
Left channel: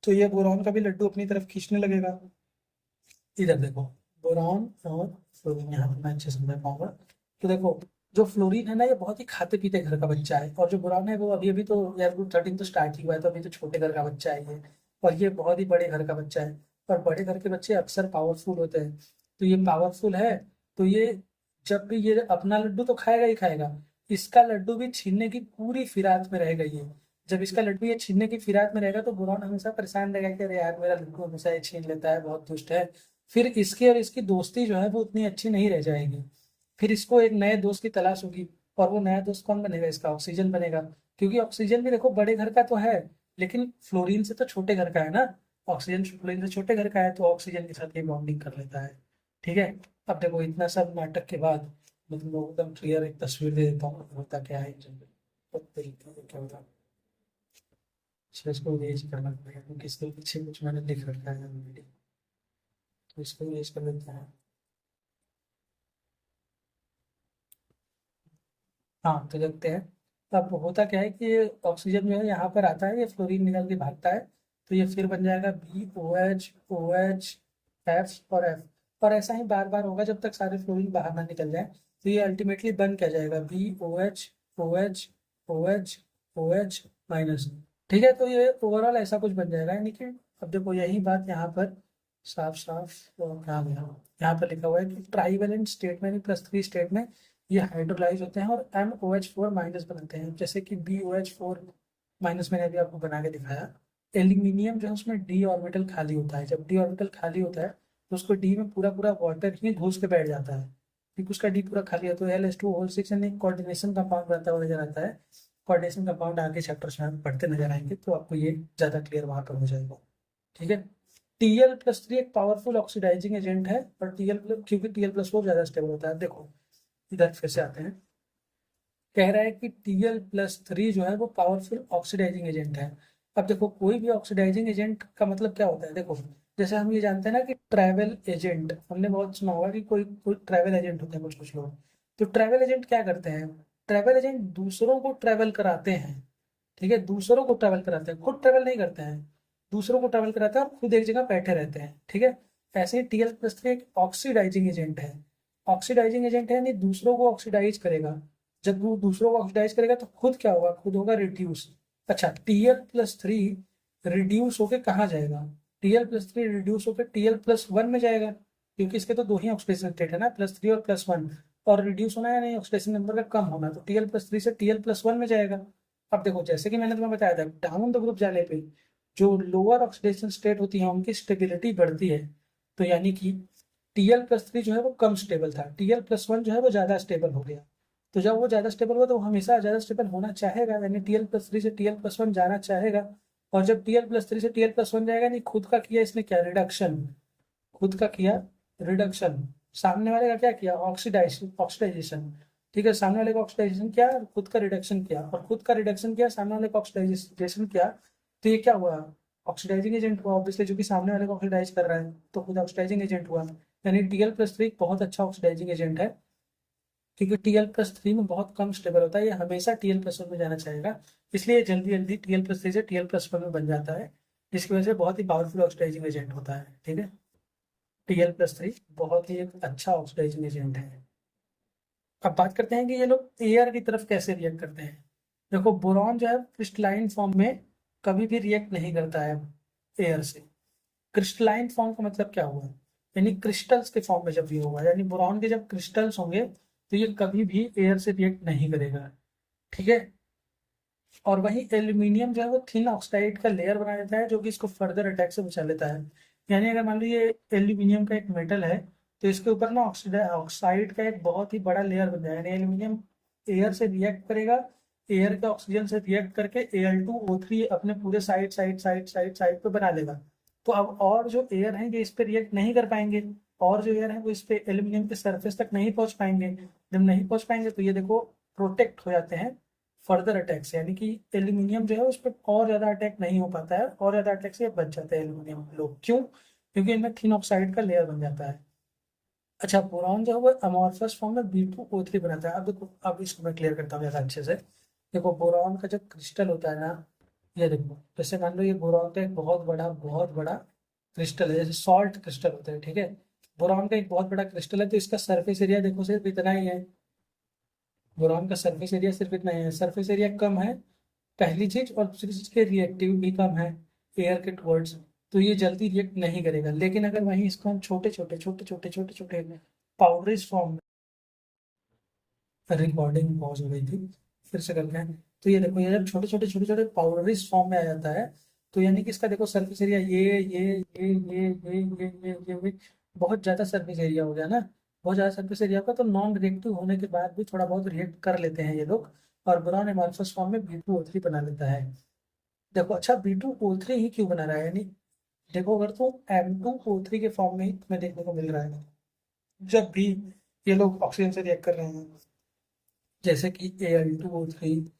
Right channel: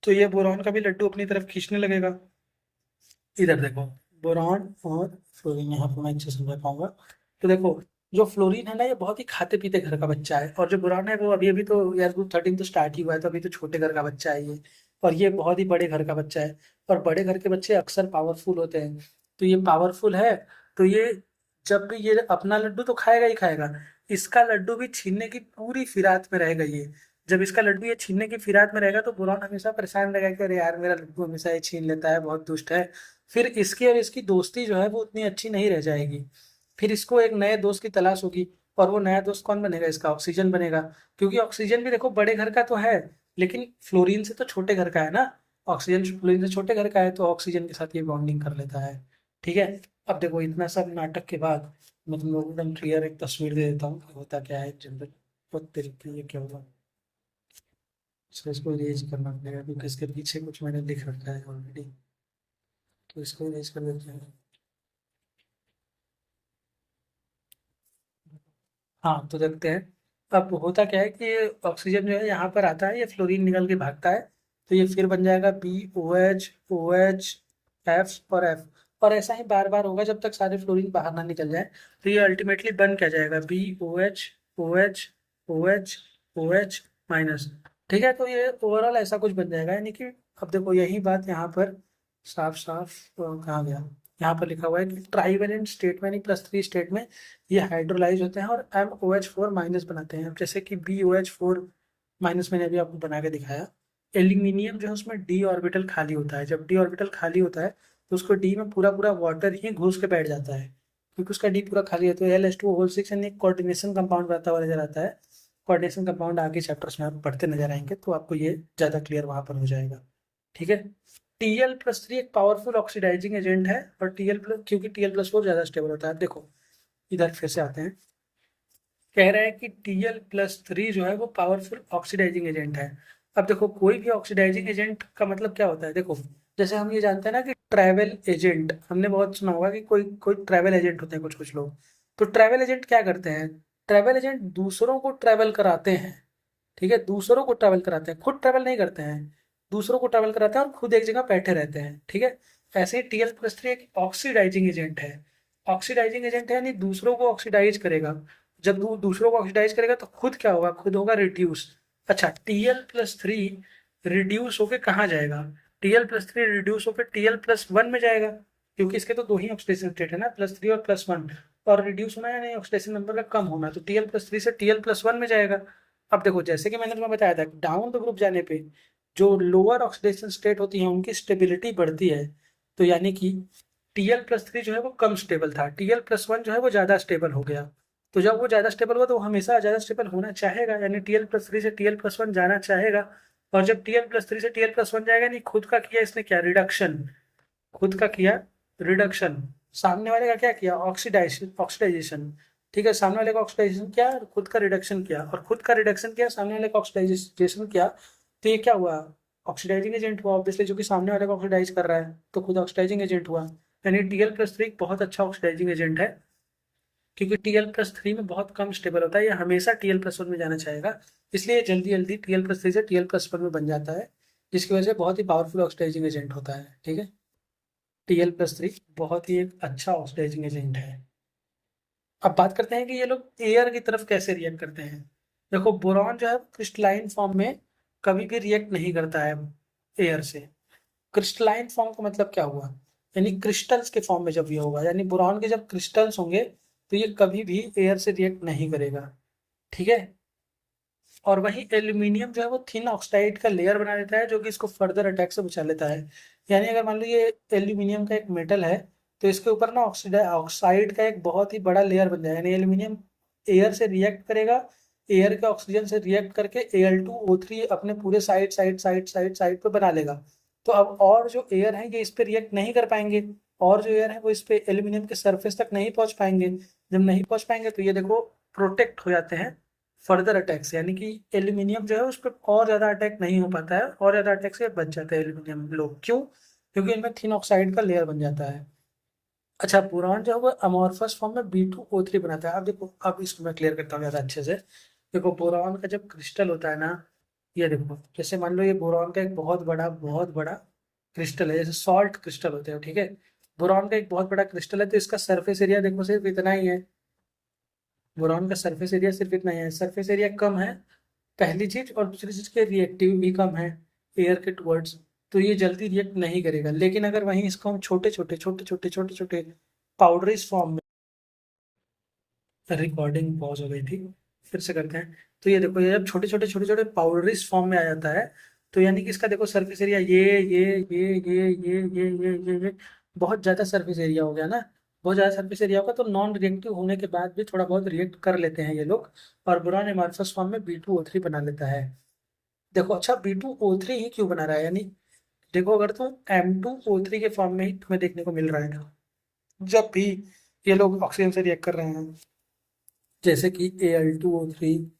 तो ये बोरॉन का भी लड्डू अपनी तरफ खींचने लगेगा। इधर देखो, बोरॉन और फ्लोरीन, यहाँ पर मैं अच्छे से समझा पाऊंगा। तो देखो, जो फ्लोरीन है ना ये बहुत ही खाते पीते घर का बच्चा है, और जो बोरॉन है वो अभी अभी तो यार ग्रुप 13 तो स्टार्ट ही हुआ है, तो अभी तो छोटे घर का बच्चा है ये। और ये बहुत ही बड़े घर का बच्चा है, और बड़े घर के बच्चे अक्सर पावरफुल होते हैं। तो ये पावरफुल है, तो ये जब भी ये अपना लड्डू तो खाएगा ही खाएगा, इसका लड्डू भी छीनने की पूरी फिराक में रहेगा ये। जब इसका लड्डू ये छीनने की फिराक में रहेगा तो बुरहान हमेशा परेशान रहेगा कि अरे यार मेरा लड्डू हमेशा ये छीन लेता है, बहुत दुष्ट है। फिर इसकी और इसकी दोस्ती जो है वो उतनी अच्छी नहीं रह जाएगी। फिर इसको एक नए दोस्त की तलाश होगी, और वो नया दोस्त कौन बनेगा, इसका ऑक्सीजन बनेगा। क्योंकि ऑक्सीजन भी देखो बड़े घर का तो है, लेकिन फ्लोरीन से तो छोटे घर का है ना। ऑक्सीजन फ्लोरीन से छोटे घर का है, तो ऑक्सीजन के साथ ये बॉन्डिंग कर लेता है। ठीक है, अब देखो इतना सब नाटक के बाद मैं तुम लोग एकदम क्लियर एक तस्वीर दे देता हूँ कि होता क्या है जनरल। बहुत तरीके ये क्या होगा। अच्छा, इसको इरेज करना पड़ेगा क्योंकि इसके पीछे कुछ मैंने लिख रखा है ऑलरेडी, तो इसको इरेज कर देते हैं। हाँ, तो देखते हैं। अब होता क्या है कि ऑक्सीजन जो है यहाँ पर आता है, ये फ्लोरीन निकल के भागता है, तो ये फिर बन जाएगा BOH, OH, F और F। और ऐसा ही बार बार होगा जब तक सारे फ्लोरीन बाहर ना निकल जाए। तो ये अल्टीमेटली बन क्या जाएगा, BOH, OH, OH, OH-। ठीक है, तो ये ओवरऑल ऐसा कुछ बन जाएगा, यानी कि अब देखो यही बात यहाँ पर साफ साफ कहा गया, यहाँ पर लिखा हुआ है कि ट्राईवेलेंट स्टेट में, यानी +3 स्टेट में ये हाइड्रोलाइज होते हैं और MOH4- बनाते हैं। अब जैसे कि BOH4- मैंने अभी आपको बना के दिखाया। एल्यूमिनियम जो है उसमें D ऑर्बिटल खाली होता है, जब D ऑर्बिटल खाली होता है तो उसको D में पूरा पूरा वाटर ही घुस के बैठ जाता है, क्योंकि उसका D पूरा खाली होता है। Al2O6 यानी कोऑर्डिनेशन कंपाउंड बनता हुआ नजर आता है। कोऑर्डिनेशन कंपाउंड आगे चैप्टर्स में आप पढ़ते नजर आएंगे, तो आपको ये ज़्यादा क्लियर वहां पर हो जाएगा। ठीक है, Tl+3 एक पावरफुल ऑक्सीडाइजिंग एजेंट है, और Tl+, क्योंकि Tl+4 ज़्यादा स्टेबल होता है। देखो इधर फिर से आते हैं, कह रहा है कि Tl+3 जो है वो पावरफुल ऑक्सीडाइजिंग एजेंट है। अब देखो कोई भी ऑक्सीडाइजिंग एजेंट का मतलब क्या होता है, देखो जैसे हम ये जानते हैं ना कि ट्रैवल एजेंट, हमने बहुत सुना होगा कि कोई कोई ट्रैवल एजेंट होते हैं कुछ कुछ लोग। तो ट्रैवल एजेंट क्या करते हैं, ट्रैवल एजेंट दूसरों को ट्रैवल कराते हैं, ठीक है, दूसरों को ट्रैवल कराते हैं, खुद ट्रैवल नहीं करते हैं, दूसरों को ट्रैवल कराते हैं और खुद एक जगह बैठे रहते हैं, ठीक है। ऐसे ही Tl+3 एक ऑक्सीडाइजिंग एजेंट है। ऑक्सीडाइजिंग एजेंट है यानी दूसरों को ऑक्सीडाइज करेगा। जब दूसरों को ऑक्सीडाइज करेगा तो खुद क्या होगा, खुद होगा रिड्यूस। अच्छा, Tl+3 रिड्यूस होके कहाँ जाएगा, Tl+3 रिड्यूस होकर Tl+1 में जाएगा, क्योंकि इसके तो दो ही ऑक्सीडेशन स्टेट है ना, +3 और +1, और रिड्यूस होना है नहीं, ऑक्सीडेशन नंबर का कम होना है, तो Tl+3 से Tl+1 में जाएगा। अब देखो जैसे कि मैंने तुम्हें बताया था, डाउन द ग्रुप जाने पे जो लोअर ऑक्सीडेशन स्टेट होती है उनकी स्टेबिलिटी बढ़ती है। तो यानी कि Tl+3 जो है वो कम स्टेबल था, Tl+1 जो है वो ज़्यादा स्टेबल हो गया। तो जब वो ज़्यादा स्टेबल हुआ तो वो हमेशा ज़्यादा स्टेबल होना चाहेगा, यानी Tl+3 से Tl+1 जाना चाहेगा। और जब Tl+3 से Tl+1 जाएगा, नहीं खुद का किया इसने क्या, रिडक्शन, खुद का किया रिडक्शन, सामने वाले का क्या किया, ऑक्सीडाइजेशन, ऑक्सीडाइजेशन, ठीक है, सामने वाले का ऑक्सीडाइजेशन किया, खुद का रिडक्शन किया, और खुद का रिडक्शन किया, सामने वाले का ऑक्सीडाइजेशन किया, तो ये क्या हुआ, ऑक्सीडाइजिंग एजेंट हुआ ऑब्वियसली, जो कि सामने वाले को ऑक्सीडाइज कर रहा है, तो खुद ऑक्सीडाइजिंग एजेंट हुआ। यानी Tl+3 बहुत अच्छा ऑक्सीडाइजिंग एजेंट है, क्योंकि Tl+3 में बहुत कम स्टेबल होता है, ये हमेशा Tl+1 में जाना चाहेगा, इसलिए जल्दी जल्दी Tl+3 से Tl+1 में बन जाता है, जिसकी वजह से बहुत ही पावरफुल ऑक्सीडाइजिंग एजेंट होता है, ठीक है। Tl+3 बहुत ही एक अच्छा ऑक्सीडाइजिंग एजेंट है। अब बात करते हैं कि ये लोग एयर की तरफ कैसे रिएक्ट करते हैं। देखो बोरॉन जो है क्रिस्टलाइन फॉर्म में कभी भी रिएक्ट नहीं करता है एयर से। क्रिस्टलाइन फॉर्म का मतलब क्या हुआ, यानी क्रिस्टल्स के फॉर्म में जब ये होगा, यानी बोरॉन के जब क्रिस्टल्स होंगे तो ये कभी भी एयर से रिएक्ट नहीं करेगा, ठीक है। और वहीं एल्यूमिनियम जो है वो थिन ऑक्साइड का लेयर बना देता है, जो कि इसको फर्दर अटैक से बचा लेता है। यानी अगर मान लो ये एल्यूमिनियम का एक मेटल है, तो इसके ऊपर ना ऑक्साइड का एक बहुत ही बड़ा लेयर बन जाएगा, यानी एल्यूमिनियम एयर से रिएक्ट करेगा, एयर के ऑक्सीजन से रिएक्ट करके Al2O3 अपने पूरे side side side side side पे बना लेगा। तो अब और जो एयर है ये इस पे रिएक्ट नहीं कर पाएंगे, और जो एयर है वो इस पे एल्यूमिनियम के सरफेस तक नहीं पहुंच पाएंगे। जब नहीं पहुंच पाएंगे तो ये देखो प्रोटेक्ट हो जाते हैं फर्दर अटैक से, यानी कि एल्यूमिनियम जो है उस पर और ज़्यादा अटैक नहीं हो पाता है, और ज़्यादा अटैक से बच जाते हैं एल्यूमिनियम लोग, क्यों, क्योंकि इनमें थिन ऑक्साइड का लेयर बन जाता है। अच्छा, बोरॉन जो है वो अमॉर्फस फॉर्म में B2O3 बनाता है। अब देखो, अब इसको मैं क्लियर करता हूँ ज़्यादा अच्छे से। देखो बोरॉन का जब क्रिस्टल होता है ना, ये देखो जैसे मान लो ये बोरॉन का एक बहुत बड़ा क्रिस्टल है, जैसे सॉल्ट क्रिस्टल होते हैं, ठीक है। बोरॉन का एक बहुत बड़ा क्रिस्टल है, तो इसका सरफेस एरिया देखो सिर्फ इतना ही है, बोरॉन का सरफेस एरिया सिर्फ इतना ही है, सरफेस एरिया कम है पहली चीज, और दूसरी चीज के रिएक्टिव भी कम है एयर के टुवर्ड्स, तो ये जल्दी रिएक्ट नहीं करेगा। लेकिन अगर वहीं इसको हम छोटे छोटे पाउडरीज फॉर्म में, रिकॉर्डिंग पॉज हो गई थी, फिर से करते हैं। तो ये देखो, ये जब छोटे छोटे पाउडरीज फॉर्म में आ जाता है, तो यानी कि इसका देखो सरफेस एरिया ये बहुत ज्यादा सरफेस एरिया हो गया ना, बहुत ज्यादा सरफेस एरिया होगा, तो नॉन रिएक्टिव होने के बाद भी थोड़ा बहुत रिएक्ट कर लेते हैं ये लोग, और बोरॉन एमॉर्फस फॉर्म में B2O3 बना लेता है। देखो अच्छा, B2O3 ही क्यों बना रहा है, यानी देखो अगर तो M2O3 के फॉर्म में ही तुम्हें देखने को मिल रहा है ना, जब भी ये लोग ऑक्सीजन से रिएक्ट कर रहे हैं, जैसे कि Al2O3,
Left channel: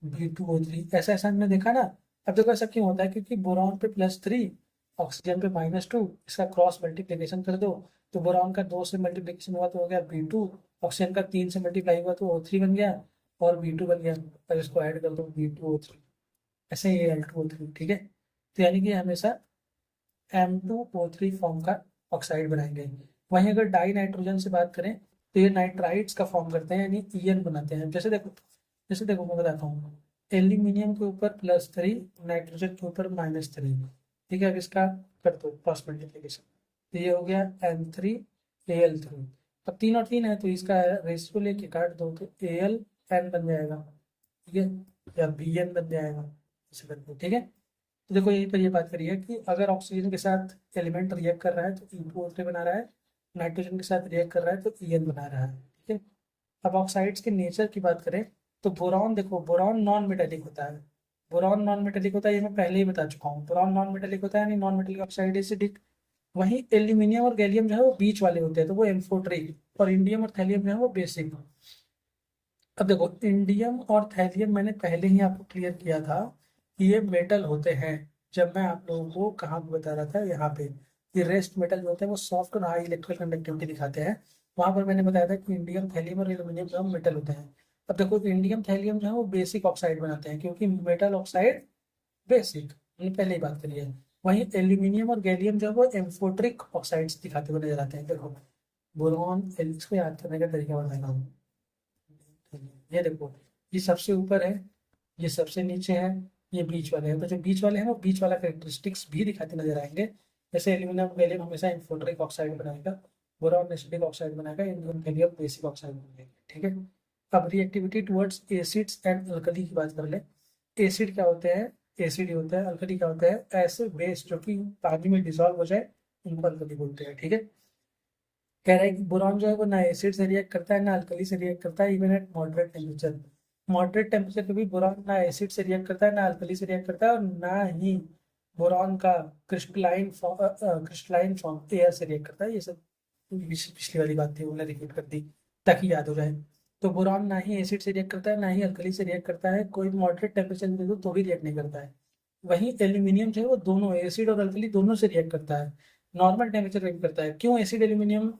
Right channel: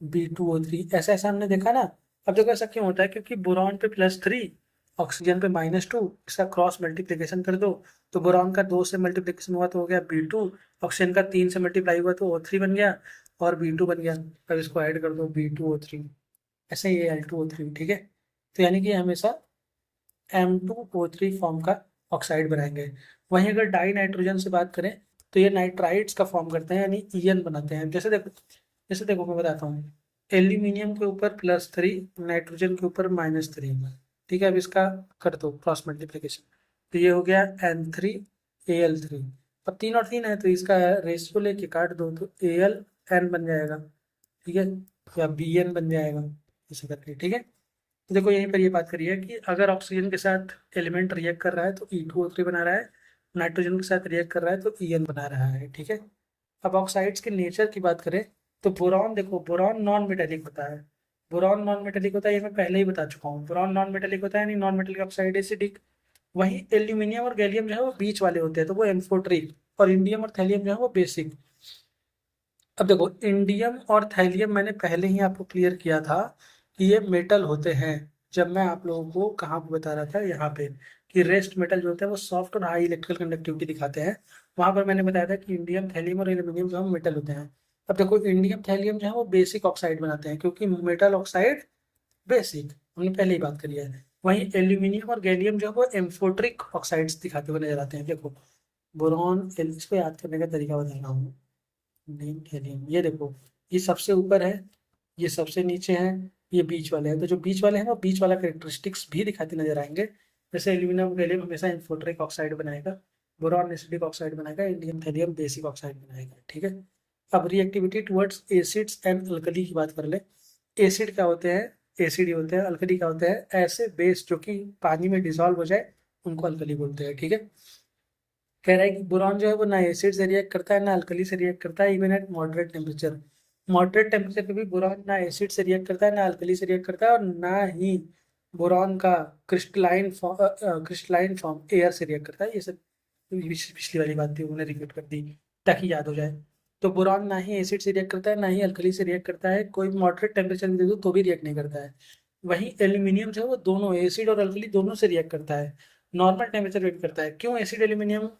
B2O3, ऐसा ऐसा हमने देखा ना। अब देखो ऐसा क्यों होता है, क्योंकि बोरॉन पे +3, ऑक्सीजन पे -2, इसका क्रॉस मल्टीप्लीकेशन कर दो, तो बोरॉन का 2 से मल्टीप्लीकेशन हुआ तो हो गया B2, ऑक्सीजन का 3 से मल्टीप्लाई हुआ तो O3 बन गया, और B2 बन गया। अब इसको ऐड कर दो B2O3, ऐसे ही Al2O3, ठीक है। तो यानी कि हमेशा M2O3 फॉर्म का ऑक्साइड बनाएंगे। वहीं अगर डाई नाइट्रोजन से बात करें, तो ये नाइट्राइड्स का फॉर्म करते हैं, यानी EN बनाते हैं। जैसे देखो मैं बताता हूँ, एल्यूमिनियम के ऊपर +3, नाइट्रोजन के ऊपर -3, ठीक है। अब इसका कर दो क्रॉस मल्टीप्लीकेशन, तो ये हो गया N3Al3, अब 3 और 3 है तो इसका रेशियो लेके काट दो, तो AlN बन जाएगा, ठीक है, या BN बन जाएगा, ऐसे करके, ठीक है। तो देखो यहीं पर ये बात करी है कि अगर ऑक्सीजन के साथ एलिमेंट रिएक्ट कर रहा है तो E2O3 बना रहा है, नाइट्रोजन के साथ रिएक्ट कर रहा है तो EN बना रहा है, ठीक है। अब ऑक्साइड्स के नेचर की बात करें, तो बोरॉन देखो, बोरॉन नॉन मेटेलिक होता है, बोरॉन नॉन मेटेलिक होता है, ये मैं पहले ही बता चुका हूँ, बोरॉन नॉन मेटेलिक होता है, यानी नॉन मेटेलिक ऑक्साइड एसिडिक। वहीं एल्यूमिनियम और गैलियम जो है वो बीच वाले होते हैं, तो वो एम्फोट्रिक, और इंडियम और थैलियम जो है वो बेसिक। अब देखो इंडियम और थैलियम मैंने पहले ही आपको क्लियर किया था कि ये मेटल होते हैं। जब मैं आप लोगों को कहाँ पे बता रहा था, यहाँ पे, कि रेस्ट मेटल जो होते हैं वो सॉफ्ट और हाई इलेक्ट्रिकल कंडक्टिविटी दिखाते हैं, वहां पर मैंने बताया था कि इंडियम, थैलियम और एल्यूमिनियम जो है मेटल होते हैं। अब देखो इंडियम थैलियम जो है वो बेसिक ऑक्साइड बनाते हैं, क्योंकि मेटल ऑक्साइड बेसिक, हमने पहले ही बात करी है। वहीं एल्यूमिनियम और गैलियम जो है वो एम्फोट्रिक ऑक्साइड्स दिखाते हुए नजर आते हैं। देखो बोरॉन, इसको याद करने का तरीका बताएगा हूँ। इंडियम थैलियम, ये देखो, ये सबसे ऊपर है, ये सबसे नीचे है, ये बीच वाले हैं। तो जो बीच वाले हैं वो बीच वाला कैरेक्टरिस्टिक्स भी दिखाते नजर आएंगे। जैसे एल्यूमिनियम गैलियम हमेशा इन्फोट्रिक ऑक्साइड बनाएगा, बोरॉन एसिडिक ऑक्साइड बनाएगा, इंडियम थैलियम बेसिक ऑक्साइड बनाएगा। ठीक है। अब reactivity towards acids and alkali की बात कर ले। एसिड क्या होते हैं, एसिड ही होते हैं। अल्कली क्या होते हैं, ऐसे बेस जो कि पानी में डिसॉल्व हो जाए उनको अल्कली बोलते हैं। ठीक है। कह रहा है कि बोरॉन जो है वो ना एसिड से रिएक्ट करता है ना अल्कली से रिएक्ट करता है, even at moderate temperature. Moderate temperature पे भी बोरॉन ना एसिड से रिएक्ट करता है ना अल्कली से रिएक्ट करता है, और ना ही बोरॉन का क्रिस्टलाइन फॉर्म एयर से रिएक्ट करता है। ये सब पिछली वाली बात थी, उन्हें रिपीट कर दी ताकि याद हो जाए। तो बोरॉन ना ही एसिड से रिएक्ट करता है ना ही अल्कली से रिएक्ट करता है, कोई मॉडरेट टेम्परेचर में दे दो तो भी रिएक्ट नहीं करता है। वहीं एल्यूमिनियम जो है वो दोनों एसिड और अल्कली दोनों से रिएक्ट करता है, नॉर्मल टेम्परेचर रिएक्ट करता है। क्यों एसिड एल्यूमिनियम,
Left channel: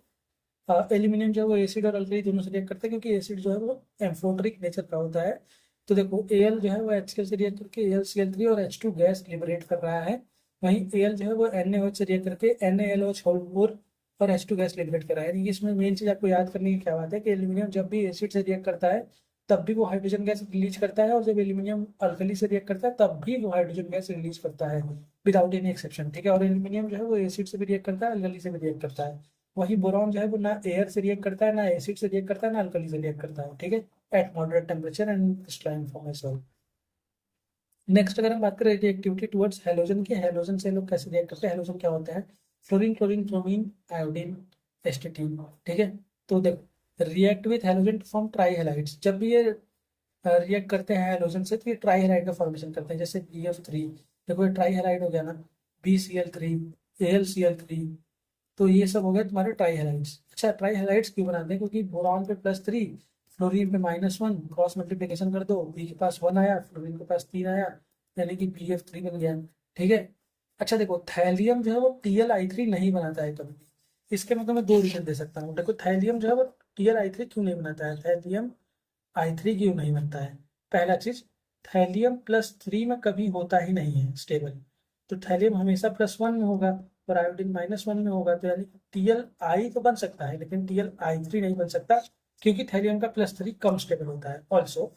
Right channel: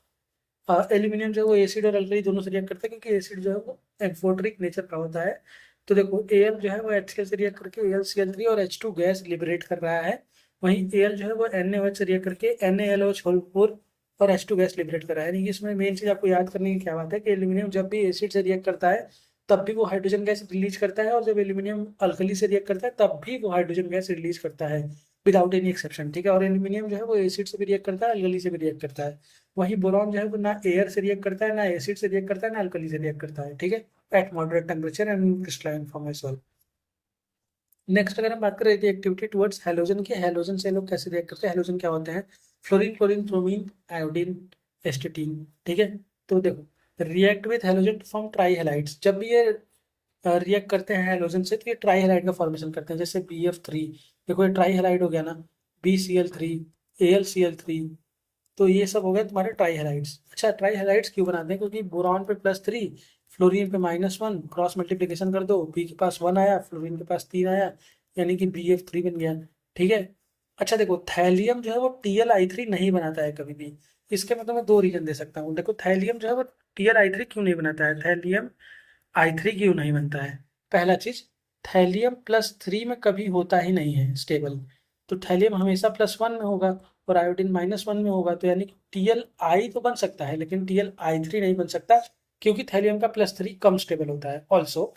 एल्यूमिनियम जो है वो एसिड और अल्कली दोनों से रिएक्ट करता है, क्योंकि एसिड जो है वो एम्फोटरिक नेचर का होता है। तो देखो Al जो है वो HCl से रिएक्ट करके AlCl3 और H2 गैस लिबरेट कर रहा है। वहीं Al जो है वो NaOH से रिएक्ट करके NaLOH4 और H2 गैस लिबरेट कर रहा है। यानी कि इसमें मेन चीज आपको याद करने की क्या बात है कि एल्यूमिनियम जब भी एसिड से रिएक्ट करता है तब भी वो हाइड्रोजन गैस रिलीज करता है, और जब एल्यूमिनियम अल्कली से रिएक्ट करता है तब भी वो हाइड्रोजन गैस रिलीज करता है, विदाउट एनी एक्सेप्शन। ठीक है। और एल्यूमिनियम जो है वो एसिड से भी रिएक्ट करता है, अल्कली से भी रिएक्ट करता है। वही बोरॉन जो है वो ना एयर से रिएक्ट करता है, ना एसिड से रिएक्ट करता है, ना अल्कली से रिएक्ट करता है। ठीक है। At moderate temperature and crystalline form as well. Next अगर हम बात करें रिएक्टिविटी टुवर्ड्स हैलोजन की, हैलोजन से लोग कैसे रिएक्ट करते हैं। हैलोजन क्या होते हैं, fluorine, chlorine, bromine, iodine, astatine. ठीक है। तो देखो react with halogen to form trihalides. जब भी ये रिएक्ट करते हैं हैलोजन से तो ये ट्राई हैलाइड का फॉर्मेशन करते हैं, जैसे BF3। देखो ये ट्राई हैलाइड हो गया ना, BCl3, AlCl3। तो ये सब हो गए तुम्हारे ट्राई हैलाइड्स। अच्छा ट्राई हैलाइड्स क्यों बनाते हैं, क्योंकि बोरॉन पे +3, फ्लोरीन पे -1, क्रॉस मल्टीप्लिकेशन कर दो, बी के पास 1 आया, फ्लोरीन के पास 3 आया, यानी कि BF3 बन गया। ठीक है। अच्छा देखो थैलियम जो है वो TlI3 नहीं बनाता है कभी भी। इसके मैं तुम्हें दो रीजन दे सकता हूँ। देखो थैलियम जो है वो TlI3 क्यों नहीं बनाता है, थैलियम I3 क्यों नहीं बनता है। पहला चीज, थैलियम +3 में कभी होता ही नहीं है स्टेबल। तो थैलियम हमेशा +1 में होगा और आयोडीन -1 में होगा, तो यानी कि TlI तो बन सकता है लेकिन TlI3 नहीं बन सकता, क्योंकि थैलियम का +3 कम स्टेबल होता है। ऑल्सो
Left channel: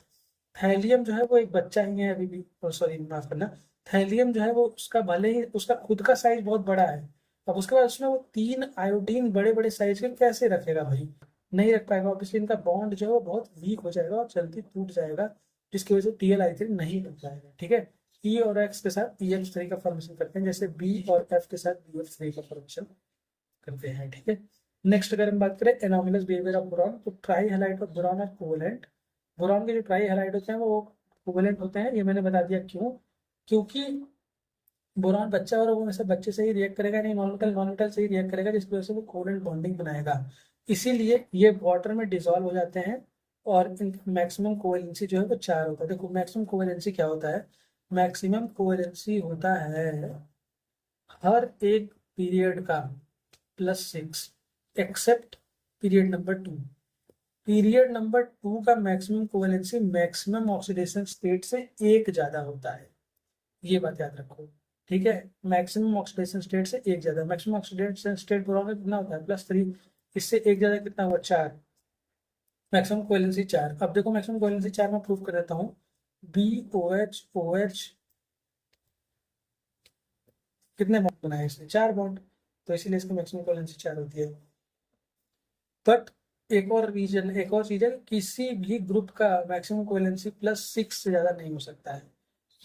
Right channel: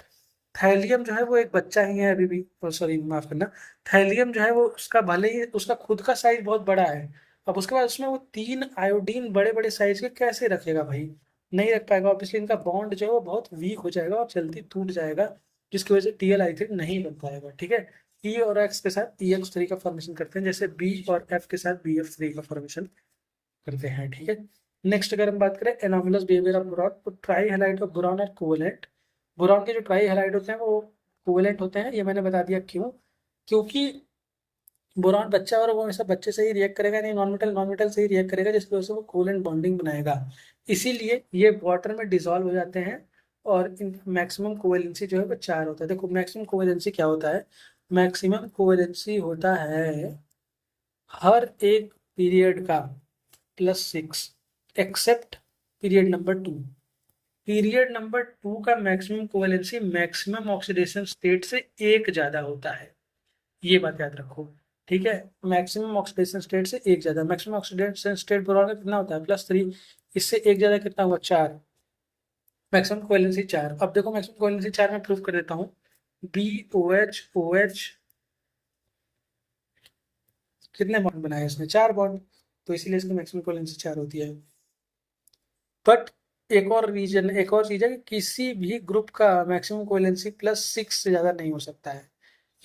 थैलियम जो है वो एक बच्चा ही है अभी भी, सॉरी माफ करना, थैलियम जो है वो उसका भले ही उसका खुद का साइज बहुत बड़ा है, अब उसके बाद उसमें वो 3 आयोडीन बड़े बड़े साइज के कैसे रखेगा भाई, नहीं रख पाएगा। ऑब्वियसली इनका बॉन्ड जो है वो बहुत वीक हो जाएगा और जल्दी टूट जाएगा, जिसकी वजह से TlI3 नहीं बन पाएगा। ठीक है। E और X के साथ EX3 का फॉर्मेशन करते हैं, जैसे B और F के साथ BF3 का फॉर्मेशन करते हैं। ठीक है। नेक्स्ट अगर हम बात करें एनोमलस बिहेवियर ऑफ बोरॉन, तो trihalide of boron are covalent. Boron के जो ट्राई हैलाइड होते हैं वो कोवेलेंट होते हैं, ये मैंने बता दिया क्यों, क्योंकि बोरॉन बच्चा और वो हमेशा बच्चे से ही रिएक्ट करेगा, नहीं नॉन मेटल से ही रिएक्ट करेगा, जिसकी वजह से वो कोवेलेंट बॉन्डिंग बनाएगा। इसीलिए ये वाटर में डिसॉल्व हो जाते हैं, और मैक्सिमम कोवेलेंसी जो है वो 4 होता है। देखो मैक्सिमम कोवेलेंसी क्या होता है, मैक्सिमम कोवेलेंसी होता है हर एक पीरियड का +6 except period number 2। Period number 2 का maximum covalency maximum oxidation state से एक ज्यादा होता है, ये बात याद रखो। ठीक है। मैक्सिमम ऑक्सीडेशन स्टेट से एक ज्यादा, मैक्सिमम ऑक्सीडेशन स्टेट बोरॉन का कितना होता है +3, इससे एक ज्यादा कितना हुआ 4, मैक्सिमम कोवेलेंसी 4। अब देखो मैक्सिमम कोवेलेंसी 4 में प्रूफ कर देता हूँ, BOH OH कितने बॉन्ड बनाए इसने, 4 बॉन्ड, तो इसीलिए इसकी मैक्सिमम कोवेलेंसी 4 होती है। बट एक और चीज है कि किसी भी ग्रुप का मैक्सिमम कोवेलेंसी +6 से ज्यादा नहीं हो सकता है,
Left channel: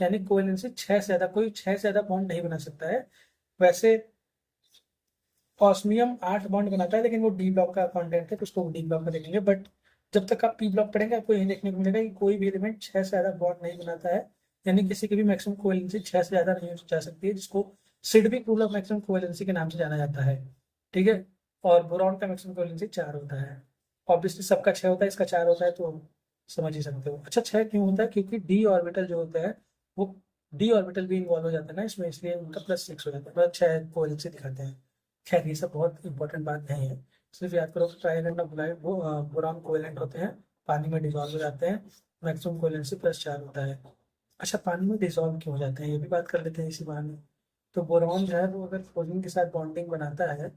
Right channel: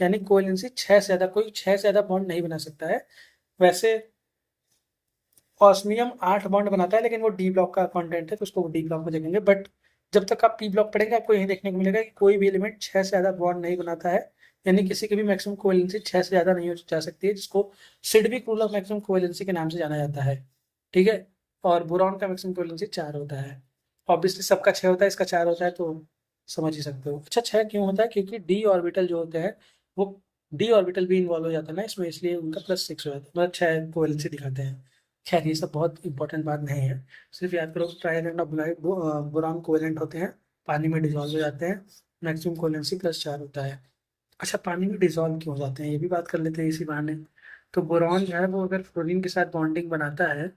यानी कोवेलेंसी 6 से ज्यादा, कोई 6 से ज्यादा बॉन्ड नहीं बना सकता है। वैसे ऑस्मियम 8 बॉन्ड बनाता है, लेकिन वो डी ब्लॉक का कंटेंट है तो उसको डी ब्लॉक में देखेंगे। बट जब तक आप पी ब्लॉक पढ़ेंगे आपको यही देखने को मिलेगा कि कोई भी एलिमेंट 6 से ज्यादा बॉन्ड नहीं बनाता है, यानी किसी की भी मैक्सिमम कोवेलेंसी 6 से ज्यादा नहीं हो जा सकती है, जिसको Sidgwick rule of maximum covalency के नाम से जाना जाता है। ठीक है। और बोरॉन का मैक्सिमम कोवेलेंसी 4 होता है। ऑब्वियसली सबका 6 होता है, इसका 4 होता है, तो समझ ही सकते हो। अच्छा 6 क्यों होता है, क्योंकि डी ऑर्बिटल जो होते हैं वो डी ऑर्बिटल भी इन्वॉल्व हो जाता है ना इसमें, इसलिए उनका +6 हो जाता है, मतलब 6 कोवेलेंसी दिखाते हैं। खैर ये सब बहुत इंपॉर्टेंट बात नहीं है, सिर्फ याद करो, ट्राई करना बोरॉन कोवेलेंट होते हैं, पानी में डिजॉल्व हो जाते हैं, मैक्सिमम कोवेलेंसी +4 होता है। अच्छा, पानी में डिजॉल्व क्यों हो जाते हैं ये भी बात कर लेते हैं इसी बहाने। तो बोरॉन जो है वो अगर फ्लोरीन के साथ बॉन्डिंग बनाता है,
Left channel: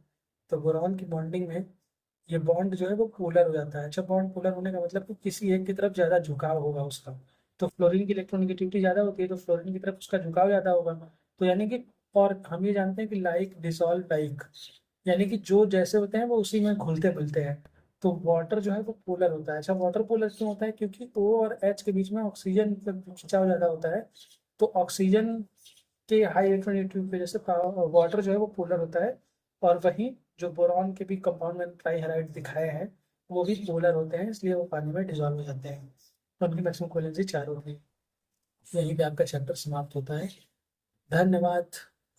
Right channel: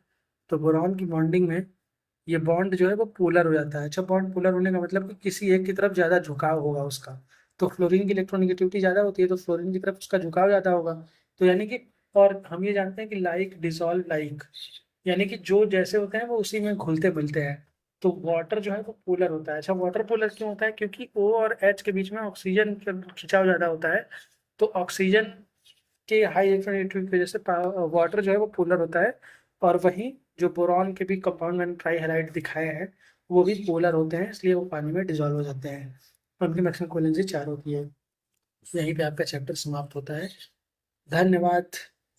तो बोरॉन की बॉन्डिंग में ये बॉन्ड जो है वो पोलर हो जाता है। अच्छा, बॉन्ड पोलर होने का मतलब कि किसी एक की तरफ ज़्यादा झुकाव होगा उसका, तो फ्लोरीन की इलेक्ट्रोनेगेटिविटी ज़्यादा होती है, तो फ्लोरीन की तरफ उसका झुकाव ज़्यादा होगा। तो यानी कि, और हम ये जानते हैं कि लाइक डिसॉल्व लाइक, यानी कि जो जैसे होते हैं वो उसी में घुलते मिलते हैं। तो वाटर जो है वो पोलर होता है। अच्छा, वाटर पोलर क्यों होता है? क्योंकि O और H के बीच में ऑक्सीजन का खिंचाव ज़्यादा होता है, तो ऑक्सीजन के हाई इलेक्ट्रोनेगेटिविटी की वजह से वाटर जो है वो पोलर होता है। और वहीं जो बोरॉन के भी कंपाउंड मैंने ट्राई हैलाइड दिखाए हैं, वो भी पोलर होते हैं, इसलिए वो पानी में डिजॉल्व हो जाते हैं। और उनकी मैक्सिमम कोवेलेंसी 4 होती है। यहीं पे आपका चैप्टर समाप्त होता है। धन्यवाद।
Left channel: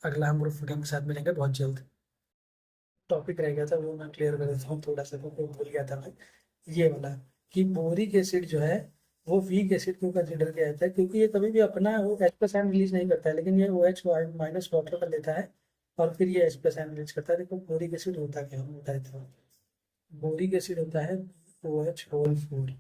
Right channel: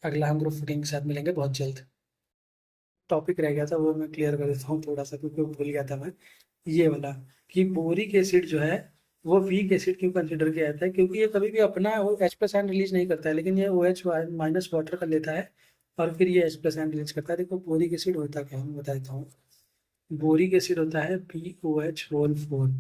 अगला हम ग्रुप फूडिंग के साथ मिलेंगे बहुत जल्द। टॉपिक रह गया था वो मैं क्लियर कर देता हूँ थोड़ा सा, क्योंकि वो भूल गया था मैं, ये वाला, कि बोरिक एसिड जो है वो वीक एसिड क्यों कंसिडर किया जाता है? क्योंकि ये कभी भी अपना वो H+ रिलीज नहीं करता है, लेकिन ये OH- वाटर कर लेता है और फिर ये H+ रिलीज करता है। देखो बोरिक एसिड होता क्या है मैं बता देता हूँ। बोरिक एसिड होता है BOH होल 4।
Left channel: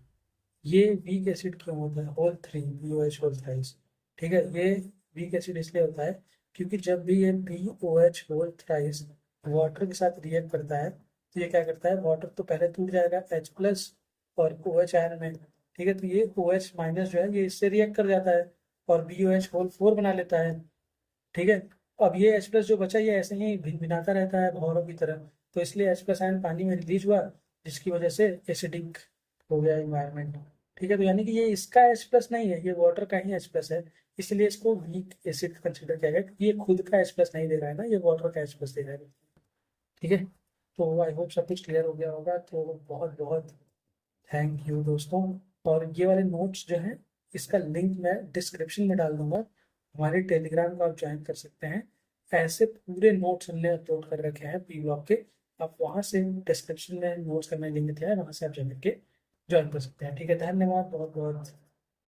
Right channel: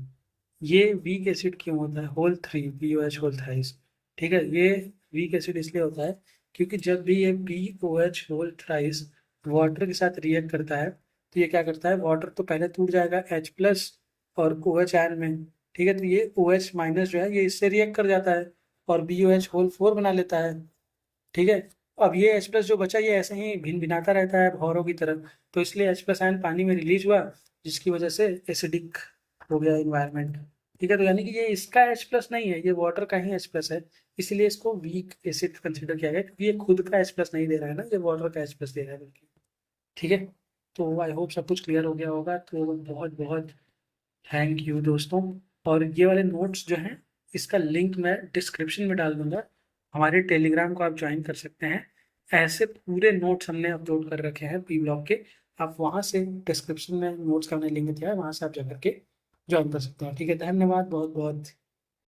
ये वीक एसिड क्यों होता है? Whole 3 BOH whole thrice. ठीक है, ये वीक एसिड इसलिए होता है क्योंकि जब भी ये BOH होल थ्राइस वाटर के साथ रिएक्ट करता है, तो ये क्या करता है, वाटर तो पहले टूट जाएगा H+ और OH आयन में। ठीक है, तो ये OH- जो है ये इससे रिएक्ट कर जाता है और BOH होल 4 बना लेता है। ठीक है, अब ये H+ जो बचा ये ऐसे ही भिन भिनाता रहता है भौरों की तरह, तो इसलिए H+ आयन पानी में रिलीज हुआ, जिसकी वजह से एसिडिक हो गया इन्वायरमेंट। ठीक है, तो यानी कि ये इसका H+ नहीं है, ये वाटर का ही H+ है, इसलिए इसको वीक एसिड कंसिडर किया गया, क्योंकि ये खुद का H+ नहीं दे रहा है ना, ये वाटर का H+ दे रहा है बल्कि। ठीक है, तो आई होप सब कुछ क्लियर हो गया होगा। तो बहुत बहुत थैंक यू दोस्तों। और ये वाले नोट्स जो हैं, इसका लिंक मैं डिस्क्रिप्शन में डाल दूंगा, हमारे टेलीग्राम को आप ज्वाइन कर सकते हैं। ऐसे पूरे नोट्स हमने अपलोड कर रखे हैं पी ब्लॉक के, आप वहाँ से डिस्क्रिप्शन में नोट्स का मैंने लिंक दिया है, वहाँ से आप जा करके ज्वाइन कर सकते हैं। ठीक है, धन्यवाद बहुत बहुत।